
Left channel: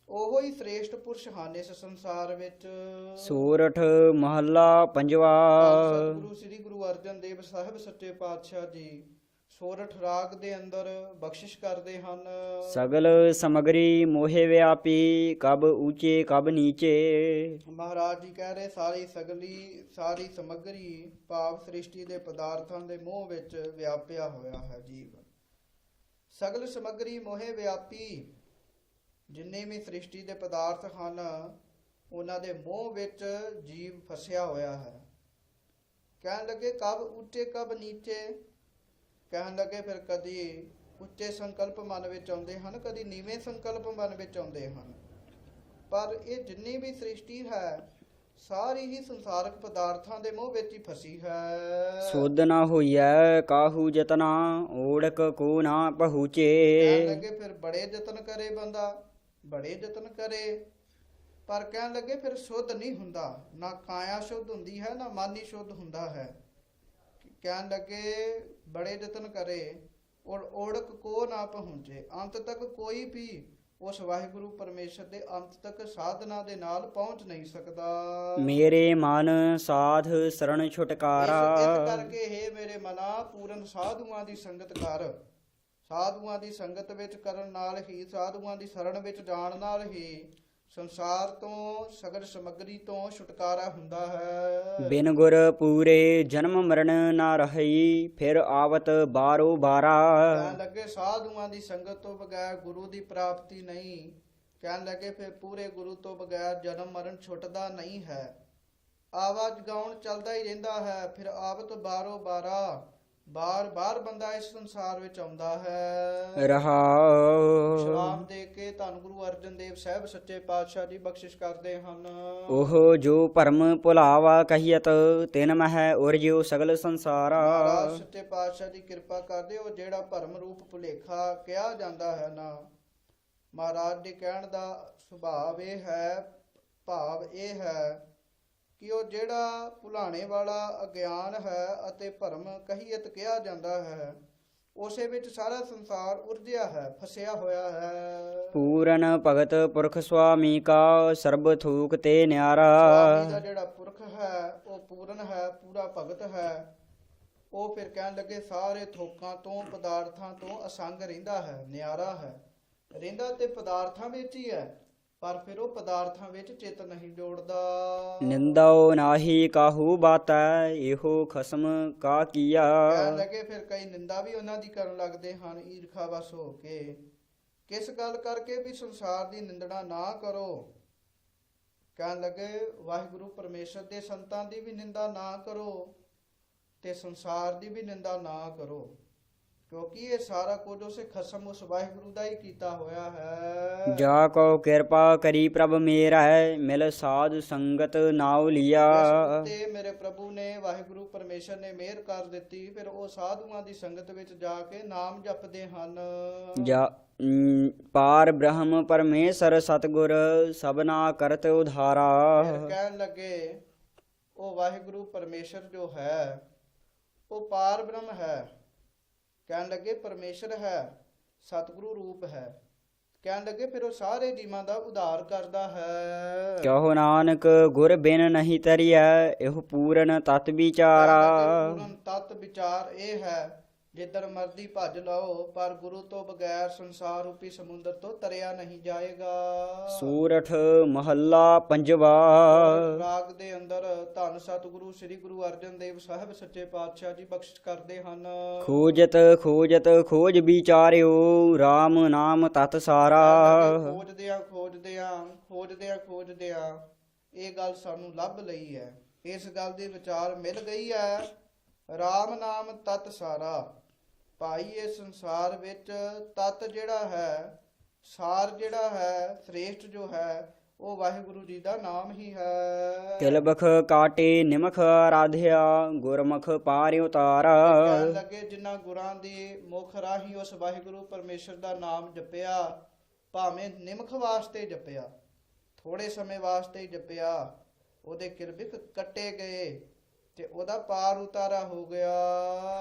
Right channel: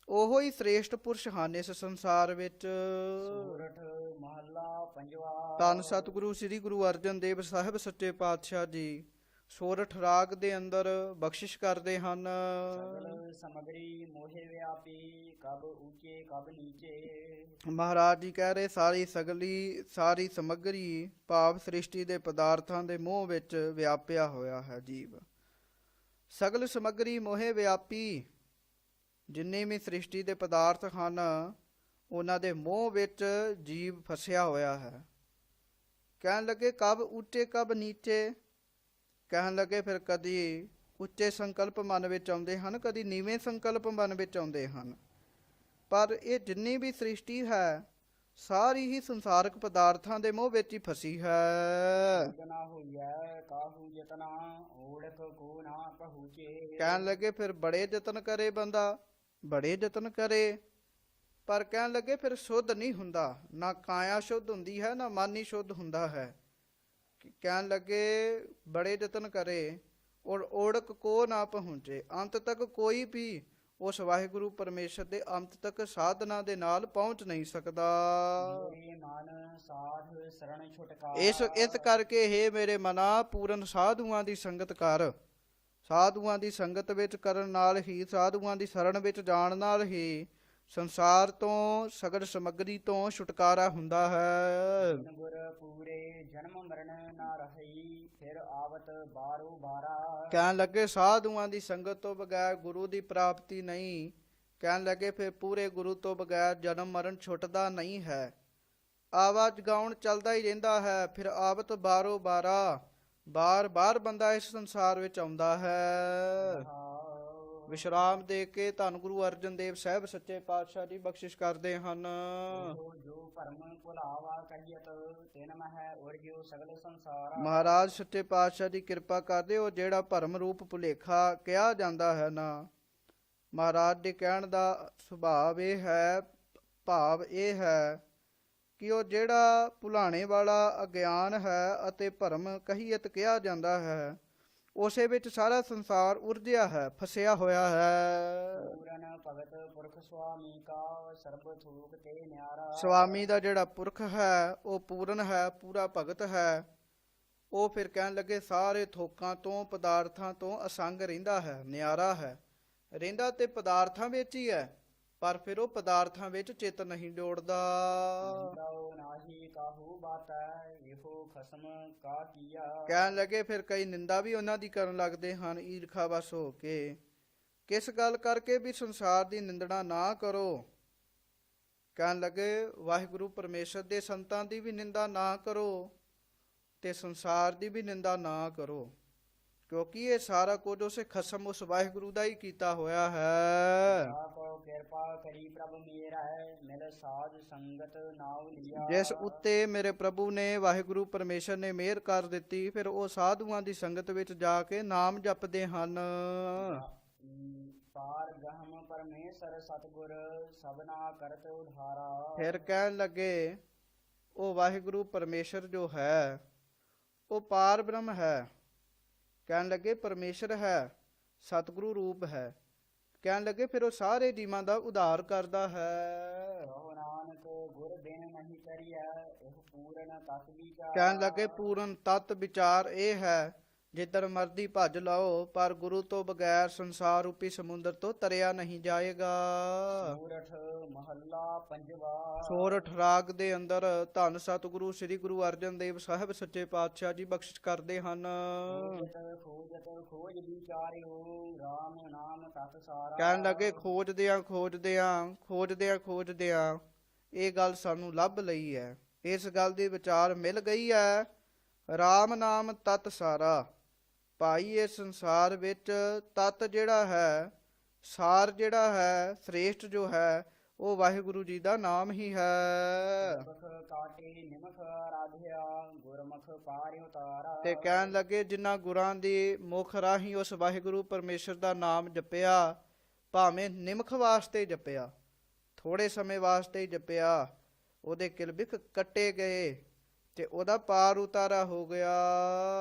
ਉਹੋ ਹੀ ਸ੍ਰੇਸ਼ਟ ਪੁਰਸ਼ ਹਨ ਇਸ ਸੰਸਾਰ ਵਿੱਚ। ਸੂਰਠ ਮਹੱਲਾ ਪੰਜਵਾ। ਧੰਨ ਸਤਿਗੁਰੂ ਸ੍ਰੀ ਗੁਰੂ ਅਰਜਨ ਦੇਵ ਸਾਹਿਬ ਸੱਚੇ ਪਾਤਸ਼ਾਹ ਜੀ ਸੋਰਠ ਰਾਗ ਦੇ ਅੰਦਰ ਬਖਸ਼ਿਸ਼ ਕਰਦੇ ਹਨ। ਸਗਲ ਸਮਗਰੀ ਮੋਹਿ ਵਿਆਪੀ ਕਬ ਊਚੇ ਕਬ ਨੀਚੇ। ਮਹਾਰਾਜ ਜੀ ਕਹਿ ਰਹੇ ਸਾਰੀ ਸਮੱਗਰੀ ਭਾਵ ਸ੍ਰਿਸ਼ਟੀ ਦੇ ਪਦਾਰਥਾਂ ਦੇ ਮੋਹ ਵਿੱਚ ਵਿਆਪਿਆ ਹੋਇਆ ਹੈ ਜੀਵ। ਸਗਲ ਸਮੱਗਰੀ ਮੋਹਿ ਵਿਆਪੀ, ਜਿੰਨੇ ਵੀ ਸ੍ਰਿਸ਼ਟੀ ਦੇ ਪਦਾਰਥ ਹਨ ਉਹਨਾਂ ਦੇ ਮੋਹ ਵਿੱਚ ਜੀਵ ਫਸਿਆ ਹੋਇਆ ਹੈ। ਕਹਿਣ ਲੱਗੇ ਕਬ ਉੱਚੇ ਕਬ ਨੀਚੇ, ਕਹਿਣ ਲੱਗੇ ਫਿਰ ਕਦੀ ਉੱਚੇ ਸੰਕਲਪ ਮਨ ਵਿੱਚ ਆਉਂਦੇ ਹਨ, ਕਦੀ ਨੀਵੇਂ ਸੰਕਲਪ ਮਨ ਵਿੱਚ ਆਉਂਦੇ ਹਨ। ਪਰ ਇਹ ਜਿੰਨੀ ਵੀ ਸ੍ਰਿਸ਼ਟੀ ਹੈ ਸਾਰੀ ਹੀ ਸੰਸਾਰਕ ਪਦਾਰਥਾਂ ਦੇ ਮੋਹ ਵਿੱਚ ਹੀ ਫਸੀ ਹੈ। ਸੁਧ ਨਾ ਹੋਈਐ ਕਾਹੂ ਜਤਨਾ, ਓੜਕ ਕੋ ਨਾ ਪਹੁੰਚੇ। ਕਹਿਣ ਲੱਗੇ ਫਿਰ ਬੜੇ ਯਤਨ ਕਰੇ ਬੰਦਾ, ਬੜੇ ਯਤਨ ਕਰੇ, ਪਰ ਕਹਿਣ ਲੱਗੇ ਫਿਰ ਸ਼ੁੱਧ ਨਹੀਂ ਹੁੰਦਾ। ਨਾ ਕਾਇਆ ਸ਼ੁੱਧ ਹੁੰਦੀ ਹੈ, ਨਾ ਮਨ ਹੀ ਸ਼ੁੱਧ ਹੁੰਦਾ ਹੈ। ਕਹਿਣ ਲੱਗੇ ਬੜੇ ਯਤਨ ਕਰੇ ਔਰ ਓੜਕ ਕੋ ਨਾ ਪਹੁੰਚੇ, ਅੰਤ ਤੱਕ ਕੋਈ ਵੀ ਉਸ ਵਾਹਿਗੁਰੂ ਪਰਮੇਸ਼ਰ ਦੇ ਅੰਤ ਤੱਕ ਸਾਧਨਾ ਦੇ ਨਾਲ ਪਹੁੰਚ ਨਹੀਂ ਸਕਦਾ। ਮੇਰੇ ਮਨ ਸਾਧ ਸਰਣ ਇਸ ਛੁਟਕਾਰਾ। ਕਰਕੇ हे ਮੇਰੇ ਮਨਾ ਪੂਰਨ ਸਾਧੂਆਂ ਦੀ ਸੰਗਤ ਕਰ। ਸਾਧੂਆਂ ਦੀ ਸੰਗਤ ਵਿੱਚ ਕਰਨ ਨਾਲ ਹੀ, ਸਾਧੂਆਂ ਦੀ ਸ਼ਰਨ ਵਿੱਚ ਜਾਣ ਨਾਲ ਹੀ ਸੰਸਾਰ ਤੋਂ ਸਗਲ ਸਮੱਗਰੀ ਤੋਂ ਛੁਟਕਾਰਾ ਹੁੰਦਾ ਹੈ। ਬਿਨ ਗੁਰ ਪੂਰੇ ਜਨਮ ਮਰਨ ਨਾ ਰਹੀ, ਫਿਰ ਆਵਤ ਬਾਰੋ ਬਾਰਾ। ਕਹਿਣ ਲੱਗੇ ਸਾਧੂਆਂ ਦੀ ਸੰਗਤ ਤੋਂ ਬਗੈਰ ਗੁਰੂ ਦੀ ਪ੍ਰਾਪਤੀ ਨਹੀਂ। ਕਹਿਣ ਲੱਗੇ ਫਿਰ ਪੂਰੇ ਗੁਰੂ ਤੋਂ ਬਗੈਰ ਜਨਮ ਮਰਨ ਛੁੱਟਦਾ ਨਹੀਂ ਹੈ। ਆਵਾਜ਼ ਗਾਉਣ ਚੱਲਦਾ ਹੀ ਰਹਿੰਦਾ ਹੈ। ਫਿਰ ਆਵਤ ਬਾਰੋ ਬਾਰਾ, ਬਾਰ ਬਾਰ ਬੰਦਾ ਇਸ ਸੰਸਾਰ ਵਿੱਚ ਆਉਂਦਾ ਹੈ। ਰਹਾਉ। ਵਿਸ਼ਰਾਮ ਦੇ ਕੇ ਧੰਨ ਗੁਰੂ ਅਰਜਨ ਦੇਵ ਸਾਹਿਬ ਸੱਚੇ ਪਾਤਸ਼ਾਹ ਜੀ ਬਖਸ਼ਿਸ਼ ਕਰਦੇ ਹਨ। ਉਹ ਜੋ ਭਰਮ ਭੁਲਾਵਾ ਕਹੀਅਤ, ਤਿਨ ਮਹਿ ਉਰਜਿਓ ਸਗਲ ਸੰਸਾਰਾ। ਮਹਾਰਾਜ ਸੱਚੇ ਪਾਤਸ਼ਾਹ ਦੀ ਕਿਰਪਾ ਕਰਦੇ ਹੋ। ਜਿਹੜਾ ਭਰਮ ਰੂਪ ਭੁਲੇਖਾ ਕਿਹਾ ਜਾਂਦਾ ਹੈ ਨਾ, ਮਹਾਰਾਜ ਦੇ ਕਹਿਣ ਦਾ ਸੁਭਾਵ ਇਹ ਹੈ, ਭਾਵ ਇਹ ਹੈ ਕਿ ਉਹ ਜਿਹੜਾ ਭੁਲਾਣੇ ਵਾਲਾ ਅਗਿਆਨ ਹੈ ਅਤੇ ਭਰਮ ਕਹੀਅਤ ਕਿਹਾ ਜਾਂਦਾ ਹੈ, ਉਸੇ ਵਿੱਚ ਸਾਰਾ ਸੰਸਾਰ ਉਰਜਿਆ ਹੈ, ਫਸਿਆ ਹੋਇਆ ਹੈ। ਪੂਰਨ ਭਗਤ ਪੁਰਖ ਸੁਆਮੀ ਕਾ, ਸਰਬ ਥੂਕ ਤੇ ਨਿਆਰਾ। ਸੁਆਮੀ ਦਾ ਜਿਹੜਾ ਪੁਰਖ ਹੈ ਉਹ ਪੂਰਨ ਹੈ, ਪੂਰਾ ਭਗਤ ਹੈ। ਉਹ ਫਿਰ ਕਹਿਣ ਲੱਗੇ ਸਾਰੇ ਥੋਕਾਂ ਤੋਂ ਪਦਾਰਥਾਂ ਤੋਂ ਅਸੰਗ ਰਹਿੰਦਾ ਹੈ, ਨਿਆਰਾ ਹੈ। ਰਹਿੰਦਾ ਤੇ ਪਦਾਰਥਾਂ ਵਿੱਚ ਹੀ ਹੈ, ਪਰ ਫਿਰ ਉਹ ਪਦਾਰਥਾਂ ਵਿੱਚ ਚਿੱਤ ਨਹੀਂ ਜੋੜਦਾ। ਨਿੰਦਾਓ ਨਾਹੀ ਕਾਹੂ ਬਾਤੈ, ਇਹੋ ਖਸਮ ਕਾ ਕੀਆ। ਕਹਿਣ ਲੱਗੇ ਫਿਰ ਕਈ ਨਿੰਦਾ ਵੀ ਉਹਨਾਂ ਦੀ ਕਰਨ ਲੱਗਦੇ ਹਨ ਈਰਖਾਵਸ ਹੋ ਕੇ। ਕਿਸ ਗੱਲ ਕਰਕੇ ਵੀ ਸੰਸਾਰ ਦੀ ਨਿੰਦਣਾ ਨਾ ਕਰੋ। ਕਹਿਣ ਲੱਗੇ ਵਾਹਿਗੁਰੂ ਪਰਮੇਸ਼ਰ ਦੇ ਸੰਤਾਂ ਦੀ ਵੀ ਨਿੰਦਾ ਨਾ ਕਰੋ ਤੇ ਸੰਸਾਰ ਦੀ ਵੀ ਨਿੰਦਾ ਨਾ ਕਰੋ, ਕਿਉਂਕਿ ਇਹ ਸਾਰਾ ਕੁਝ ਉਸੇ ਖਸਮ ਉਸ ਵਾਹਿਗੁਰੂ ਦਾ ਹੀ ਕੀਤਾ ਹੋਇਆ ਹੈ। ਜਾ ਕੋ ਕਿਰਪਾ ਕਰੀ ਪ੍ਰਭ ਮੇਰਾ, ਮਿਲ ਸਾਧ ਸੰਗਤ ਨਾਉ ਲਿਆ। ਇਸ ਉੱਤੇ ਮੇਰੇ ਪ੍ਰਭੂ ਨੇ, ਵਾਹਿਗੁਰੂ ਪਰਮੇਸ਼ਰ ਨੇ ਮਿਹਰ ਕਰ ਦਿੱਤੀ। ਫਿਰ ਉਹ ਸਾਧੂਆਂ ਦੀ ਸੰਗਤ ਵਿੱਚ ਜਾ ਕੇ ਨਾਮ ਜਪਦੇ ਹਨ। ਜਾ ਪਾਰ ਬ੍ਰਹਮ ਪਰਮੇਸ਼ਰ ਸਤਗੁਰ, ਸਭਨਾ ਕਰਤ ਉਧਾਰਾ। ਫਿਰ ਕਹਿਣ ਲੱਗੇ ਉਹ ਵਾਹਿਗੁਰੂ ਪਰਮੇਸ਼ਰ ਜੋ ਹੈ ਉਹ ਪਾਰ ਬ੍ਰਹਮ ਹੈ। ਕਹਿਣ ਲੱਗੇ ਪਰਮੇਸ਼ਰ ਹੈ, ਸਤਿਗੁਰੂ ਰੂਪ ਹੈ। ਕਹਿਣ ਲੱਗੇ ਫਿਰ ਉਹ ਸਾਰੇ ਜੀਵਾਂ ਦਾ ਉਧਾਰ ਕਰਦਾ ਹੈ। ਕਹੋ ਨਾਨਕ ਗੁਰ ਬਿਨ ਨਹੀਂ ਤਰੀਐ, ਇਹੋ ਪੂਰਨ ਤਤ ਕਹਿਣ ਵਿਚਾਰਾ। ਲੱਗੇ ਪੂਰਨ ਤਤ ਵਿਚਾਰ ਇਹ ਹੈ, ਜਿੱਧਰ ਮਰਦੀ ਭੱਜ ਲਾਓ, ਪਰ ਗੁਰੂ ਤੋਂ ਬਗੈਰ ਸੰਸਾਰ ਰੂਪੀ ਸਮੁੰਦਰ ਤੋਂ ਤਰਿਆ ਨਹੀਂ ਜਾਏਗਾ। ਸੂਰਠ ਮਹੱਲਾ ਪੰਜਵਾ। ਸੋਰਠ ਰਾਗ ਦੇ ਅੰਦਰ ਧੰਨ ਸਤਿਗੁਰੂ ਸ੍ਰੀ ਗੁਰੂ ਅਰਜਨ ਦੇਵ ਸਾਹਿਬ ਸੱਚੇ ਪਾਤਸ਼ਾਹ ਜੀ ਬਖਸ਼ਿਸ਼ ਕਰਦੇ ਹਨ। ਖੋਜਤ ਖੋਜਤ ਖੋਜ ਵਿਚਾਰਿਓ, RAM ਨਾਮ ਤਤ ਸਾਰਾ। ਕਹਿਣ ਲੱਗੇ ਖੋਜਦਿਆਂ ਖੋਜਦਿਆਂ ਇਹ ਗੱਲ ਸਾਨੂੰ ਲੱਭ ਲਈ ਹੈ। ਇਸ ਗੱਲ ਦੀ ਵਿਚਾਰ ਮਿਲ ਗਈ ਹੈ। RAM ਨਾਮ ਤਤ ਸਾਰਾ। ਭਾਈ ਇਸ ਸੰਸਾਰ ਵਿੱਚ ਤਤ ਜਿਹੜਾ ਹੈ, ਸਾਰ ਜਿਹੜਾ ਹੈ, ਸ੍ਰੇਸ਼ਟ ਜੋ ਹੈ, ਉਹ ਵਾਹਿਗੁਰੂ ਜੀ ਦਾ ਨਾਮ ਹੀ ਹੈ। ਤਿਲਬਖ ਕਾਟੇ ਨਿਮਖ ਆਰਾਧਿਆ, ਗੁਰਮੁਖ ਪਾਰਿ ਉਤਾਰਾ। ਤੇ ਕਹਿਣ ਲੱਗੇ ਜਿਨ੍ਹਾਂ ਗੁਰਾਂ ਦੀ ਮੁਖ ਰਾਹੀਂ ਉਸ ਵਾਹਿਗੁਰੂ ਪਰਮੇਸ਼ਰ ਦਾ ਨਾਮ ਜਪਿਆ, ਭਾਵੇਂ ਨਿਮਖ ਵਾਸਤੇ ਜਪਿਆ, ਥੋੜੇ ਸਮੇਂ ਵਾਸਤੇ ਹੀ ਜਪਿਆ, ਉਹਦੇ ਕਿਲਬਿਖ ਕੱਟੇ ਗਏ ਤੇ ਉਹਦਾ ਪਾਰ ਉਤਾਰਾ ਹੋ ਗਿਆ।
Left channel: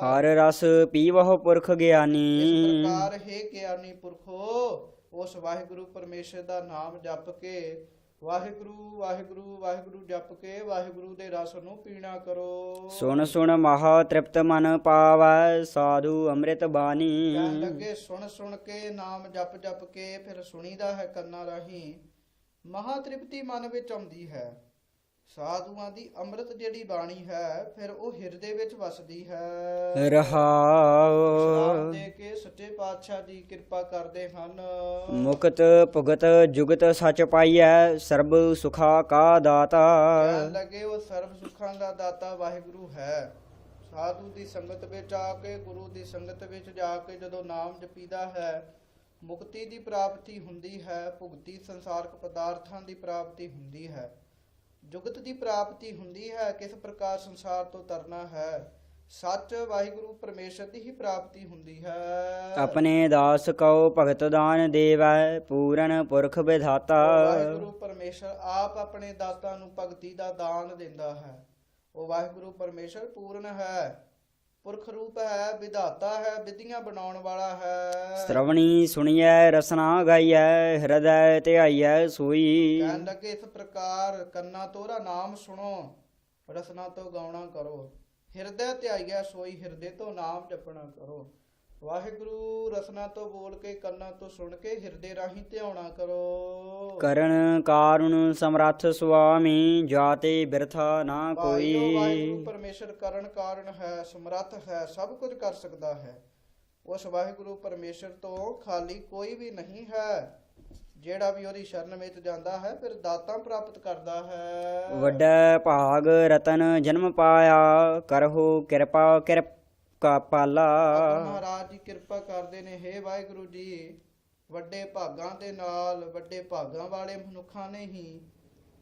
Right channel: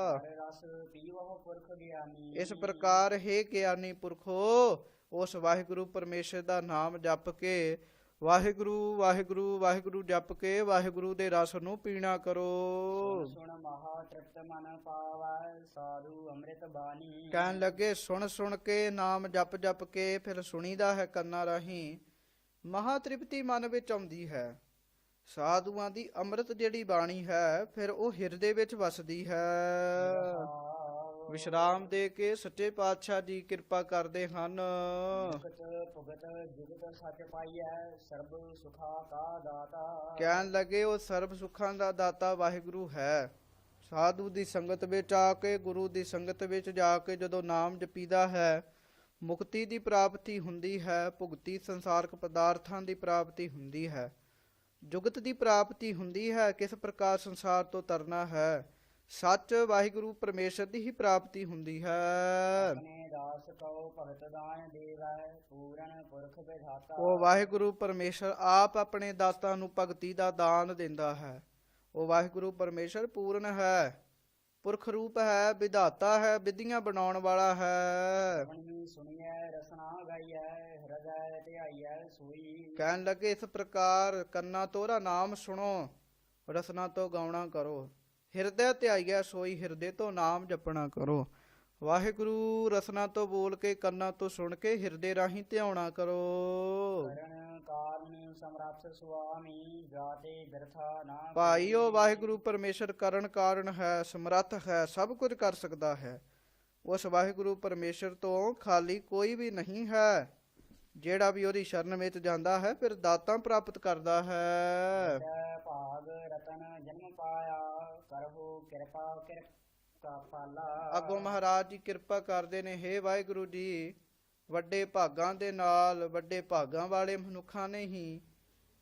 ਹਰ ਰਸ ਪੀਵਹੁ ਪੁਰਖ ਇਸ ਗਿਆਨੀ। ਪ੍ਰਕਾਰ ਹੈ ਗਿਆਨੀ ਪੁਰਖੋ, ਉਸ ਵਾਹਿਗੁਰੂ ਪਰਮੇਸ਼ਰ ਦਾ ਨਾਮ ਜਪ ਕੇ, ਵਾਹਿਗੁਰੂ ਵਾਹਿਗੁਰੂ ਵਾਹਿਗੁਰੂ ਜਪ ਕੇ ਵਾਹਿਗੁਰੂ ਦੇ ਰਸ ਨੂੰ ਪੀਣਾ ਕਰੋ। ਸੁਣ ਸੁਣ ਮਹਾ ਤ੍ਰਿਪਤ ਮਨ ਪਾਵੈ, ਸਾਧੂ ਅੰਮ੍ਰਿਤ ਬਾਣੀ। ਕਹਿਣ ਲੱਗੇ ਸੁਣ ਸੁਣ ਕੇ, ਨਾਮ ਜਪ ਜਪ ਕੇ, ਫਿਰ ਸੁਣੀਦਾ ਹੈ ਕੰਨਾਂ ਰਾਹੀਂ, ਮਹਾ ਤ੍ਰਿਪਤੀ ਮਨ ਵਿੱਚ ਆਉਂਦੀ ਹੈ। ਸਾਧੂਆਂ ਦੀ ਅੰਮ੍ਰਿਤ ਜਿਹੜੀ ਬਾਣੀ ਹੈ ਫਿਰ ਉਹ ਹਿਰਦੇ ਵਿੱਚ ਵਸਦੀ ਹੈ। ਵਿਸ਼ਰਾਮ ਰਹਾਉ। ਦੇ ਕੇ ਸੱਚੇ ਪਾਤਸ਼ਾਹ ਜੀ ਕਿਰਪਾ ਕਰਦੇ ਹਨ। ਮੁਕਤ ਭੁਗਤ ਜੁਗਤ ਸਚ ਪਾਈਐ, ਸਰਬ ਸੁਖਾ ਕਾ ਦਾਤਾ। ਕਹਿਣ ਲੱਗੇ ਉਹ ਸਰਬ ਸੁੱਖਾਂ ਦਾ ਦਾਤਾ ਵਾਹਿਗੁਰੂ ਹੈ। ਸਾਧੂ ਦੀ ਸੰਗਤ ਵਿੱਚ ਆ ਕੇ, ਗੁਰੂ ਦੀ ਸੰਗਤ ਵਿੱਚ ਜਾ ਕੇ ਜਦੋਂ ਨਾਮ ਜਪੀਦਾ ਹੈ, ਮੁਕਤੀ ਦੀ ਪ੍ਰਾਪਤੀ ਹੁੰਦੀ ਹੈ, ਭੁਗਤੀ ਸੰਸਾਰਕ ਪਦਾਰਥਾਂ ਦੀ ਪ੍ਰਾਪਤੀ ਹੁੰਦੀ ਹੈ, ਜੁਗਤ ਦੀ ਪ੍ਰਾਪਤੀ ਹੁੰਦੀ ਹੈ। ਕਿਸ ਪ੍ਰਕਾਰ ਸੰਸਾਰ ਤੋਂ ਤਰਨਾ ਹੈ, ਸੱਚ ਵਾਹਿਗੁਰੂ ਪਰਮੇਸ਼ਰ ਦੀ ਹੀ ਪ੍ਰਾਪਤੀ ਹੁੰਦੀ ਹੈ। ਆਪਣੇ ਦਾਸ ਕਉ ਭਗਤ ਦਾਨ ਦੇਵੈ, ਪੂਰਨ ਪੁਰਖ ਵਿਧਾਤਾ। ਉਹ ਵਾਹਿਗੁਰੂ ਪਰਮੇਸ਼ਰ ਆਪ ਆਪਣੇ ਦਾਤਾਂ ਨੂੰ ਭਗਤੀ ਦਾ ਦਾਨ ਦਿੰਦਾ ਹੈ। ਉਹ ਵਾਹਿਗੁਰੂ ਪਰਮੇਸ਼ਰ ਪੂਰਨ ਹੈ, ਪੁਰਖ ਰੂਪ ਹੈ, ਵਿਧਾਤਾ ਹੈ, ਵਿਧੀਆਂ ਬਣਾਉਣ ਵਾਲਾ ਹੈ। ਸ਼੍ਰਵਣੀ ਸੁਣੀਐ ਰਸਨਾ ਗਾਈਐ, ਹਿਰਦੈ ਧਿਆਈਐ ਸੋਈ। ਕਹਿਣ ਲੱਗੇ ਇਸ ਪ੍ਰਕਾਰ ਕੰਨਾਂ ਤੋਰਾ ਨਾਮ ਸੁਣੋ, ਰਸਨਾ ਤੋਂ ਗਾਉਣਾ ਕਰੋ, ਹਿਰਦੈ ਧਿਆਈਐ ਸੋਈ, ਹਿਰਦੇ ਤੋਂ ਨਾਮ ਜਪਣਾ ਕਰੋ। ਵਾਹਿਗੁਰੂ ਰਸਨਾ ਤੋਂ ਬੋਲ ਕੇ, ਕੰਨਾਂ ਤੋਂ ਸੁਣ ਕੇ, ਹਿਰਦੇ ਰਾਹੀਂ ਧਿਆਉਣਾ ਕਰੋ। ਕਰਨ ਕਾਰੁਣ ਸਮਰੱਥ ਸੁਆਮੀ, ਜਾਤੇ ਬਿਰਥਾ ਨਾ ਭਾਈਓ ਕੋਈ। ਵਾਹਿਗੁਰੂ ਪਰਮੇਸ਼ਰ ਕਰਨ ਕਾਰਨ ਹੈ, ਸਮਰੱਥ ਹੈ, ਸਭ ਕੁਝ ਕਰ ਸਕਦਾ ਹੈ। ਉਸ ਵਾਹਿਗੁਰੂ ਪਰਮੇਸ਼ਰ ਤੋਂ ਖਾਲੀ ਕੋਈ ਵੀ ਨਹੀਂ ਹੈ। ਜਿਹੜਾ ਵੀ ਉਹਦੀ ਸ਼ਰਨ ਵਿੱਚ ਜਾਂਦਾ ਹੈ ਫਿਰ ਦਾਤਾਂ ਪ੍ਰਾਪਤ ਕਰਦਾ ਹੈ। ਵੱਡਾ ਭਾਗ ਰਤਨ ਜਨਮ ਪਾਇਆ, ਕਰਹੁ ਕਿਰਪਾ ਕਿਰਪ ਕਾ ਪਾਲਾ। ਗੁਰੂ ਮਹਾਰਾਜ ਜੀ ਕਿਰਪਾ ਕਰਦੇ ਨੇ, ਹੇ ਵਾਹਿਗੁਰੂ ਜੀ, ਵੱਡੇ ਭਾਗਾਂ ਦੇ ਨਾਲ, ਵੱਡੇ ਭਾਗਾਂ ਵਾਲੇ ਮਨੁੱਖਾਂ ਨੇ ਹੀ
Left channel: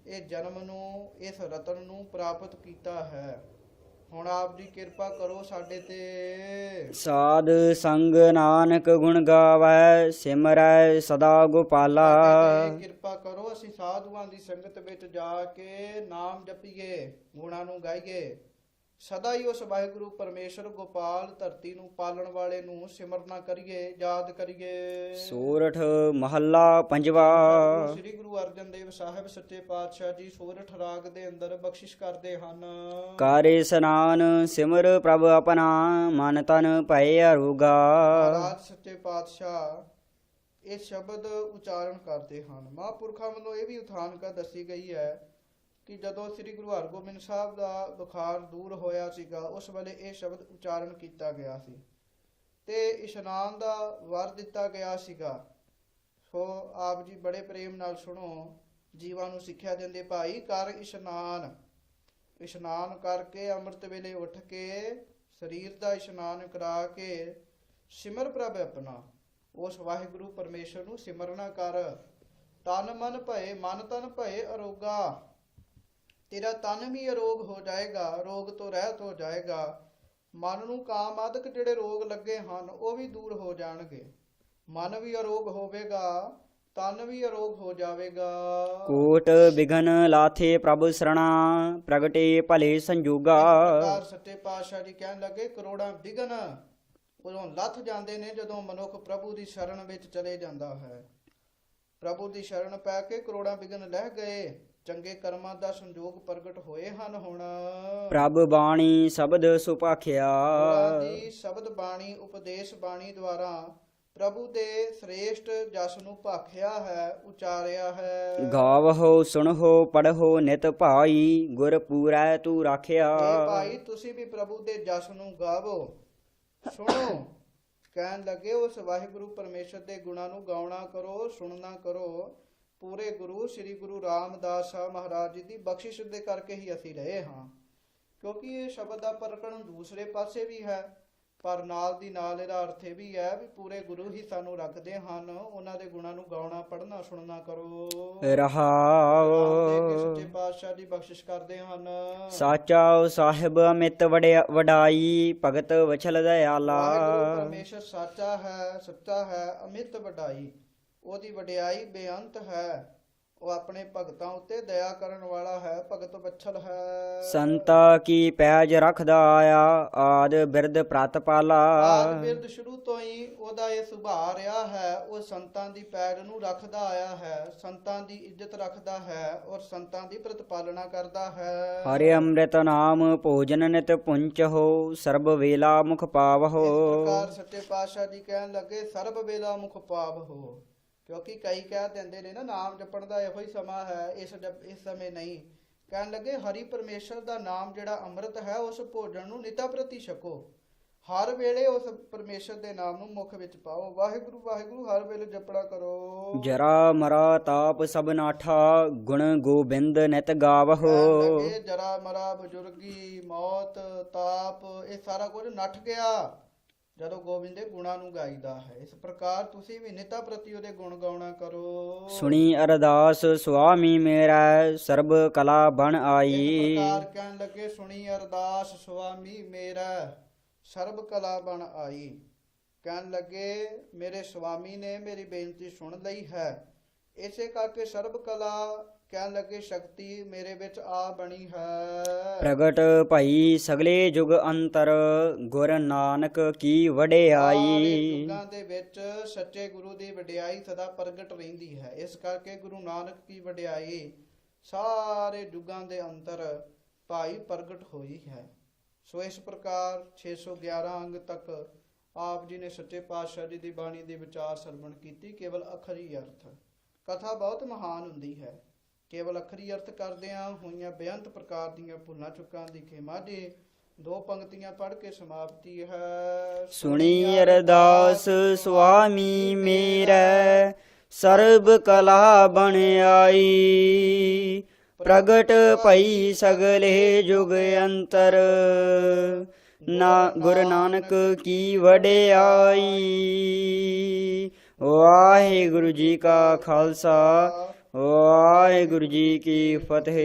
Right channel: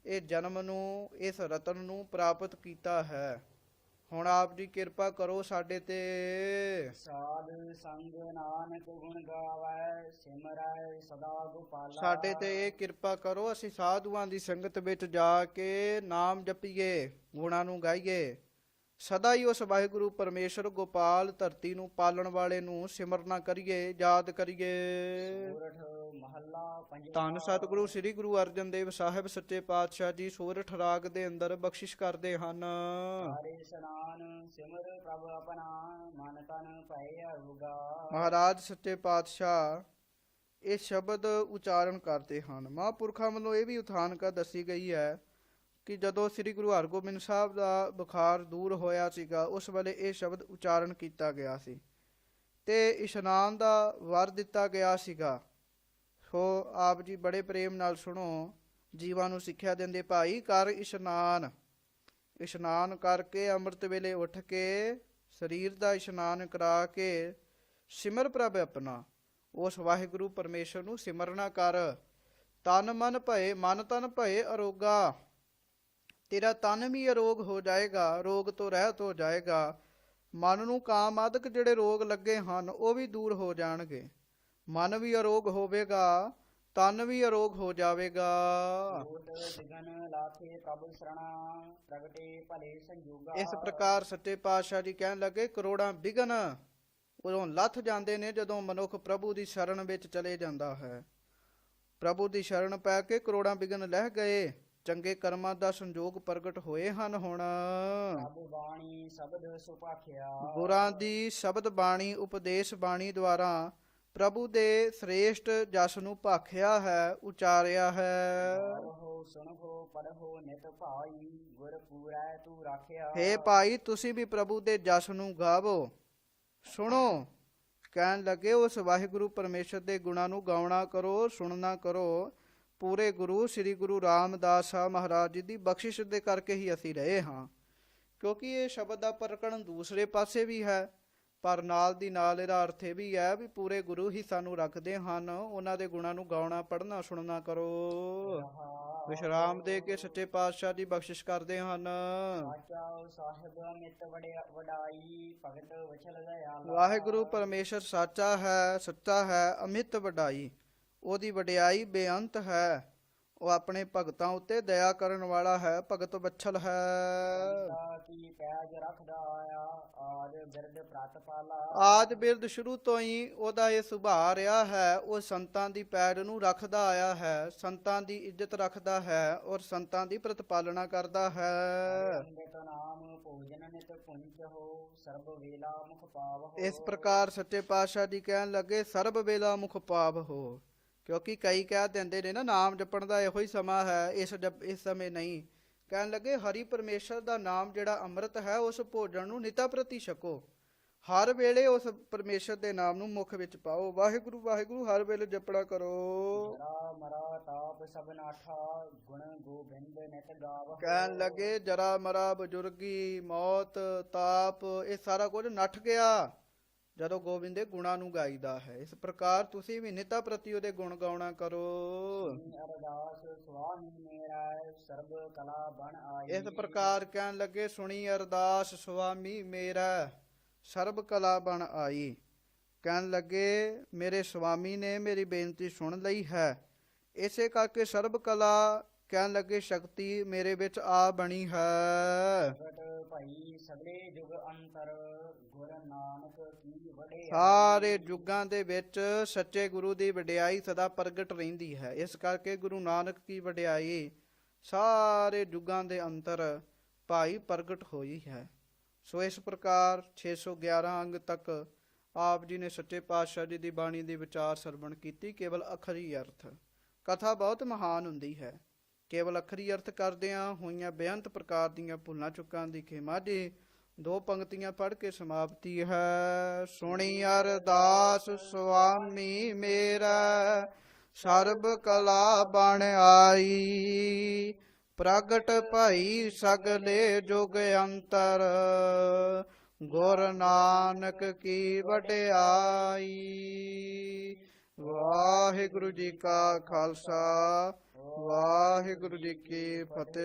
ਇਹ ਜਨਮ ਨੂੰ, ਇਸ ਰਤਨ ਨੂੰ ਪ੍ਰਾਪਤ ਕੀਤਾ ਹੈ। ਹੁਣ ਆਪ ਜੀ ਕਿਰਪਾ ਕਰੋ ਸਾਡੇ ਤੇ। ਸਾਧ ਸੰਗ ਨਾਨਕ ਗੁਣ ਗਾਵੈ, ਸਿਮਰੈ ਸਦਾ ਗੋਪਾਲਾ। ਸਾਡੇ ਤੇ ਕਿਰਪਾ ਕਰੋ, ਅਸੀਂ ਸਾਧੂਆਂ ਦੀ ਸੰਗਤ ਵਿੱਚ ਜਾ ਕੇ ਨਾਮ ਜਪੀਏ, ਗੁਣਾਂ ਨੂੰ ਗਾਈਏ, ਸਦਾ ਹੀ ਉਸ ਵਾਹਿਗੁਰੂ ਪਰਮੇਸ਼ਰ ਗੋਪਾਲ ਧਰਤੀ ਨੂੰ ਪਾਲਣ ਵਾਲੇ ਨੂੰ ਸਿਮਰਨਾ ਕਰੀਏ, ਯਾਦ ਕਰੀਏ। ਸੋਰਠ ਮਹੱਲਾ ਪੰਜਵਾ। ਸਤਿਗੁਰੂ ਸ੍ਰੀ ਗੁਰੂ ਅਰਜਨ ਦੇਵ ਸਾਹਿਬ ਸੱਚੇ ਪਾਤਸ਼ਾਹ ਜੀ ਸੋਰਠ ਰਾਗ ਦੇ ਅੰਦਰ ਬਖਸ਼ਿਸ਼ ਕਰਦੇ ਹਨ। ਕਾਰੇ ਇਸਨਾਨ ਸਿਮਰ ਪ੍ਰਭ ਆਪਣਾ, ਮਨ ਤਨ ਭਏ ਅਰੋਗਾ। ਮਹਾਰਾਜ ਸੱਚੇ ਪਾਤਸ਼ਾਹ ਇਹ ਸ਼ਬਦ ਉਚਾਰਨ ਕਰਦੇ ਹਨ। ਮਹਾਂਪੁਰਖਾਂ ਵੱਲੋਂ ਇਹ ਵੀ ਉਥਾਨਕਾ ਦੱਸੀ ਗਈ ਹੈ ਕਿ ਜਦੋਂ ਸ੍ਰੀ ਗੁਰੂ ਹਰਗੋਬਿੰਦ ਸਾਹਿਬ ਦਾ ਬੁਖਾਰ ਦੂਰ ਹੋਇਆ ਸੀਗਾ, ਉਸ ਵੇਲੇ ਇਹ ਸ਼ਬਦ ਉਚਾਰਨ ਕੀਤਾ ਗਿਆ ਸੀ ਤੇ ਇਸ਼ਨਾਨ ਦਾ ਵਰ ਦਿੱਤਾ ਗਿਆ ਸੀਗਾ। ਸੋ ਆਪ ਜੀ ਬੜੇ ਪ੍ਰੇਮ ਨਾਲ ਸੁਣੋ, ਜੀਵਾਂ ਨੂੰ ਸਿੱਖਿਆ ਦਿੰਦੇ, ਭਾਈ ਕਰ ਇਸ਼ਨਾਨ। ਇਸ਼ਨਾਨ ਕਰਕੇ ਅੰਮ੍ਰਿਤ ਵੇਲੇ ਉੱਠ ਕੇ ਸਰੀਰ ਦਾ ਇਸ਼ਨਾਨ ਕਰਾ ਕੇ ਸਿਮਰ ਪ੍ਰਭ ਆਪਣਾ, ਉਸ ਵਾਹਿਗੁਰੂ ਪਰਮੇਸ਼ਰ ਨੂੰ ਸਿਮਰਨਾ ਕਰ। ਤਨ ਮਨ ਭਏ, ਮਨ ਤਨ ਭਏ ਅਰੋਗਾ। ਤੇਰਾ ਤਨ ਵੀ ਅਰੋਗ ਹੋ ਜਾਏਗਾ, ਰੋਗ ਤੋਂ ਰਹਿਤ ਹੋ ਜਾਏਗਾ। ਮਨ ਨੂੰ ਕਾਮ ਆਦਿਕ ਜਿਹੜੇ ਰੋਗ ਲੱਗੇ ਹਨ ਉਹ ਵੀ ਦੂਰ ਹੋ ਜਾਣਗੇ। ਮਨ ਵੀ ਅਰੋਗ ਹੋਵੇਗਾ, ਤਨ ਵੀ ਅਰੋਗ ਹੋ ਜਾਵੇਗਾ। ਕੋਟ ਬਿਘਨ ਲਾਥੇ ਪ੍ਰਭ ਸਰਣਾ, ਪ੍ਰਗਟੇ ਭਲੇ ਸੰਜੋਗਾ। ਇਸ ਪ੍ਰਕਾਰ ਸੱਚੇ ਪਾਤਸ਼ਾਹ ਜੀ ਕਹਿਣ ਲੱਗੇ, ਕਰੋੜਾਂ ਵਿਘਨ ਉਦੋਂ ਲੱਥ ਜਾਂਦੇ ਨੇ ਜਦੋਂ ਮਨੁੱਖ ਪ੍ਰਭੂ ਦੀ ਸ਼ਰਨ ਵਿੱਚ ਚਲੇ ਜਾਂਦਾ ਹੈ। ਪ੍ਰਭੂ ਦੀ ਸ਼ਰਨ ਪੈ ਕੇ ਕਰੋੜਾਂ ਵਿਘਨ ਲਹਿ ਗਏ, ਚੰਗੇ ਕਰਮਾਂ ਦਾ ਸੰਜੋਗ ਪ੍ਰਗਟ ਹੋਏ ਹਨ। ਹੁਣ ਪ੍ਰਭ ਬਾਣੀ ਸ਼ਬਦ ਸੁਭਾਖਿਆ, ਗੁਰਾਂ ਦੀ ਸ਼ਬਦ ਬਾਣੀ, ਉਪਦੇਸ਼ ਬਾਣੀ ਦੁਆਰਾ ਪ੍ਰਭੂ ਦੇ ਸ੍ਰੇਸ਼ਟ ਜਸ ਨੂੰ ਭਾਖਿਆ ਹੈ, ਉਚਾਰਿਆ ਹੈ। ਗਾਵਹੁ ਸੁਣਹੁ ਪੜਹੁ ਨਿਤ ਭਾਈ, ਗੁਰ ਪੂਰੈ ਤੂੰ ਰਾਖਿਆ। ਇਹ ਭਾਈ ਤੁਸੀਂ ਵੀ ਪ੍ਰਭੂ ਦੇ ਜਸ ਨੂੰ ਗਾਵੋ, ਸੁਣੋ। ਕਹਿਣ ਲੱਗੇ ਉਸ ਵਾਹਿਗੁਰੂ ਪਰਮੇਸ਼ਰ ਦੇ ਗੁਣਾਂ ਨੂੰ ਗਾਉਣਾ ਕਰੋ, ਸੁਣਨਾ ਕਰੋ। ਪੂਰੇ ਗੁਰੂ ਸ੍ਰੀ ਗੁਰੂ ਰਾਮਦਾਸ ਸਾਹਿਬ ਮਹਾਰਾਜ ਜੀ ਦੀ ਬਖਸ਼ਿਸ਼ ਦੇ ਕਰਕੇ ਹੀ ਅਸੀਂ ਰਹੇ ਹਾਂ, ਕਿਉਂਕਿ ਇਹ ਸ਼ਬਦ ਦਾ ਪ੍ਰਗਟਨ ਦੂਸਰੇ ਪਾਸੇ ਵੀ ਹੈ, ਪਰ ਨਾਲ ਦੀ ਨਾਲ ਇਹਦਾ ਅਰਥ ਇਹ ਵੀ ਹੈ ਵੀ ਪੂਰੇ ਗੁਰੂ ਹੀ ਸਾਨੂੰ ਰੱਖਦੇ ਹਨ। ਉਹਨਾਂ ਦੇ ਗੁਣਾਂ ਨੂੰ ਗਾਉਣਾ, ਪੜ੍ਹਨਾ, ਸੁਣਨਾ ਕਰੋ। ਰਹਾਉ। ਰਾਮ ਦੇ ਕੇ ਸੱਚੇ ਪਾਤਸ਼ਾਹ ਜੀ ਬਖਸ਼ਿਸ਼ ਕਰਦੇ ਹਨ। ਸਾਚਾ ਸਾਹਿਬ ਅਮਿਤ ਵਡਾਈ, ਭਗਤ ਵਛਲ ਦਇਆਲਾ। ਵਾਹਿਗੁਰੂ ਪਰਮੇਸ਼ਰ ਸਾਚਾ ਹੈ, ਸੱਚਾ ਹੈ, ਅਮਿਤ ਵਡਾਈ, ਉਹਦੀ ਵਡਿਆਈ ਬੇਅੰਤ ਹੈ। ਉਹ ਆਪਣੇ ਭਗਤਾਂ ਉੱਤੇ ਦਇਆ ਕਰਨ ਵਾਲਾ ਹੈ, ਭਗਤ ਵਛਲ ਹੈ। ਸੰਤਾ ਕੀ ਪੈਜ ਰੱਖਦਾ ਆਇਆ, ਆਦ ਬਿਰਦ ਪ੍ਰਤਪਾਲਾ। ਆਦ ਬਿਰਦ ਸ਼ੁਰੂ ਤੋਂ ਹੀ ਉਹਦਾ ਇਹ ਸੁਭਾਅ ਰਿਹਾ ਹੈ, ਉਹ ਸੰਤਾਂ ਦੀ ਪੈੜ ਨੂੰ ਰੱਖਦਾ ਆਇਆ ਹੈ, ਸੰਤਾਂ ਦੀ ਇੱਜ਼ਤ ਰੱਖਦਾ ਹੈ ਔਰ ਸੰਤਾਂ ਦੀ ਪ੍ਰਤਪਾਲਨਾ ਕਰਦਾ ਹੈ। ਹਰਿ ਅੰਮ੍ਰਿਤ ਨਾਮ ਭੋਜਨ ਨਿਤ ਪੁੰਚਹੁ, ਸਰਬ ਵੇਲਾ ਮੁਖ ਪਾਵਹੁ। ਇਸ ਪ੍ਰਕਾਰ ਸੱਚੇ ਪਾਤਸ਼ਾਹ ਜੀ ਕਹਿਣ ਲੱਗੇ, ਸਰਬ ਵੇਲਾ ਮੁਖ ਪਾਵਹੁ। ਕਿਉਂਕਿ ਕਈ ਕਹਿ ਦਿੰਦੇ ਨੇ ਨਾ, ਨਾਮ ਜਪਣ ਦਾ ਇਹੋ ਹੀ ਸਮਾਂ ਹੈ, ਇਸ ਸਮੇਂ ਨਹੀਂ। ਕਹਿਣ ਲੱਗੇ ਹਰੀ ਪਰਮੇਸ਼ਰ ਦਾ ਨਾਮ ਜਿਹੜਾ ਅੰਮ੍ਰਿਤ ਹੈ ਉਸ ਭੋਜਨ ਨੂੰ ਨਿਤਾ ਪ੍ਰਤੀ ਛਕੋ। ਹਰ ਵੇਲੇ ਉਸ ਪਰਮੇਸ਼ਰ ਦੇ ਨਾਮ ਨੂੰ ਮੁਖ ਵਿੱਚ ਪਾਓ। ਵਾਹਿਗੁਰੂ ਵਾਹਿਗੁਰੂ ਹਰ ਵੇਲੇ ਜਪੜਾ ਕਰੋ। ਜਰਾ ਮਰਾ ਤਾਪ ਸਭ ਨਾਠਾ ਗੁਣ ਗੋਬਿੰਦ ਨਿਤ ਗਾਵਹੁ। ਕਹਿਣ ਲੱਗੇ ਜਰਾ ਮਰਾ ਬਜ਼ੁਰਗੀ ਮੌਤ ਤਾਪ ਇਹ ਸਾਰਾ ਕੁਝ ਨੱਠ ਗਿਆ ਜਦੋਂ ਗੋਬਿੰਦ ਦੇ ਗੁਣਾਂ ਨੂੰ ਗਾਈਦਾ ਹੈ। ਇਸ ਪ੍ਰਕਾਰ ਤੁਸੀਂ ਵੀ ਨਿਤਾ ਪ੍ਰਤੀ ਉਹਦੇ ਗੁਣ ਗਾਉਣਾ ਕਰੋ। ਸੁਣੀ ਅਰਦਾਸ ਸੁਆਮੀ ਮੇਰਾ ਸਰਬ ਕਲਾ ਬਣ ਇਸ ਆਈ। ਪ੍ਰਕਾਰ ਕਹਿਣ ਲੱਗੇ ਸੁਣੀ ਅਰਦਾਸ ਸੁਆਮੀ ਮੇਰਾ ਸਰਬ ਕਲਾ ਬਣ ਆਈ। ਕਹਿਣ ਲੱਗੇ ਮੇਰੇ ਸੁਆਮੀ ਨੇ ਮੇਰੀ ਬੇਨਤੀ ਸੁਣ ਲਈ ਹੈ, ਇਸੇ ਕਰਕੇ ਸਰਬ ਕਲਾ ਕਹਿਣ ਲੱਗੇ ਸ਼ਕਤੀ ਮੇਰੇ ਵਿੱਚ ਆ ਬਣੀ ਹੈ। ਪ੍ਰਗਟ ਭਈ ਸਗਲੇ ਜੁਗ ਅੰਤਰ ਗੁਰ ਨਾਨਕ ਕੀ ਸਾਰੇ ਵਡਿਆਈ। ਯੁੱਗਾਂ ਦੇ ਵਿੱਚ ਸੱਚੇ ਗੁਰੂ ਦੀ ਵਡਿਆਈ ਸਦਾ ਪ੍ਰਗਟ ਰਹਿੰਦੀ ਹੈ। ਇਸ ਕਰਕੇ ਗੁਰੂ ਨਾਨਕ ਕੀ ਵਡਿਆਈ ਸਾਰੇ ਯੁੱਗਾਂ ਦੇ ਅੰਦਰ ਭਾਈ ਪ੍ਰਗਟ ਹੋਈ ਹੈ। ਸੋ ਇਸ ਪ੍ਰਕਾਰ 611 ਅੰਗ ਤੱਕ ਆਪ ਜੀ ਨੇ ਸੱਚੇ ਪਾਤਸ਼ਾਹ ਜੀ ਦੀ ਬਾਣੀ ਦੇ ਵਿਚਾਰ ਸਰਵਣ ਕੀਤੀ। ਕੇਵਲ ਅਖਰੀ ਅਰਥ ਕਥਾ ਬਹੁਤ ਮਹਾਨ ਹੁੰਦੀ ਹੈ। ਕੇਵਲ ਅਖਰੀ ਅਰਥ ਕਰਦਿਆਂ ਹੋਈਆਂ ਬੇਅੰਤ ਪ੍ਰਕਾਰ ਦੀਆਂ ਭੁੱਲਾਂ ਚੁੱਕਾਂ ਦੀ ਖੇਮਾ ਜੀ 2 ਪੰਕਤੀਆਂ ਪੜ੍ਹ ਕੇ ਸਮਾਪਤੀ ਹੈ। ਸੁਣੀ ਅਰਦਾਸ ਸੁਆਮੀ ਮੇਰਾ ਸਰਬ ਕਲਾ ਬਣ ਆਈ। ਪ੍ਰਗਟ ਭਈ ਸਗਲੇ ਜੁਗ ਅੰਤਰ ਗੁਰ ਨਾਨਕ ਕੀ ਵਡਿਆਈ। ਵਾਹਿਗੁਰੂ ਜੀ ਕਾ ਖਾਲਸਾ ਵਾਹਿਗੁਰੂ ਜੀ ਕੀ ਫਤਿਹ।